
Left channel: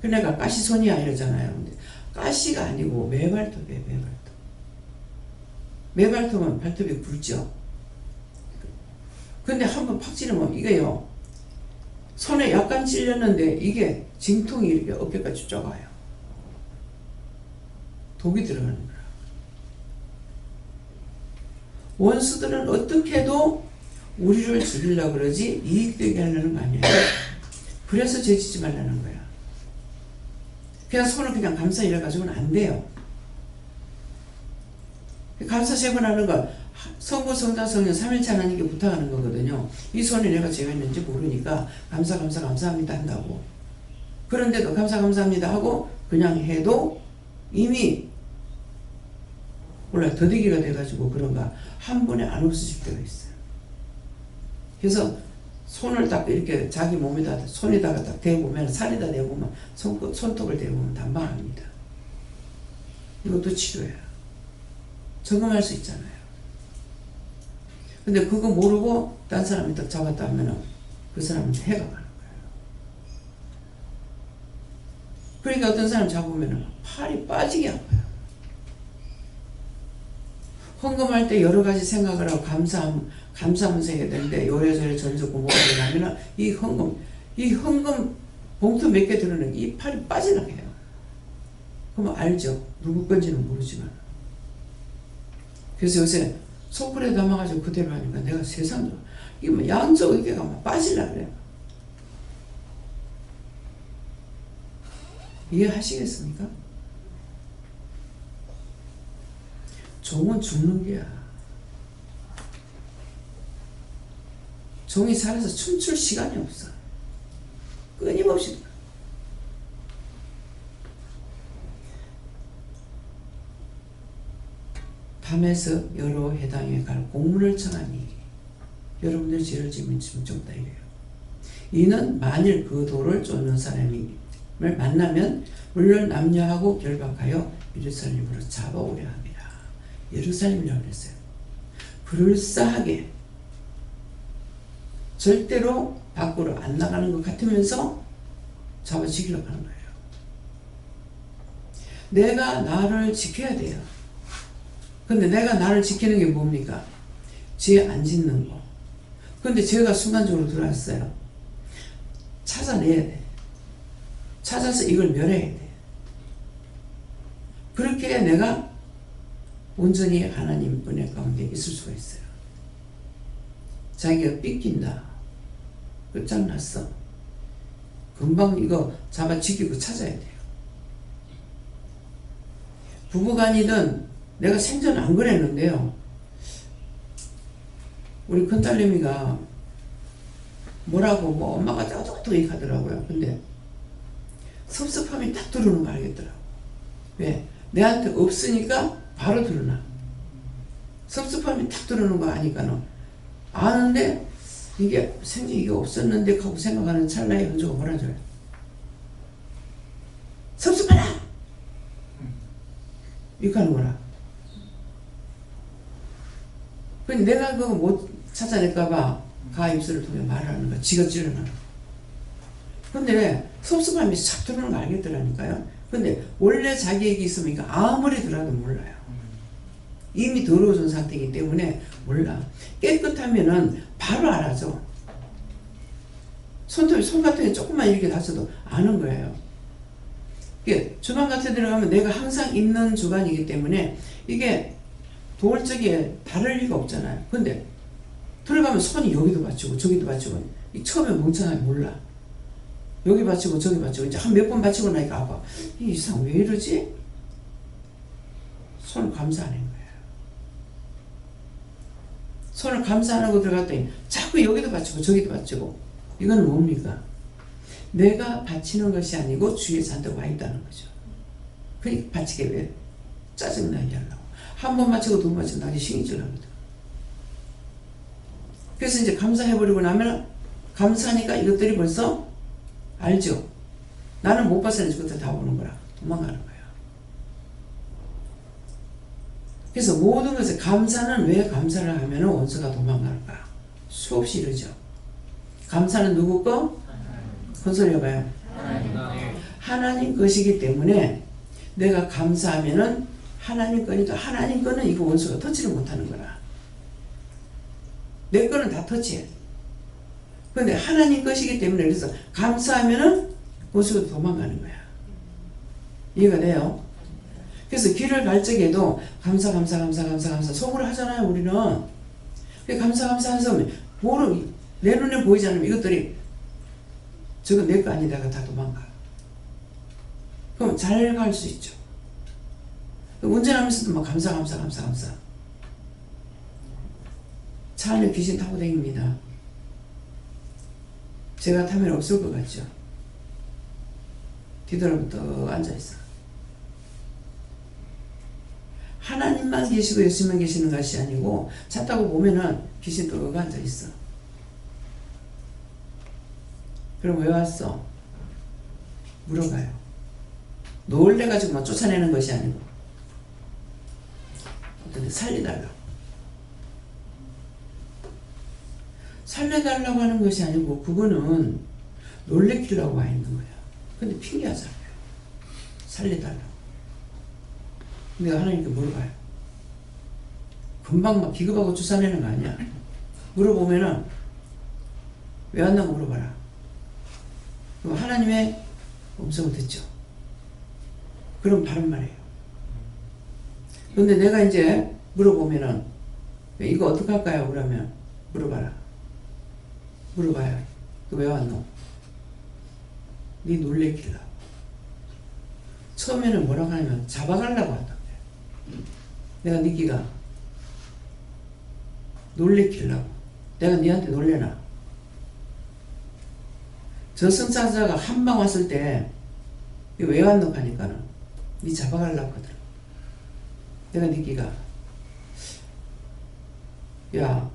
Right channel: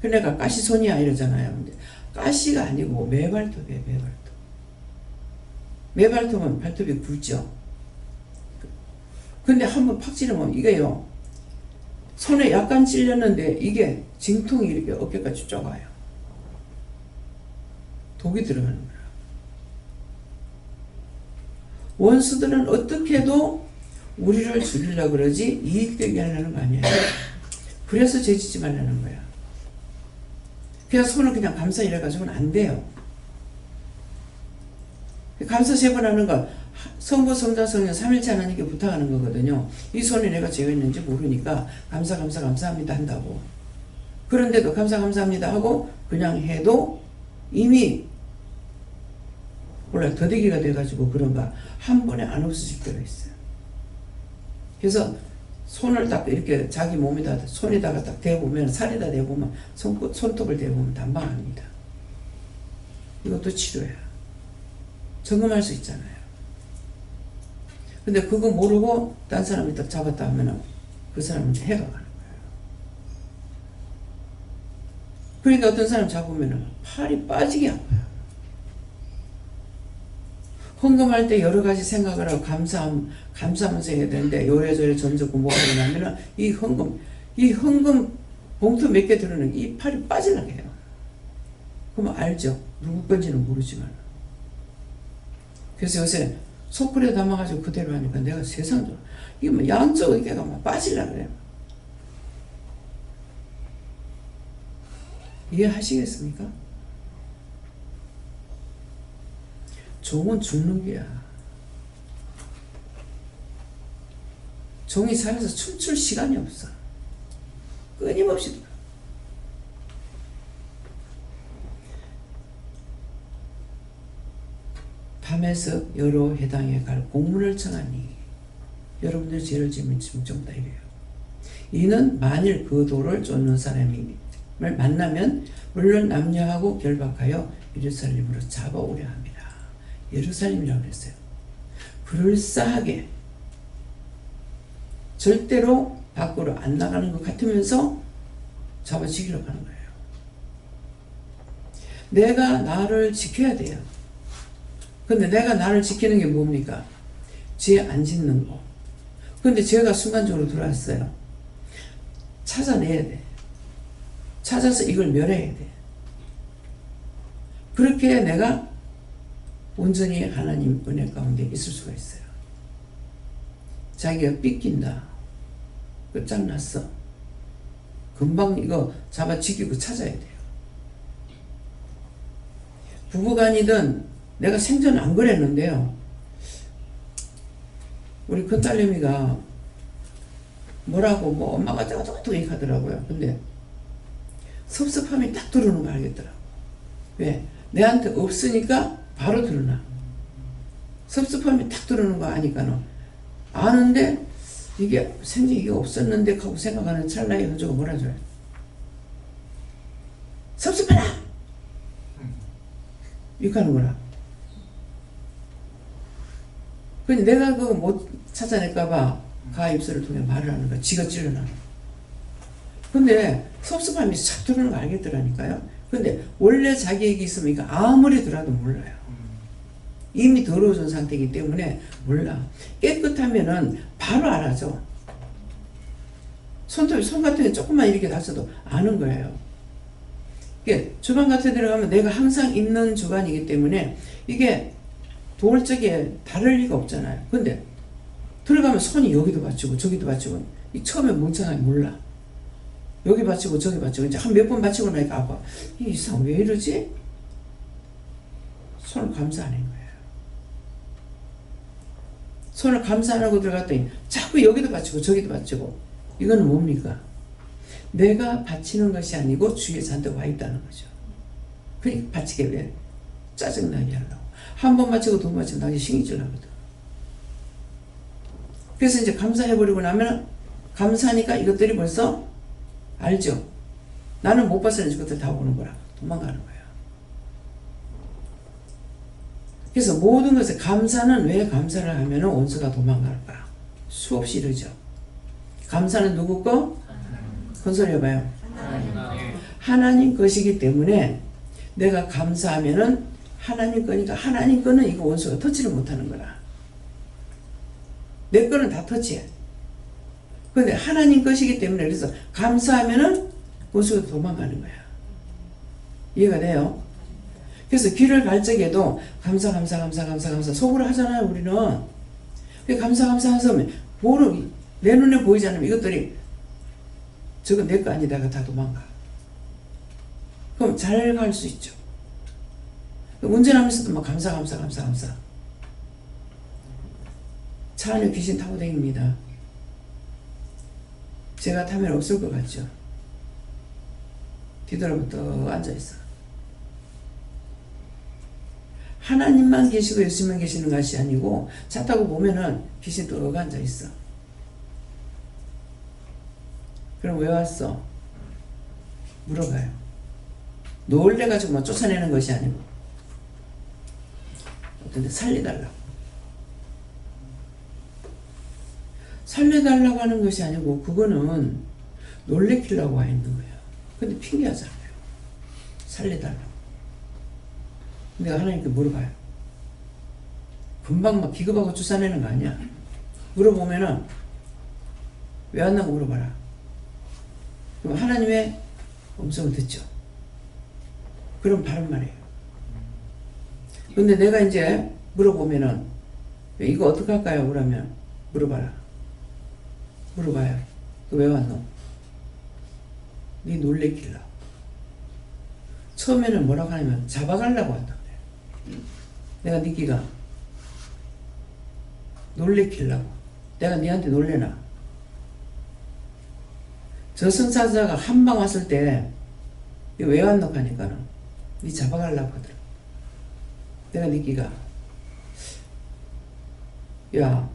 그러니까 가시손이야 이러잖아요. 근데 가시가 아니고 매발톱이에요. 매발톱. 매발톱은 발톱이 굵죠. 근데 한번 팍 찌르면 이게요. 손에 약간 찔렸는데 이게 진통이 이렇게 어깨까지 쭉 와요. 독이 들어가는 거야. 원수들은 어떻게 해도 우리를 죽이려고 그러지 이익되게 하려는 거 아니에요. 그래서 죄짓지 말라는 거야. 그냥 손을 그냥 감싸 이래가지고는 안 돼요. 감싸 세번하는 거 성부 성자 성령 삼일체 하나님께 부탁하는 거거든요. 이 손에 내가 죄가 있는지 모르니까 감사합니다 한다고. 그런데도 감사합니다 하고 그냥 해도 이미 몰라 더디기가 돼가지고 그런가 한 번에 안 없어질 때가 있어요. 그래서 손을 딱 이렇게 자기 몸에다 손에다가 딱 대보면 살에다 대보면 손톱을 대보면 단방합니다. 이것도 치료야. 점검할 수 있잖아요. 근데 그거 모르고 딴 사람이 딱 잡았다 하면은 그 사람한테 해가 가는 거예요. 그러니까 어떤 사람 잡으면은 팔이 빠지게 아파요. 헌금할 때 여러 가지 생각을 하고 감사하면서 해야 되는데 요래저래 전적고 뭐가 되냐면은 이 헌금 봉투 몇 개 들어는 이 팔이 빠지려고 해요. 그러면 알죠. 누구 건지는 모르지만. 그래서 요새 소쿠리에 담아가지고 그대로 하니까 내가 세상도 이게 뭐 양쪽 어깨가 막 빠지려고 그래요. 이해하시겠습니까? 종은 죽는 게야. 종이 살아서 춤출 시간이 없어. 끊임없이. 밤에서 여러 해당에 갈 공문을 청하니 여러분들 죄를 지으면 짐정다 이래요. 이는 만일 그 도를 쫓는 사람을 만나면 물론 남녀하고 결박하여 예루살렘으로 잡아오려 합니다. 예루살렘이라고 그랬어요. 그럴싸하게 절대로 밖으로 안 나가는 것 같으면서 잡아치기려고 하는 거예요. 내가 나를 지켜야 돼요. 근데 내가 나를 지키는 게 뭡니까? 죄 안 짓는 거. 근데 죄가 순간적으로 들어왔어요. 찾아내야 돼. 찾아서 이걸 멸해야 돼. 그렇게 해야 내가 온전히 하나님 은혜 가운데 있을 수가 있어요. 자기가 삐낀다. 끝장났어. 금방 이거 잡아 지키고 찾아야 돼요. 부부간이든 내가 생전 안 그랬는데요. 우리 큰딸내미가 뭐라고 뭐 엄마가 어쩌고 얘기 하더라고요. 근데 섭섭함이 딱 들어오는 거 알겠더라고. 왜? 내한테 없으니까 바로 드러나. 섭섭함이 딱 들어오는 거 아니까는 아는데 이게 생전 이게 없었는데 하고 생각하는 찰나의 현조가 뭐라 줘요? 섭섭하다! 이렇게 하는 거라. 근데 내가 그거 못 찾아낼까봐 가 입술을 통해 말을 하는 거야. 지가 찔러나는. 근데 섭섭함이 싹 들어오는 거 알겠더라니까요. 근데 원래 자기에게 있으면 아무리 들어도 몰라요. 이미 더러워진 상태이기 때문에 몰라. 깨끗하면은 바로 알아죠. 손 같은 게 조금만 이렇게 다쳐도 아는 거예요. 이게 주방 같은 데 들어가면 내가 항상 있는 주관이기 때문에 이게 도울적에 다를 리가 없잖아요. 근데 들어가면 손이 여기도 받치고 저기도 받치고 처음에 멍청하게 몰라. 여기 받치고 저기 받치고 이제 한 몇 번 받치고 나니까 아빠 이 이상 왜 이러지? 손을 감싸 안 한 거예요. 손을 감싸 안 하고 들어갔더니 자꾸 여기도 받치고 저기도 받치고 이거는 뭡니까? 내가 받치는 것이 아니고 주위에 잔뜩 와 있다는 거죠. 그러니까 받치게 왜? 짜증나게 하려고. 한 번 맞추고 두 번 맞추고 나중에 신경질 나거든. 그래서 이제 감사해버리고 나면 감사하니까 이것들이 벌써 알죠? 나는 못 봤으니 이것들 다 오는 거라. 도망가는 거야. 그래서 모든 것에 감사는 왜 감사를 하면 원수가 도망갈까? 수없이 이러죠. 감사는 누구 거? 큰 소리 해봐요. 하나님 것이기 때문에 내가 감사하면은 하나님 거니까 하나님 거는 이거 원수가 터치를 못하는 거라. 내 거는 다 터치해. 그런데 하나님 것이기 때문에 그래서 감사하면은 원수가 도망가는 거야. 이해가 돼요? 그래서 길을 갈 적에도 감사 속으로 하잖아요. 우리는 감사 하면 내 눈에 보이지 않으면 이것들이 저거 내 거 아니다가 다 도망가. 그럼 잘 갈 수 있죠. 운전하면서도 막 감사. 차 안에 귀신 타고 다닙니다. 제가 타면 없을 것 같죠. 뒤돌아보면 떡 앉아있어. 하나님만 계시고 예수님만 계시는 것이 아니고 차 타고 보면은 귀신 떡 앉아있어. 그럼 왜 왔어? 물어봐요. 놀래가지고 막 쫓아내는 것이 아니고 어떤데 살려달라고. 살려달라고 하는 것이 아니고 그거는 놀래키려고 와 있는 거야. 근데 핑계하잖아요. 살려달라고. 내가 하나님께 물어봐요. 금방 막 기겁하고 쫓아내는 거 아니야. 물어보면은 왜 왔나고 물어봐라. 그럼 하나님의 음성을 듣죠. 그럼 바른 말이에요. 근데 내가 이제 물어보면은 이거 어떻게 할까요? 그러면 물어봐요. 너 왜 왔노? 네 놀래키려고. 처음에는 뭐라고 하냐면 잡아가려고 한다 그래. 내가 니끼가 놀래키려고. 내가 니한테 놀래나? 저승사자가 한 방 왔을 때 왜 왔노 하니까는 니 잡아가려고 하더라. 내가 니끼가 야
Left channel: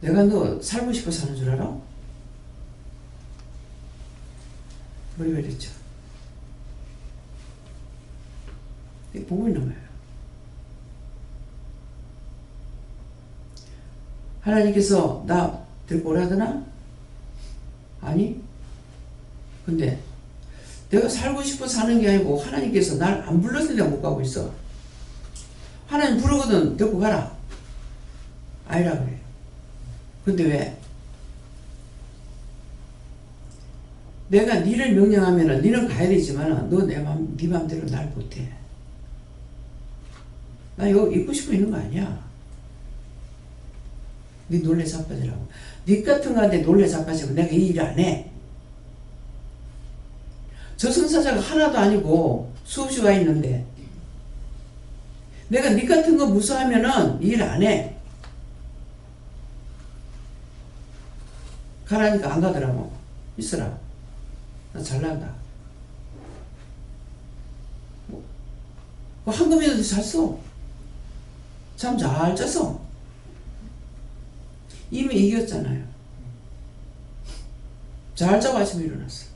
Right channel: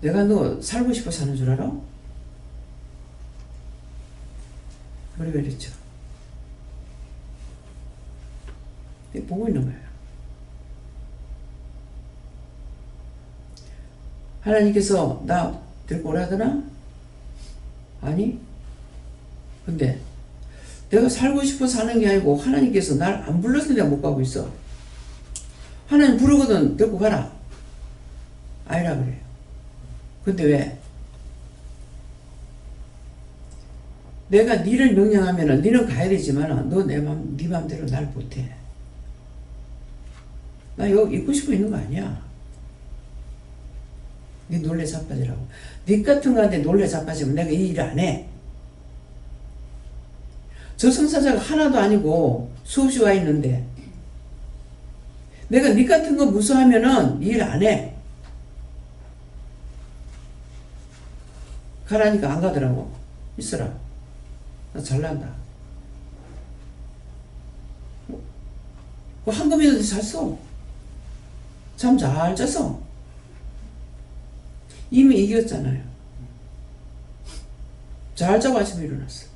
내가 너 살고 싶어 사는 줄 알아? 머리가 이랬죠. 보고 있는 거예요. 하나님께서 나 데리고 오라더나? 아니. 근데 내가 살고 싶어 사는 게 아니고 하나님께서 날 안 불러서 내가 못 가고 있어. 하나님 부르거든 데리고 가라. 아니라 그래요. 근데 왜? 내가 니를 명령하면은 니는 가야 되지만 너 네 맘대로 날 못해. 나 여기 있고 싶어 있는 거 아니야. 니 놀래 자빠지라고. 니 같은 거한테 놀래 자빠지면 내가 이 일 안 해. 저승사자가 하나도 아니고 수없이 와 있는데 내가 니 같은 거 무서워하면은 일 안 해. 가라니까 안 가더라고. 있어라. 나 잘난다. 한금이라도 잤어. 잠 잘 잤어. 이미 이겼잖아요. 잘 자고 아침에 일어났어.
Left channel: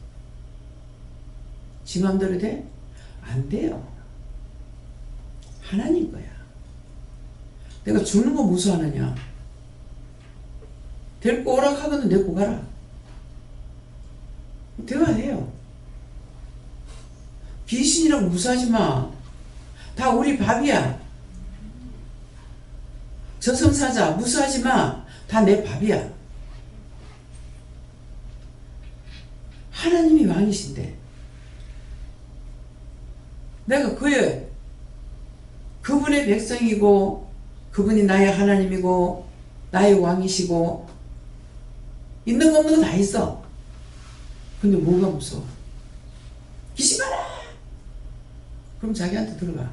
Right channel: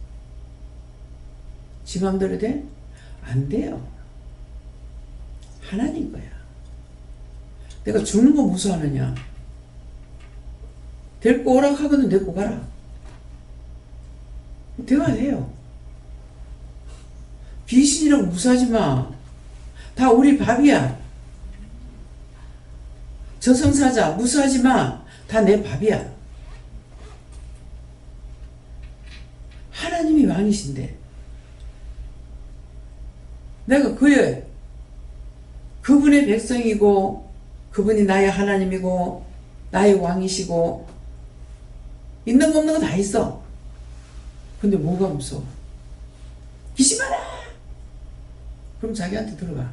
지 맘대로 돼? 안 돼요. 하나님 거야. 내가 죽는 거 무서워하느냐? 데리고 오라 하거든 데리고 가라. 대화해요. 귀신이라고 무서워하지 마. 다 우리 밥이야. 저승사자 무서워하지 마. 다 내 밥이야. 하나님이 왕이신데 내가 그분의 백성이고 그분이 나의 하나님이고 나의 왕이시고 있는 거 없는 거 다 있어. 근데 뭐가 무서워? 귀신 봐라! 그럼 자기한테 들어가.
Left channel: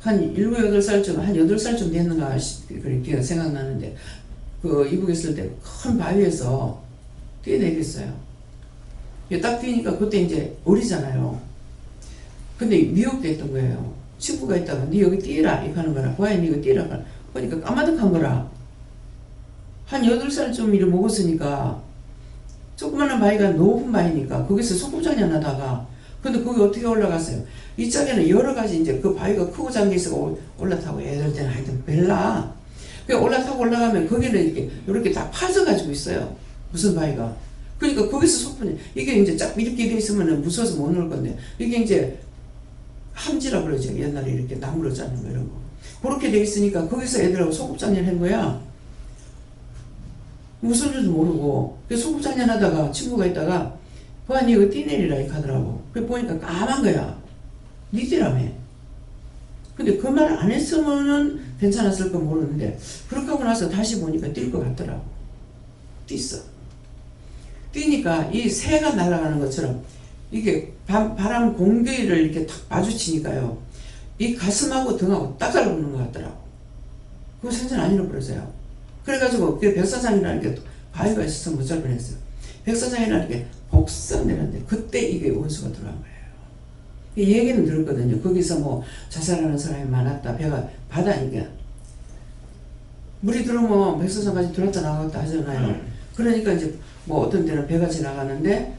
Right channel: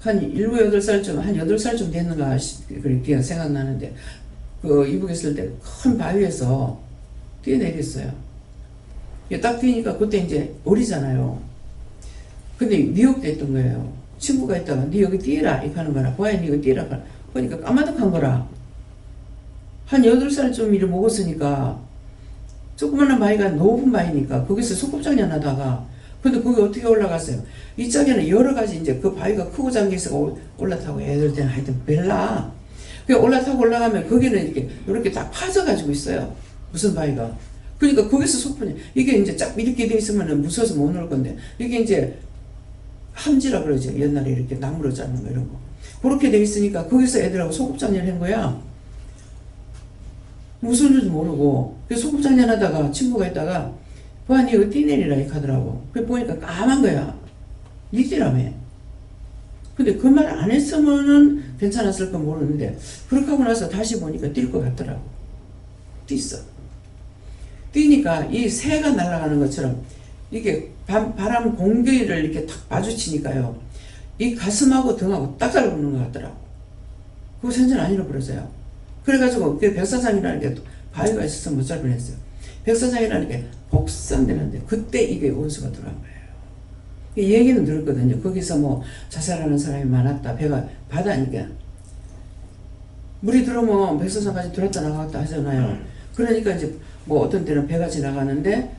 한 7, 8살쯤, 한 8살쯤 됐는가, 그렇게 생각나는데, 이북에 있을 때 큰 바위에서 뛰어내렸어요. 딱 뛰니까 그때 이제 어리잖아요. 근데 미혹됐던 거예요. 친구가 있다가, 니 여기 뛰어라, 이렇게 하는 거라. 보아야 니 이거 뛰어라. 보니까 까마득한 거라. 한 8살쯤 이를 먹었으니까, 조그마한 바위가 높은 바위니까, 거기서 소꿉장난 하다가, 근데 거기 어떻게 올라갔어요? 이쪽에는 여러 가지 이제 그 바위가 크고 잠겨 있어 올라타고 애들 때는 하여튼 별나. 그 올라타고 올라가면 거기는 이렇게 다 파져가지고 있어요. 무슨 바위가. 그러니까 거기서 소풍이 이게 이제 쫙 이렇게 돼 있으면 무서워서 못 놀 건데 이게 이제 함지라 그러죠. 옛날에 이렇게 나무로 짜는 거 이런 거. 그렇게 돼 있으니까 거기서 애들하고 소꿉장난 한 거야. 무슨 줄도 모르고. 그래서 소꿉장난 하다가 친구가 있다가 보아 니 이거 뛰내리라 이렇게 하더라고. 그래 보니까 까만 거야. 니 뛰라며. 근데 그 말 안 했으면은 괜찮았을 건 모르는데 그렇게 하고 나서 다시 보니까 뛸 것 같더라고. 뛰었어. 뛰니까 이 새가 날아가는 것처럼 이게 바람 공기를 이렇게 탁 마주치니까요. 이 가슴하고 등하고 딱 달라붙는 것 같더라고. 그거 생전 안 잃어버렸어요. 그래가지고 그 백사장이라는 게 바위가 있어서 못 잘 뻔했어요. 백사장이라는 게 복선되는데 그때 이게 원수가 들어간 거예요. 이 얘기는 들었거든요. 거기서 뭐 자살하는 사람이 많았다. 배가 바다니까 물이 들어오면 백사장까지 들었다 나갔다 하잖아요. 그러니까 이제 뭐 어떤 때는 배가 지나가는데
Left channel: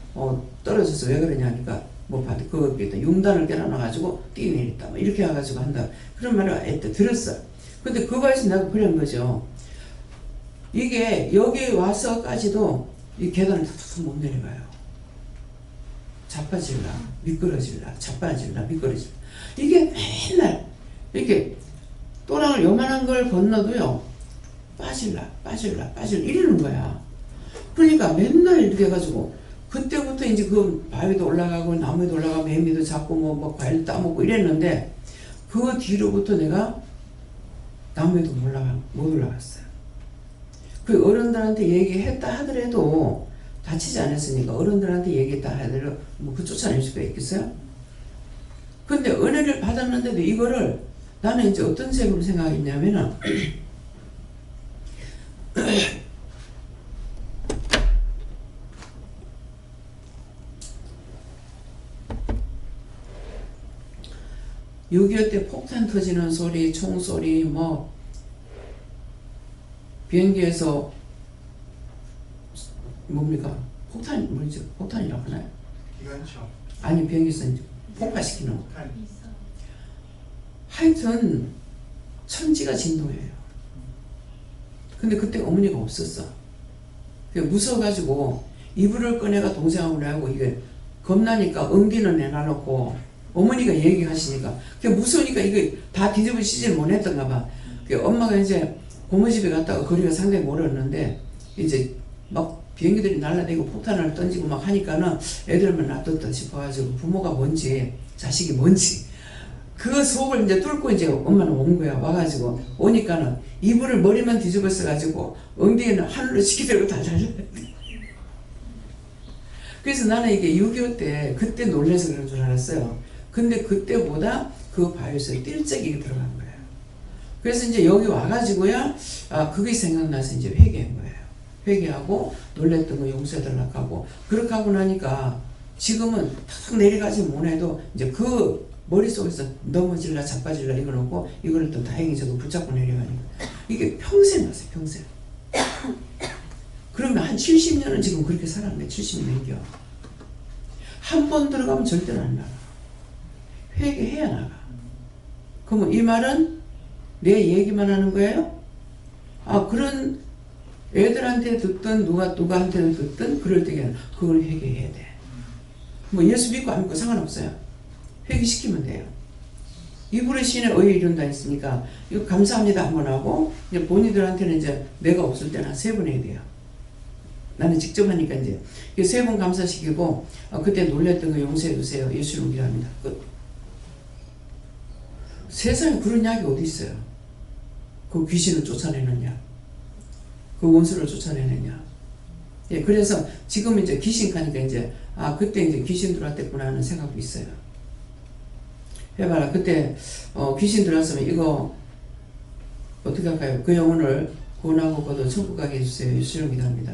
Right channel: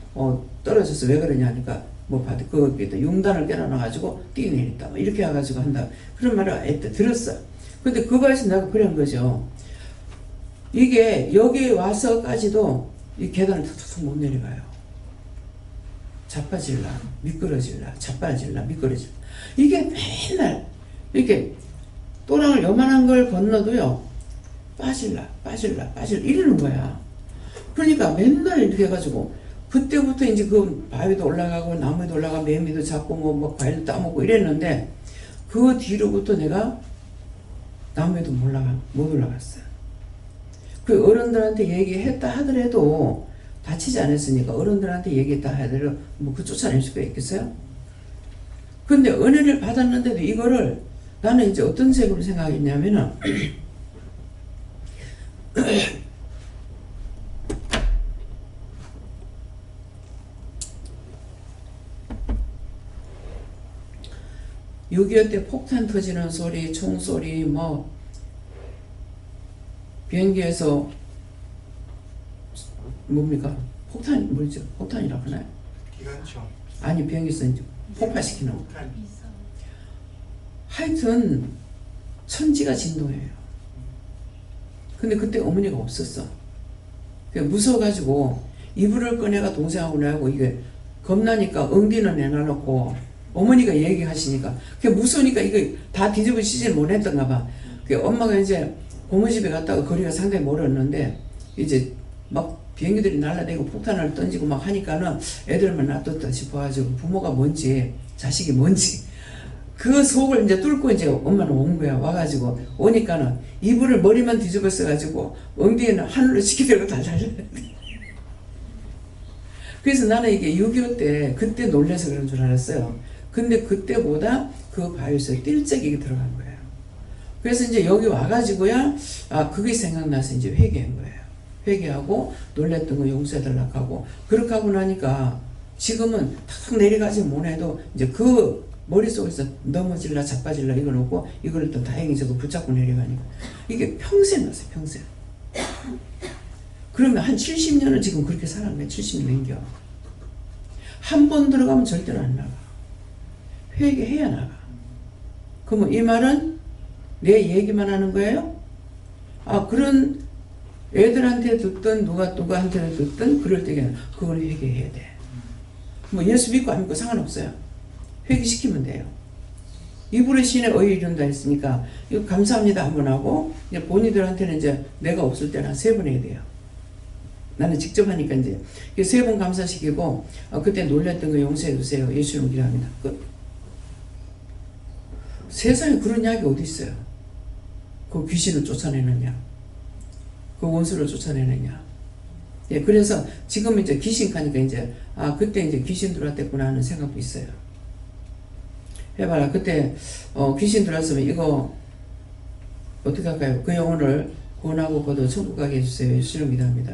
떨어져서 왜 그러냐 하니까 뭐 거기다 융단을 깨어놔가지고 뛰어내렸다 뭐 이렇게 해가지고 한다 그런 말을 애때 들었어. 근데 그 바에서 내가 그런 거죠. 이게 여기 와서까지도 이 계단을 탁탁 못 내려가요. 자빠질라 미끄러질라 자빠질라 미끄러질라. 이게 맨날 이렇게 또랑을 요만한 걸 건너도요 빠질라 이러는 거야. 그러니까 맨날 이렇게 해가지고 그때부터 이제 그 바위도 올라가고 나무에도 올라가고 매미도 잡고 뭐 과일도 따먹고 이랬는데 그 뒤로부터 내가 나무에도 못 올라갔어요. 그 어른들한테 얘기했다 하더라도 다치지 않았으니까 어른들한테 얘기했다 하더라도 뭐 그 쫓아낼 수가 있겠어요? 근데 은혜를 받았는데도 이거를 나는 이제 어떤 색으로 생각했냐면은 (6.25) 때 폭탄 터지는 소리, 총소리, 뭐 비행기에서 뭡니까? 폭탄 뭐죠? 폭탄이라고 하나요? 기관총. 아니 비행기에서 이제 폭파시키는 거. 하여튼 천지가 진동해요. 근데 그때 어머니가 없었어. 무서워가지고 이불을 꺼내가 동생하고 나하고 이게 겁나니까 엉디는 내놔놓고 어머니가 얘기하시니까 그게 무서우니까 이거 다 뒤집어지질 못했던가 봐. 엄마가 이제 고모집에 갔다가 거리가 상당히 멀었는데 이제 막 비행기들이 날라다니고 폭탄을 던지고 막 하니까는 애들만 놔뒀다 싶어가지고 부모가 뭔지 자식이 뭔지 그 속을 이제 뚫고 이제 엄마는 온 거야. 와가지고 오니까는 이불을 머리만 뒤집어 써가지고 엉덩이는 하늘로 치키들고 다 달려야 돼. 그래서 나는 이게 6.25 때 그때 놀래서 그런 줄 알았어요. 근데 그때보다 그 바위에서 뛸 적이 들어간 거예요. 그래서 이제 여기 와가지고야 그게 생각나서 이제 회개한 거예요. 회개하고 놀랬던 거 용서해달라고 하고 그렇게 하고 나니까 지금은 탁탁 내려가지 못해도 이제 그 머릿속에서 넘어질라 자빠질라 이거 놓고 이거를 또 다행히 저거 붙잡고 내려가니까 이게 평생 났어요. 평생. 그러면 한 70년은 지금 그렇게 살아간 거예요. 70년겨. 한 번 들어가면 절대로 안 나가. 회개해야 나가. 그러면 이 말은 내 얘기만 하는 거예요? 그런 애들한테 듣든 누가한테 듣든 그럴 때에는 그걸 회개해야 돼. 뭐 예수 믿고 안 믿고 상관없어요. 회개시키면 돼요. 이불의 신에 의에 이른다 했으니까 이거 감사합니다 한번 하고 이제 본인들한테는 이제 내가 없을 때는 한 3번 해야 돼요. 나는 직접 하니까 이제 3번 감사시키고 그때 놀랬던 거 용서해 주세요. 예수님 기도합니다. 끝. 세상에 그런 약이 어디 있어요? 그 귀신을 쫓아내느냐, 그 원수를 쫓아내느냐. 예, 그래서 지금 이제 귀신 가니까 이제 그때 이제 귀신 들어왔댔구나 하는 생각도 있어요. 해봐라. 그때 귀신 들어왔으면 이거 어떻게 할까요? 그 영혼을 구원하고 거둬 천국 가게 해주세요. 예수님 기도합니다.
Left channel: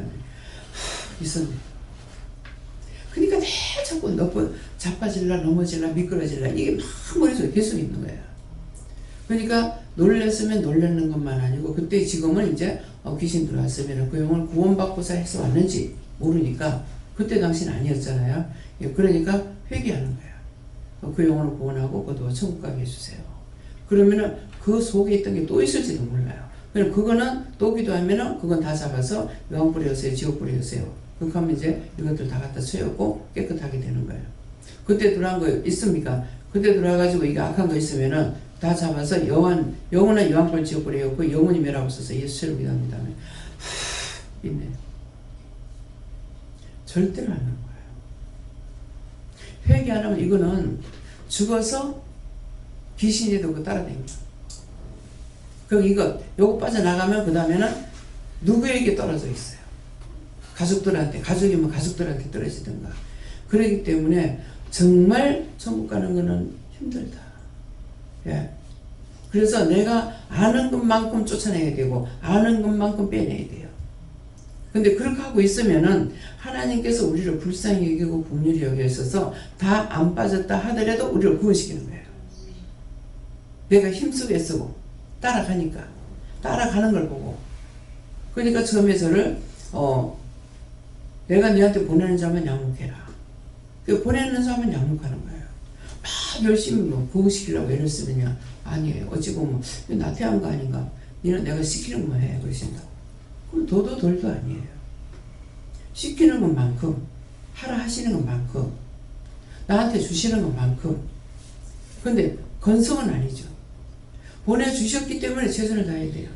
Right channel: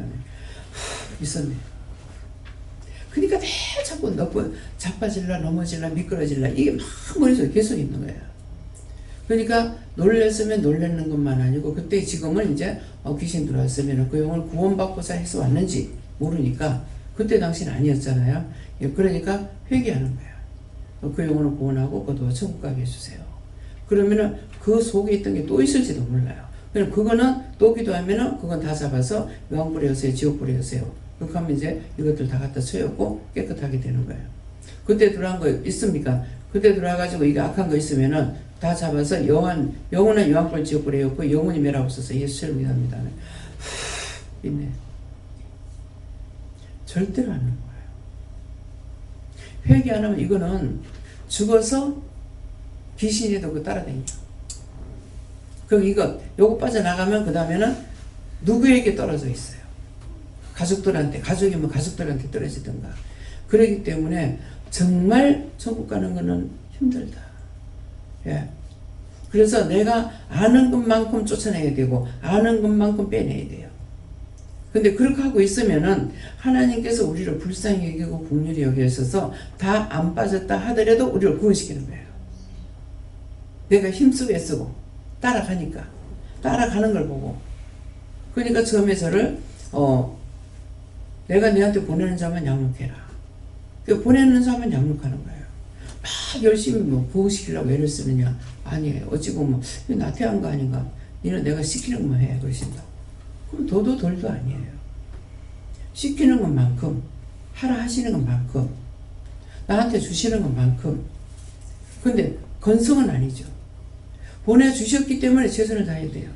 있었네. 그러니까 내 자꾸 자빠질라 넘어질라 미끄러질라 이게 막 머릿속에 계속 있는 거예요. 그러니까 놀랬으면 놀라는 것만 아니고 그때 지금은 이제 귀신 들어왔으면 그 영혼을 구원받고자 해서 왔는지 모르니까 그때 당시는 아니었잖아요. 그러니까 회개하는 거예요. 그 영혼을 구원하고 거둬 천국 가게 해주세요. 그러면은 그 속에 있던 게 또 있을지도 몰라요. 그럼 그거는 또 기도하면은 그건 다 잡아서 요한불에 여세요, 지옥불에 여세요. 그렇게 하면 이제 이것들 다 갖다 채웠고 깨끗하게 되는 거예요. 그때 들어간 거 있습니까? 그때 들어와가지고 이게 악한 거 있으면은 다 잡아서 영원한 요한불 지옥불에 였고 영원히 멸하고 있어서 예수를 믿습니다. 있네. 절대로 안 하는 거예요. 회개 안 하면 이거는 죽어서 귀신이도 그 따라다녀. 그럼 요거 빠져나가면 그 다음에는 누구에게 떨어져 있어요. 가족이면 가족들한테 떨어지든가. 그렇기 때문에 정말 천국 가는 거는 힘들다. 예. 그래서 내가 아는 것만큼 쫓아내야 되고 아는 것만큼 빼내야 돼요. 근데 그렇게 하고 있으면은 하나님께서 우리를 불쌍히 여기고 긍휼히 여기셔서 다 안 빠졌다 하더라도 우리를 구원시키는 거예요. 내가 힘쓰고 애쓰고 따라가니까 따라가는 걸 보고 그러니까 처음에 저를 내가 너한테 보내는 자만 양육해라. 보내는 자만 양육하는 거예요. 막 열심히 보호시키려고 애를 쓰느냐? 아니에요. 어찌 보면 나태한 거 아닌가? 니는 내가 시키는 것만 해 그러신다고. 그럼 도도 돌도 아니에요. 시키는 것만큼 하라 하시는 것만큼 나한테 주시는 것만큼 근데 건성은 아니죠. 보내주셨기 때문에 최선을 다해야 돼요.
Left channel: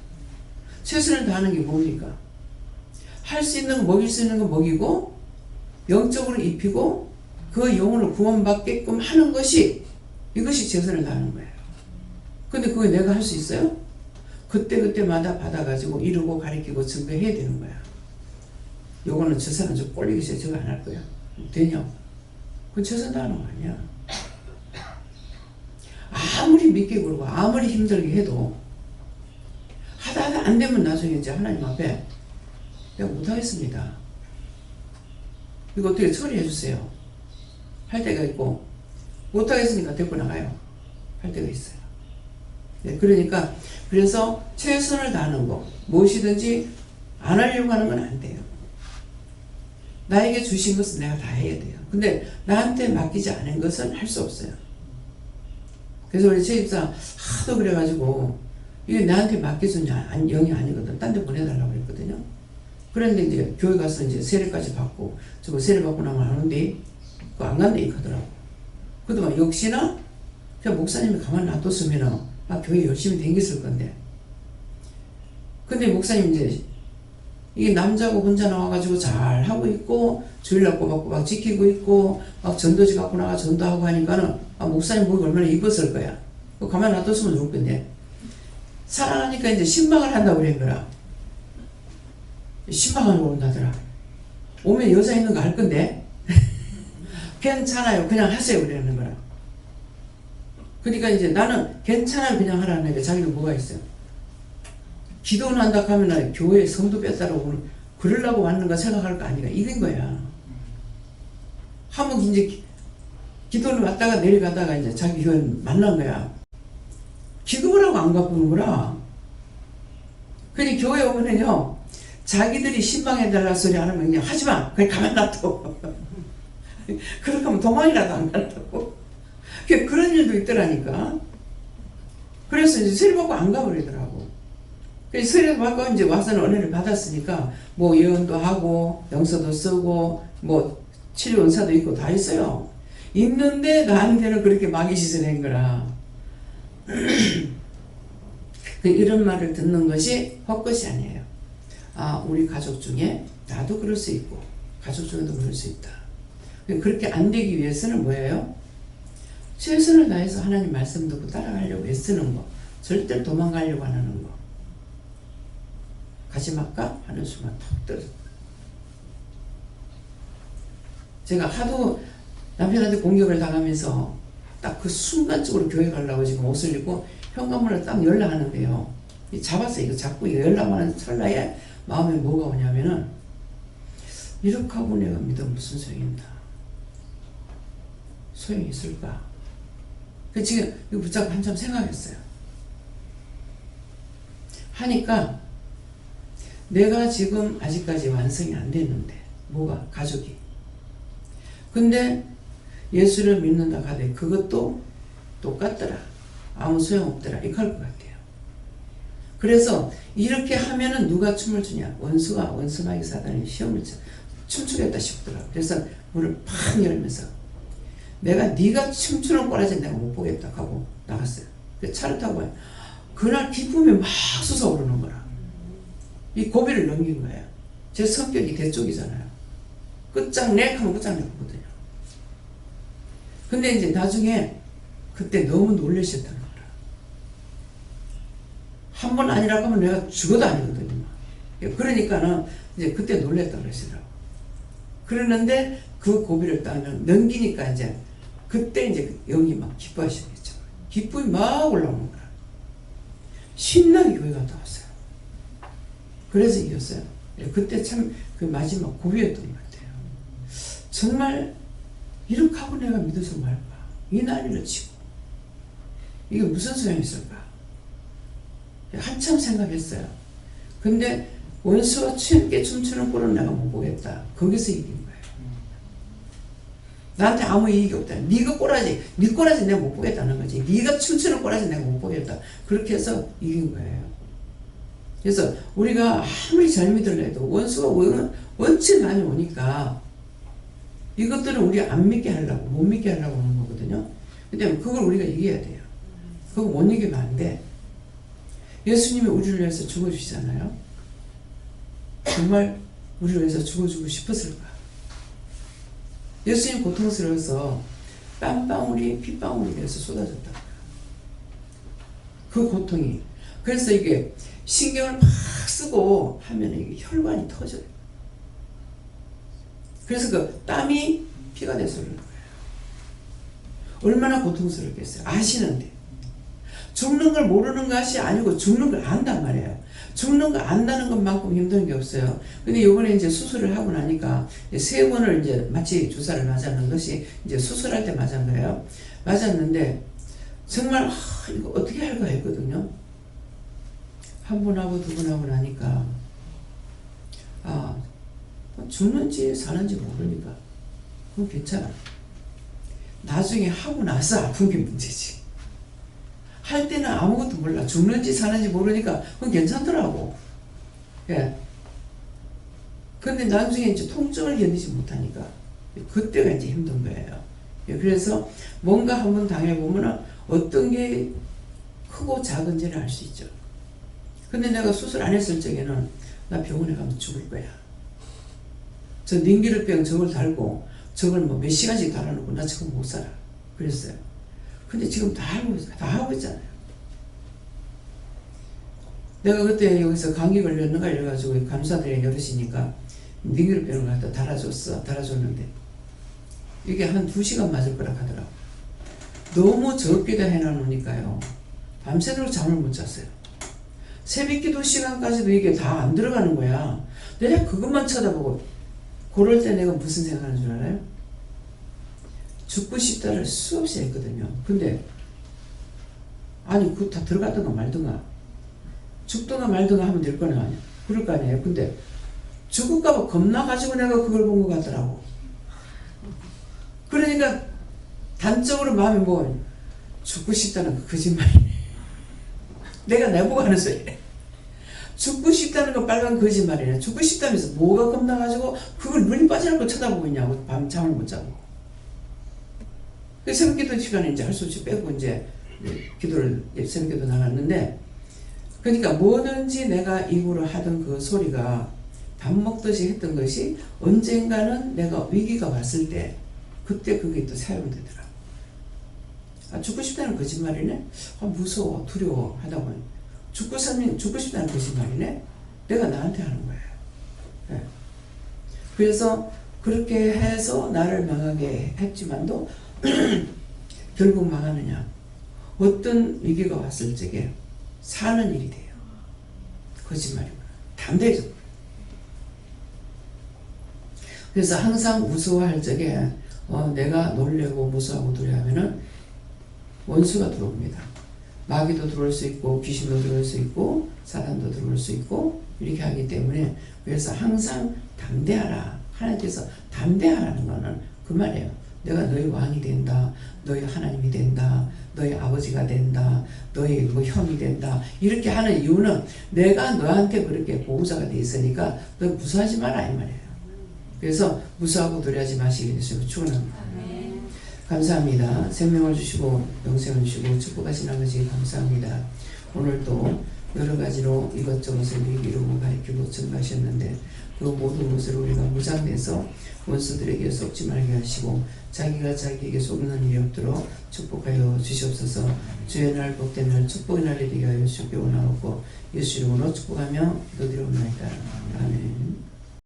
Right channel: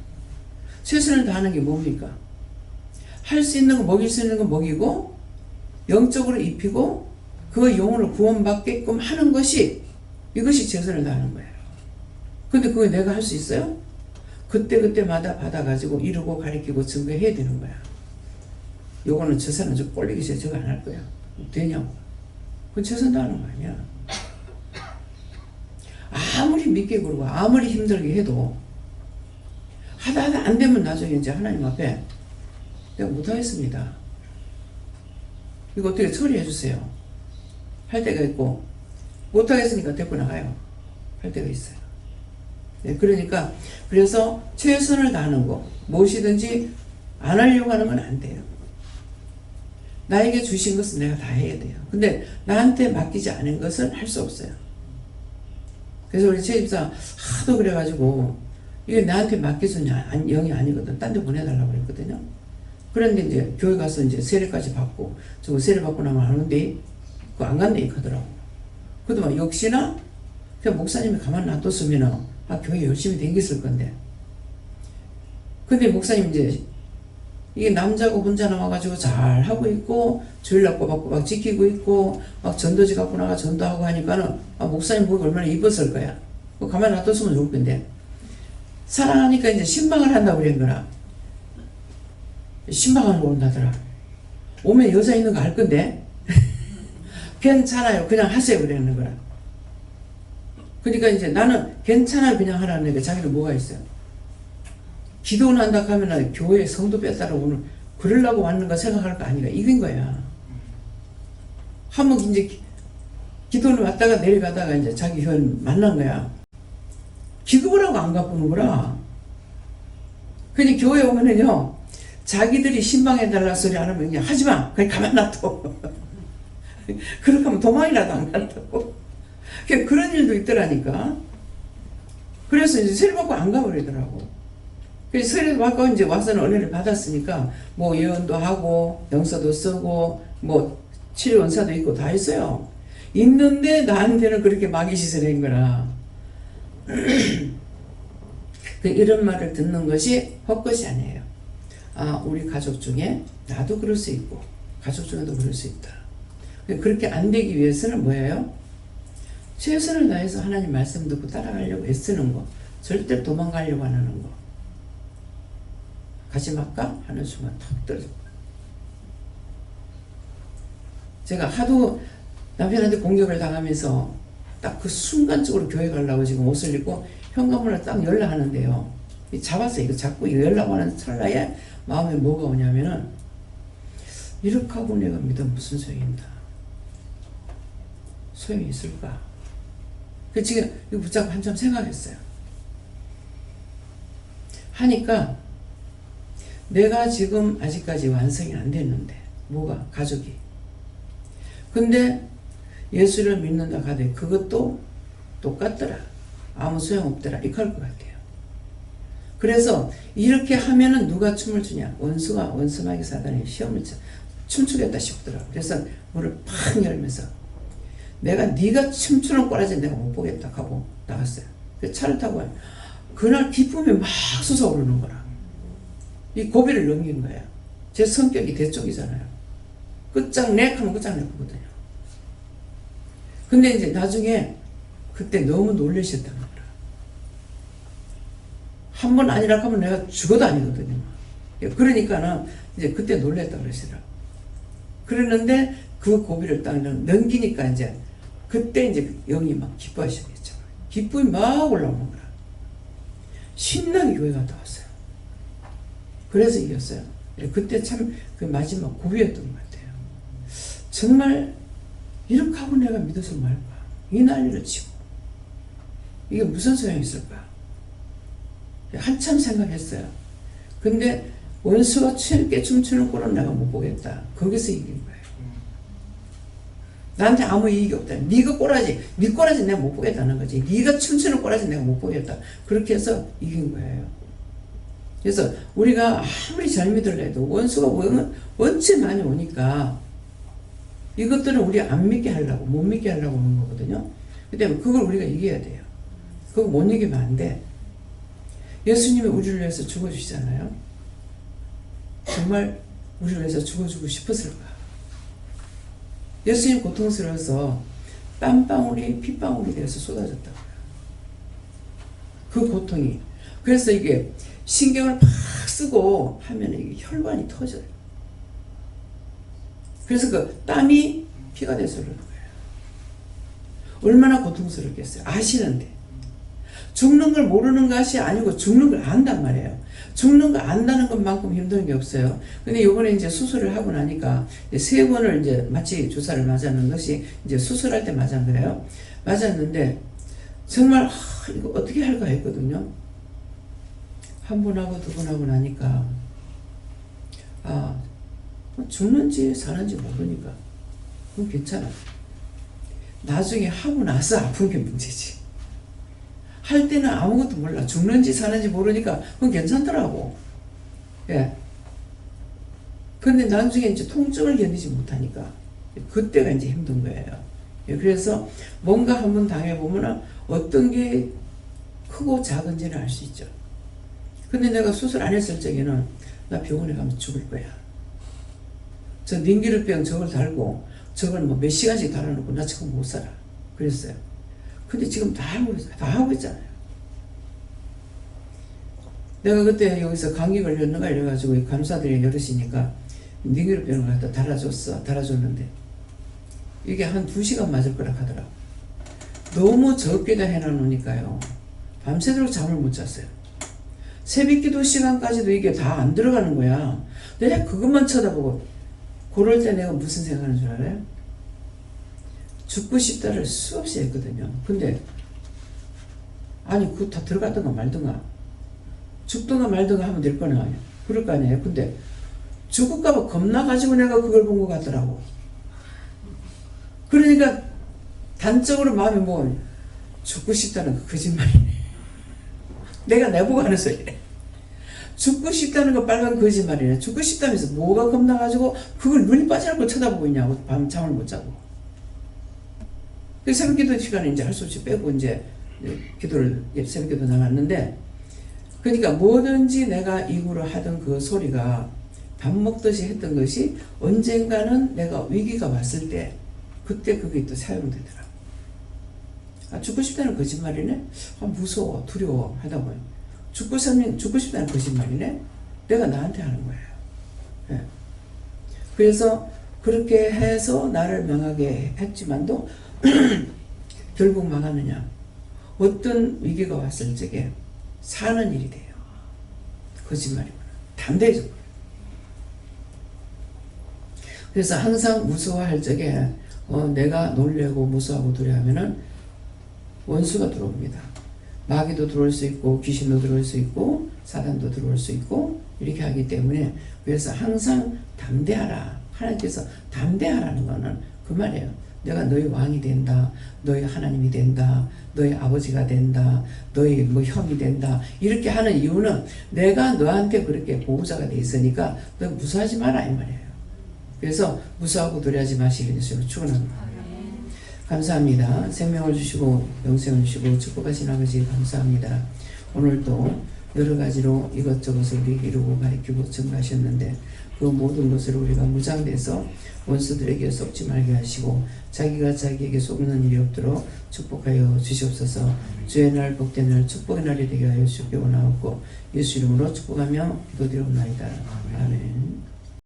최선을 다하는 게 뭡니까? 할 수 있는 거 먹일 수 있는 거 먹이고 영적으로 입히고 그 영혼을 구원받게끔 하는 것이 이것이 최선을 다하는 거예요. 근데 그거 내가 할 수 있어요? 그때마다 받아가지고 이루고 가르치고 증거해야 되는 거야. 요거는 저 사람 저 꼴리기 싫어 저거 안 할 거야. 되냐고. 그건 최선 다하는 거 아니야. 아무리 믿게 그러고 아무리 힘들게 해도 하다 안 되면 나중에 이제 하나님 앞에 내가 못하겠습니다. 이거 어떻게 처리해 주세요. 할 때가 있고 못하겠으니까 데리고 나가요. 할 때가 있어요. 네, 그러니까 그래서 최선을 다하는 거 무엇이든지 안 하려고 하는 건 안 돼요. 나에게 주신 것은 내가 다 해야 돼요. 근데 나한테 맡기지 않은 것은 할 수 없어요. 그래서 우리 최 집사 하도 그래가지고 이게 나한테 맡겨준 영이 아니거든. 딴 데 보내달라고 그랬거든요. 그런데 이제 교회 가서 이제 세례까지 받고 저거 세례 받고 나면 안 온대. 그거 안 간대 하더라고. 그동안 역시나 그냥 목사님이 가만 놔뒀으면 교회 열심히 다녔을 건데. 근데 목사님 이제 이게 남자고 혼자 나와가지고 잘 하고 있고 주일날 꼬박꼬박 지키고 있고 막 전도지 갖고 나가 전도하고 하니까는 목사님 보기 얼마나 이뻤을 거야. 가만 놔뒀으면 좋을 건데 사랑하니까 이제 신방을 한다고 그런 거라. 신방을 온다더라. 오면 여자 있는 거 알 건데 괜찮아요 그냥 하세요 그러는 거라. 그러니까 이제 나는 괜찮아요 그냥 하라는 게 자기는 뭐가 있어요. 기도는 한다 하면 교회 성도 뺐다라고 오늘 그러려고 왔는가 생각할 거 아니가 이긴 거야. 한번 이제 기도는 왔다가 내려가다가 이제 자기 교회 만난 거야. 기급을 하고 안 갚는 거라. 근데 교회 오면은요 자기들이 신방해달라 소리 안 하면 그냥 하지마 그냥 가만 놔둬. 그렇게 하면 도망이라도 안 간다고. 그런 일도 있더라니까. 그래서 이제 세례 받고 안 가버리더라고. 그래서 세례 받고 이제 와서는 은혜를 받았으니까 뭐 예언도 하고 영서도 쓰고 뭐 치료 은사도 있고 다 있어요. 있는데 나한테는 그렇게 마귀짓을 한 거라. 이런 말을 듣는 것이 헛것이 아니에요. 우리 가족 중에 나도 그럴 수 있고 가족 중에도 그럴 수 있다. 그렇게 안 되기 위해서는 뭐예요? 최선을 다해서 하나님 말씀 듣고 따라가려고 애쓰는 거. 절대 도망가려고 안 하는 거. 가지 말까? 하는 순간 탁 떨어져. 제가 하도 남편한테 공격을 당하면서 딱 그 순간적으로 교회 가려고 지금 옷을 입고 현관문을 딱 연락하는데요. 잡았어요. 이거 자꾸 연락하는 찰나에 마음에 뭐가 오냐면은 이렇게 하고 내가 믿으면 무슨 소용이 있나? 소용이 있을까? 그 지금 이거 붙잡고 한참 생각했어요. 하니까 내가 지금 아직까지 완성이 안 됐는데 뭐가? 가족이. 근데 예수를 믿는다 하되 그것도 똑같더라. 아무 소용없더라. 이렇게 할 것 같아요. 그래서 이렇게 하면은 누가 춤을 추냐? 원수가 원수마귀 사단이 시험을 춤추겠다 싶더라고. 그래서 문을 팍 열면서 내가 네가 춤추는 꼬라지 내가 못 보겠다 하고 나갔어요. 그 차를 타고 그날 기쁨이 막 솟아오르는 거라. 이 고비를 넘긴 거예요. 제 성격이 대쪽이잖아요. 끝장내 하면 끝장내거든요. 근데 이제 나중에 그때 너무 놀라셨다는 거라. 한 번 아니라 하면 내가 죽어도 아니거든요. 그러니까는 이제 그때 놀랬다 그러시더라고. 그러는데 그 고비를 딱 넘기니까 이제 그때 이제 영이 막 기뻐하시겠죠. 기쁨이 막 올라오는 거라. 신나게 교회 갔다 왔어요. 그래서 이겼어요. 그때 참 그 마지막 고비였던 것 같아요. 정말 이렇게 하고 내가 믿어서 말까? 이 난리를 치고 이게 무슨 소용이 있을까? 한참 생각했어요. 근데 원수가 춤게 춤추는 꼴은 내가 못 보겠다. 거기서 이긴 거예요. 나한테 아무 이익이 없다. 네가 꼬라지, 네 꼬라지 내가 못 보겠다는 거지. 네가 춤추는 꼬라지 내가 못 보겠다. 그렇게 해서 이긴 거예요. 그래서 우리가 아무리 잘 믿으려도 원수가 원체 많이 오니까 이것들은 우리 안 믿게 하려고, 못 믿게 하려고 하는 거거든요. 근데 그걸 우리가 이겨야 돼요. 그거 못 이기면 안 돼. 예수님이 우리를 위해서 죽어주시잖아요. 정말 우리를 위해서 죽어주고 싶었을까? 예수님 고통스러워서 땀방울이 핏방울이 돼서 쏟아졌다고요. 그 고통이. 그래서 이게 신경을 팍 쓰고 하면 이게 혈관이 터져요. 그래서 그 땀이 피가 돼서 그러는 거예요. 얼마나 고통스럽겠어요. 아시는데. 죽는 걸 모르는 것이 아니고 죽는 걸 안단 말이에요. 죽는 거 안다는 것만큼 힘든 게 없어요. 근데 요번에 이제 수술을 하고 나니까 3번을 이제 마취 주사를 맞았는 것이 이제 수술할 때 맞은 거예요. 맞았는데 정말 이거 어떻게 할까 했거든요. 한 번 하고 2번 하고 나니까 죽는지 사는지 모르니까 그건 괜찮아. 나중에 하고 나서 아픈 게 문제지. 할 때는 아무것도 몰라. 죽는지 사는지 모르니까 그건 괜찮더라고. 예. 근데 나중에 이제 통증을 견디지 못하니까 그때가 이제 힘든 거예요. 예. 그래서 뭔가 한번 당해보면 어떤 게 크고 작은지는 알 수 있죠. 근데 내가 수술 안 했을 적에는 나 병원에 가면 죽을 거야. 저 닌기르병 저걸 달고 저걸 뭐 몇 시간씩 달아놓고 나 지금 못 살아. 그랬어요. 근데 지금 다 하고 있잖아요. 내가 그때 여기서 감기 걸렸는가 이래가지고 간호사들이 여럿이니까 닌기르병을 갖다 달아줬는데 이게 한 2시간 맞을 거라 하더라고. 너무 적게다 해놔놓으니까요. 밤새도록 잠을 못 잤어요. 새벽기도 시간까지도 이게 다 안 들어가는 거야. 내가 그것만 쳐다보고 그럴 때 내가 무슨 생각하는 줄 알아요? 죽고 싶다를 수없이 했거든요. 근데 아니 그거 다 들어가든가 말든가 죽든가 말든가 하면 될 거 아니야. 그럴 거 아니에요. 근데 죽을까봐 겁나가지고 내가 그걸 본 것 같더라고. 그러니까 단적으로 마음이 뭐 죽고 싶다는 거 거짓말이네. 내가 내보고 하는 소리래. 죽고 싶다는 거 빨간 거짓말이네. 죽고 싶다면서 뭐가 겁나가지고 그걸 눈이 빠져나고 쳐다보고 있냐고. 밤 잠을 못 자고. 그 새벽 기도 시간에 이제 할 수 없이 빼고 이제 새벽 기도 나갔는데, 그러니까 뭐든지 내가 입으로 하던 그 소리가 밥 먹듯이 했던 것이 언젠가는 내가 위기가 왔을 때 그때 그게 또 사용되더라. 아, 죽고 싶다는 거짓말이네? 아, 무서워, 두려워 하다 보니 죽고 싶다는 거짓말이네? 내가 나한테 하는 거예요. 네. 그래서 그렇게 해서 나를 망하게 했지만도 결국 망하느냐? 어떤 위기가 왔을 적에 사는 일이 돼요. 거짓말이구나. 담대해져 버려요. 그래서 항상 무서워할 적에 내가 놀래고 무서워하고 두려워하면은 원수가 들어옵니다. 마귀도 들어올 수 있고 귀신도 들어올 수 있고 사단도 들어올 수 있고 이렇게 하기 때문에 그래서 항상 담대하라. 하나님께서 담대하라는 거는 그 말이에요. 내가 너희 왕이 된다. 너희 하나님이 된다. 너희 아버지가 된다. 너희 뭐 형이 된다. 이렇게 하는 이유는 내가 너한테 그렇게 보호자가 돼 있으니까 너 무서워하지 마라 이 말이에요. 그래서 무서워하고 두려워하지 마시길 예수님으로 축원합니다. 감사합니다. 생명을 주시고 영생을 주시고 축복하신 아버지 감사합니다. 오늘도 여러 가지로 이것저것을 우리 이루고 가르치고 증가하셨는데 그 모든 것을 우리가 무장돼서 원수들에게 속지 말게 하시고 자기가 자기에게 속는 일이 없도록 축복하여 주시옵소서. 주의 날 복된 날 축복의 날이 되게 하여 주시기 원하옵고 예수 이름으로 축복하며 기도드리옵나이다. 아멘.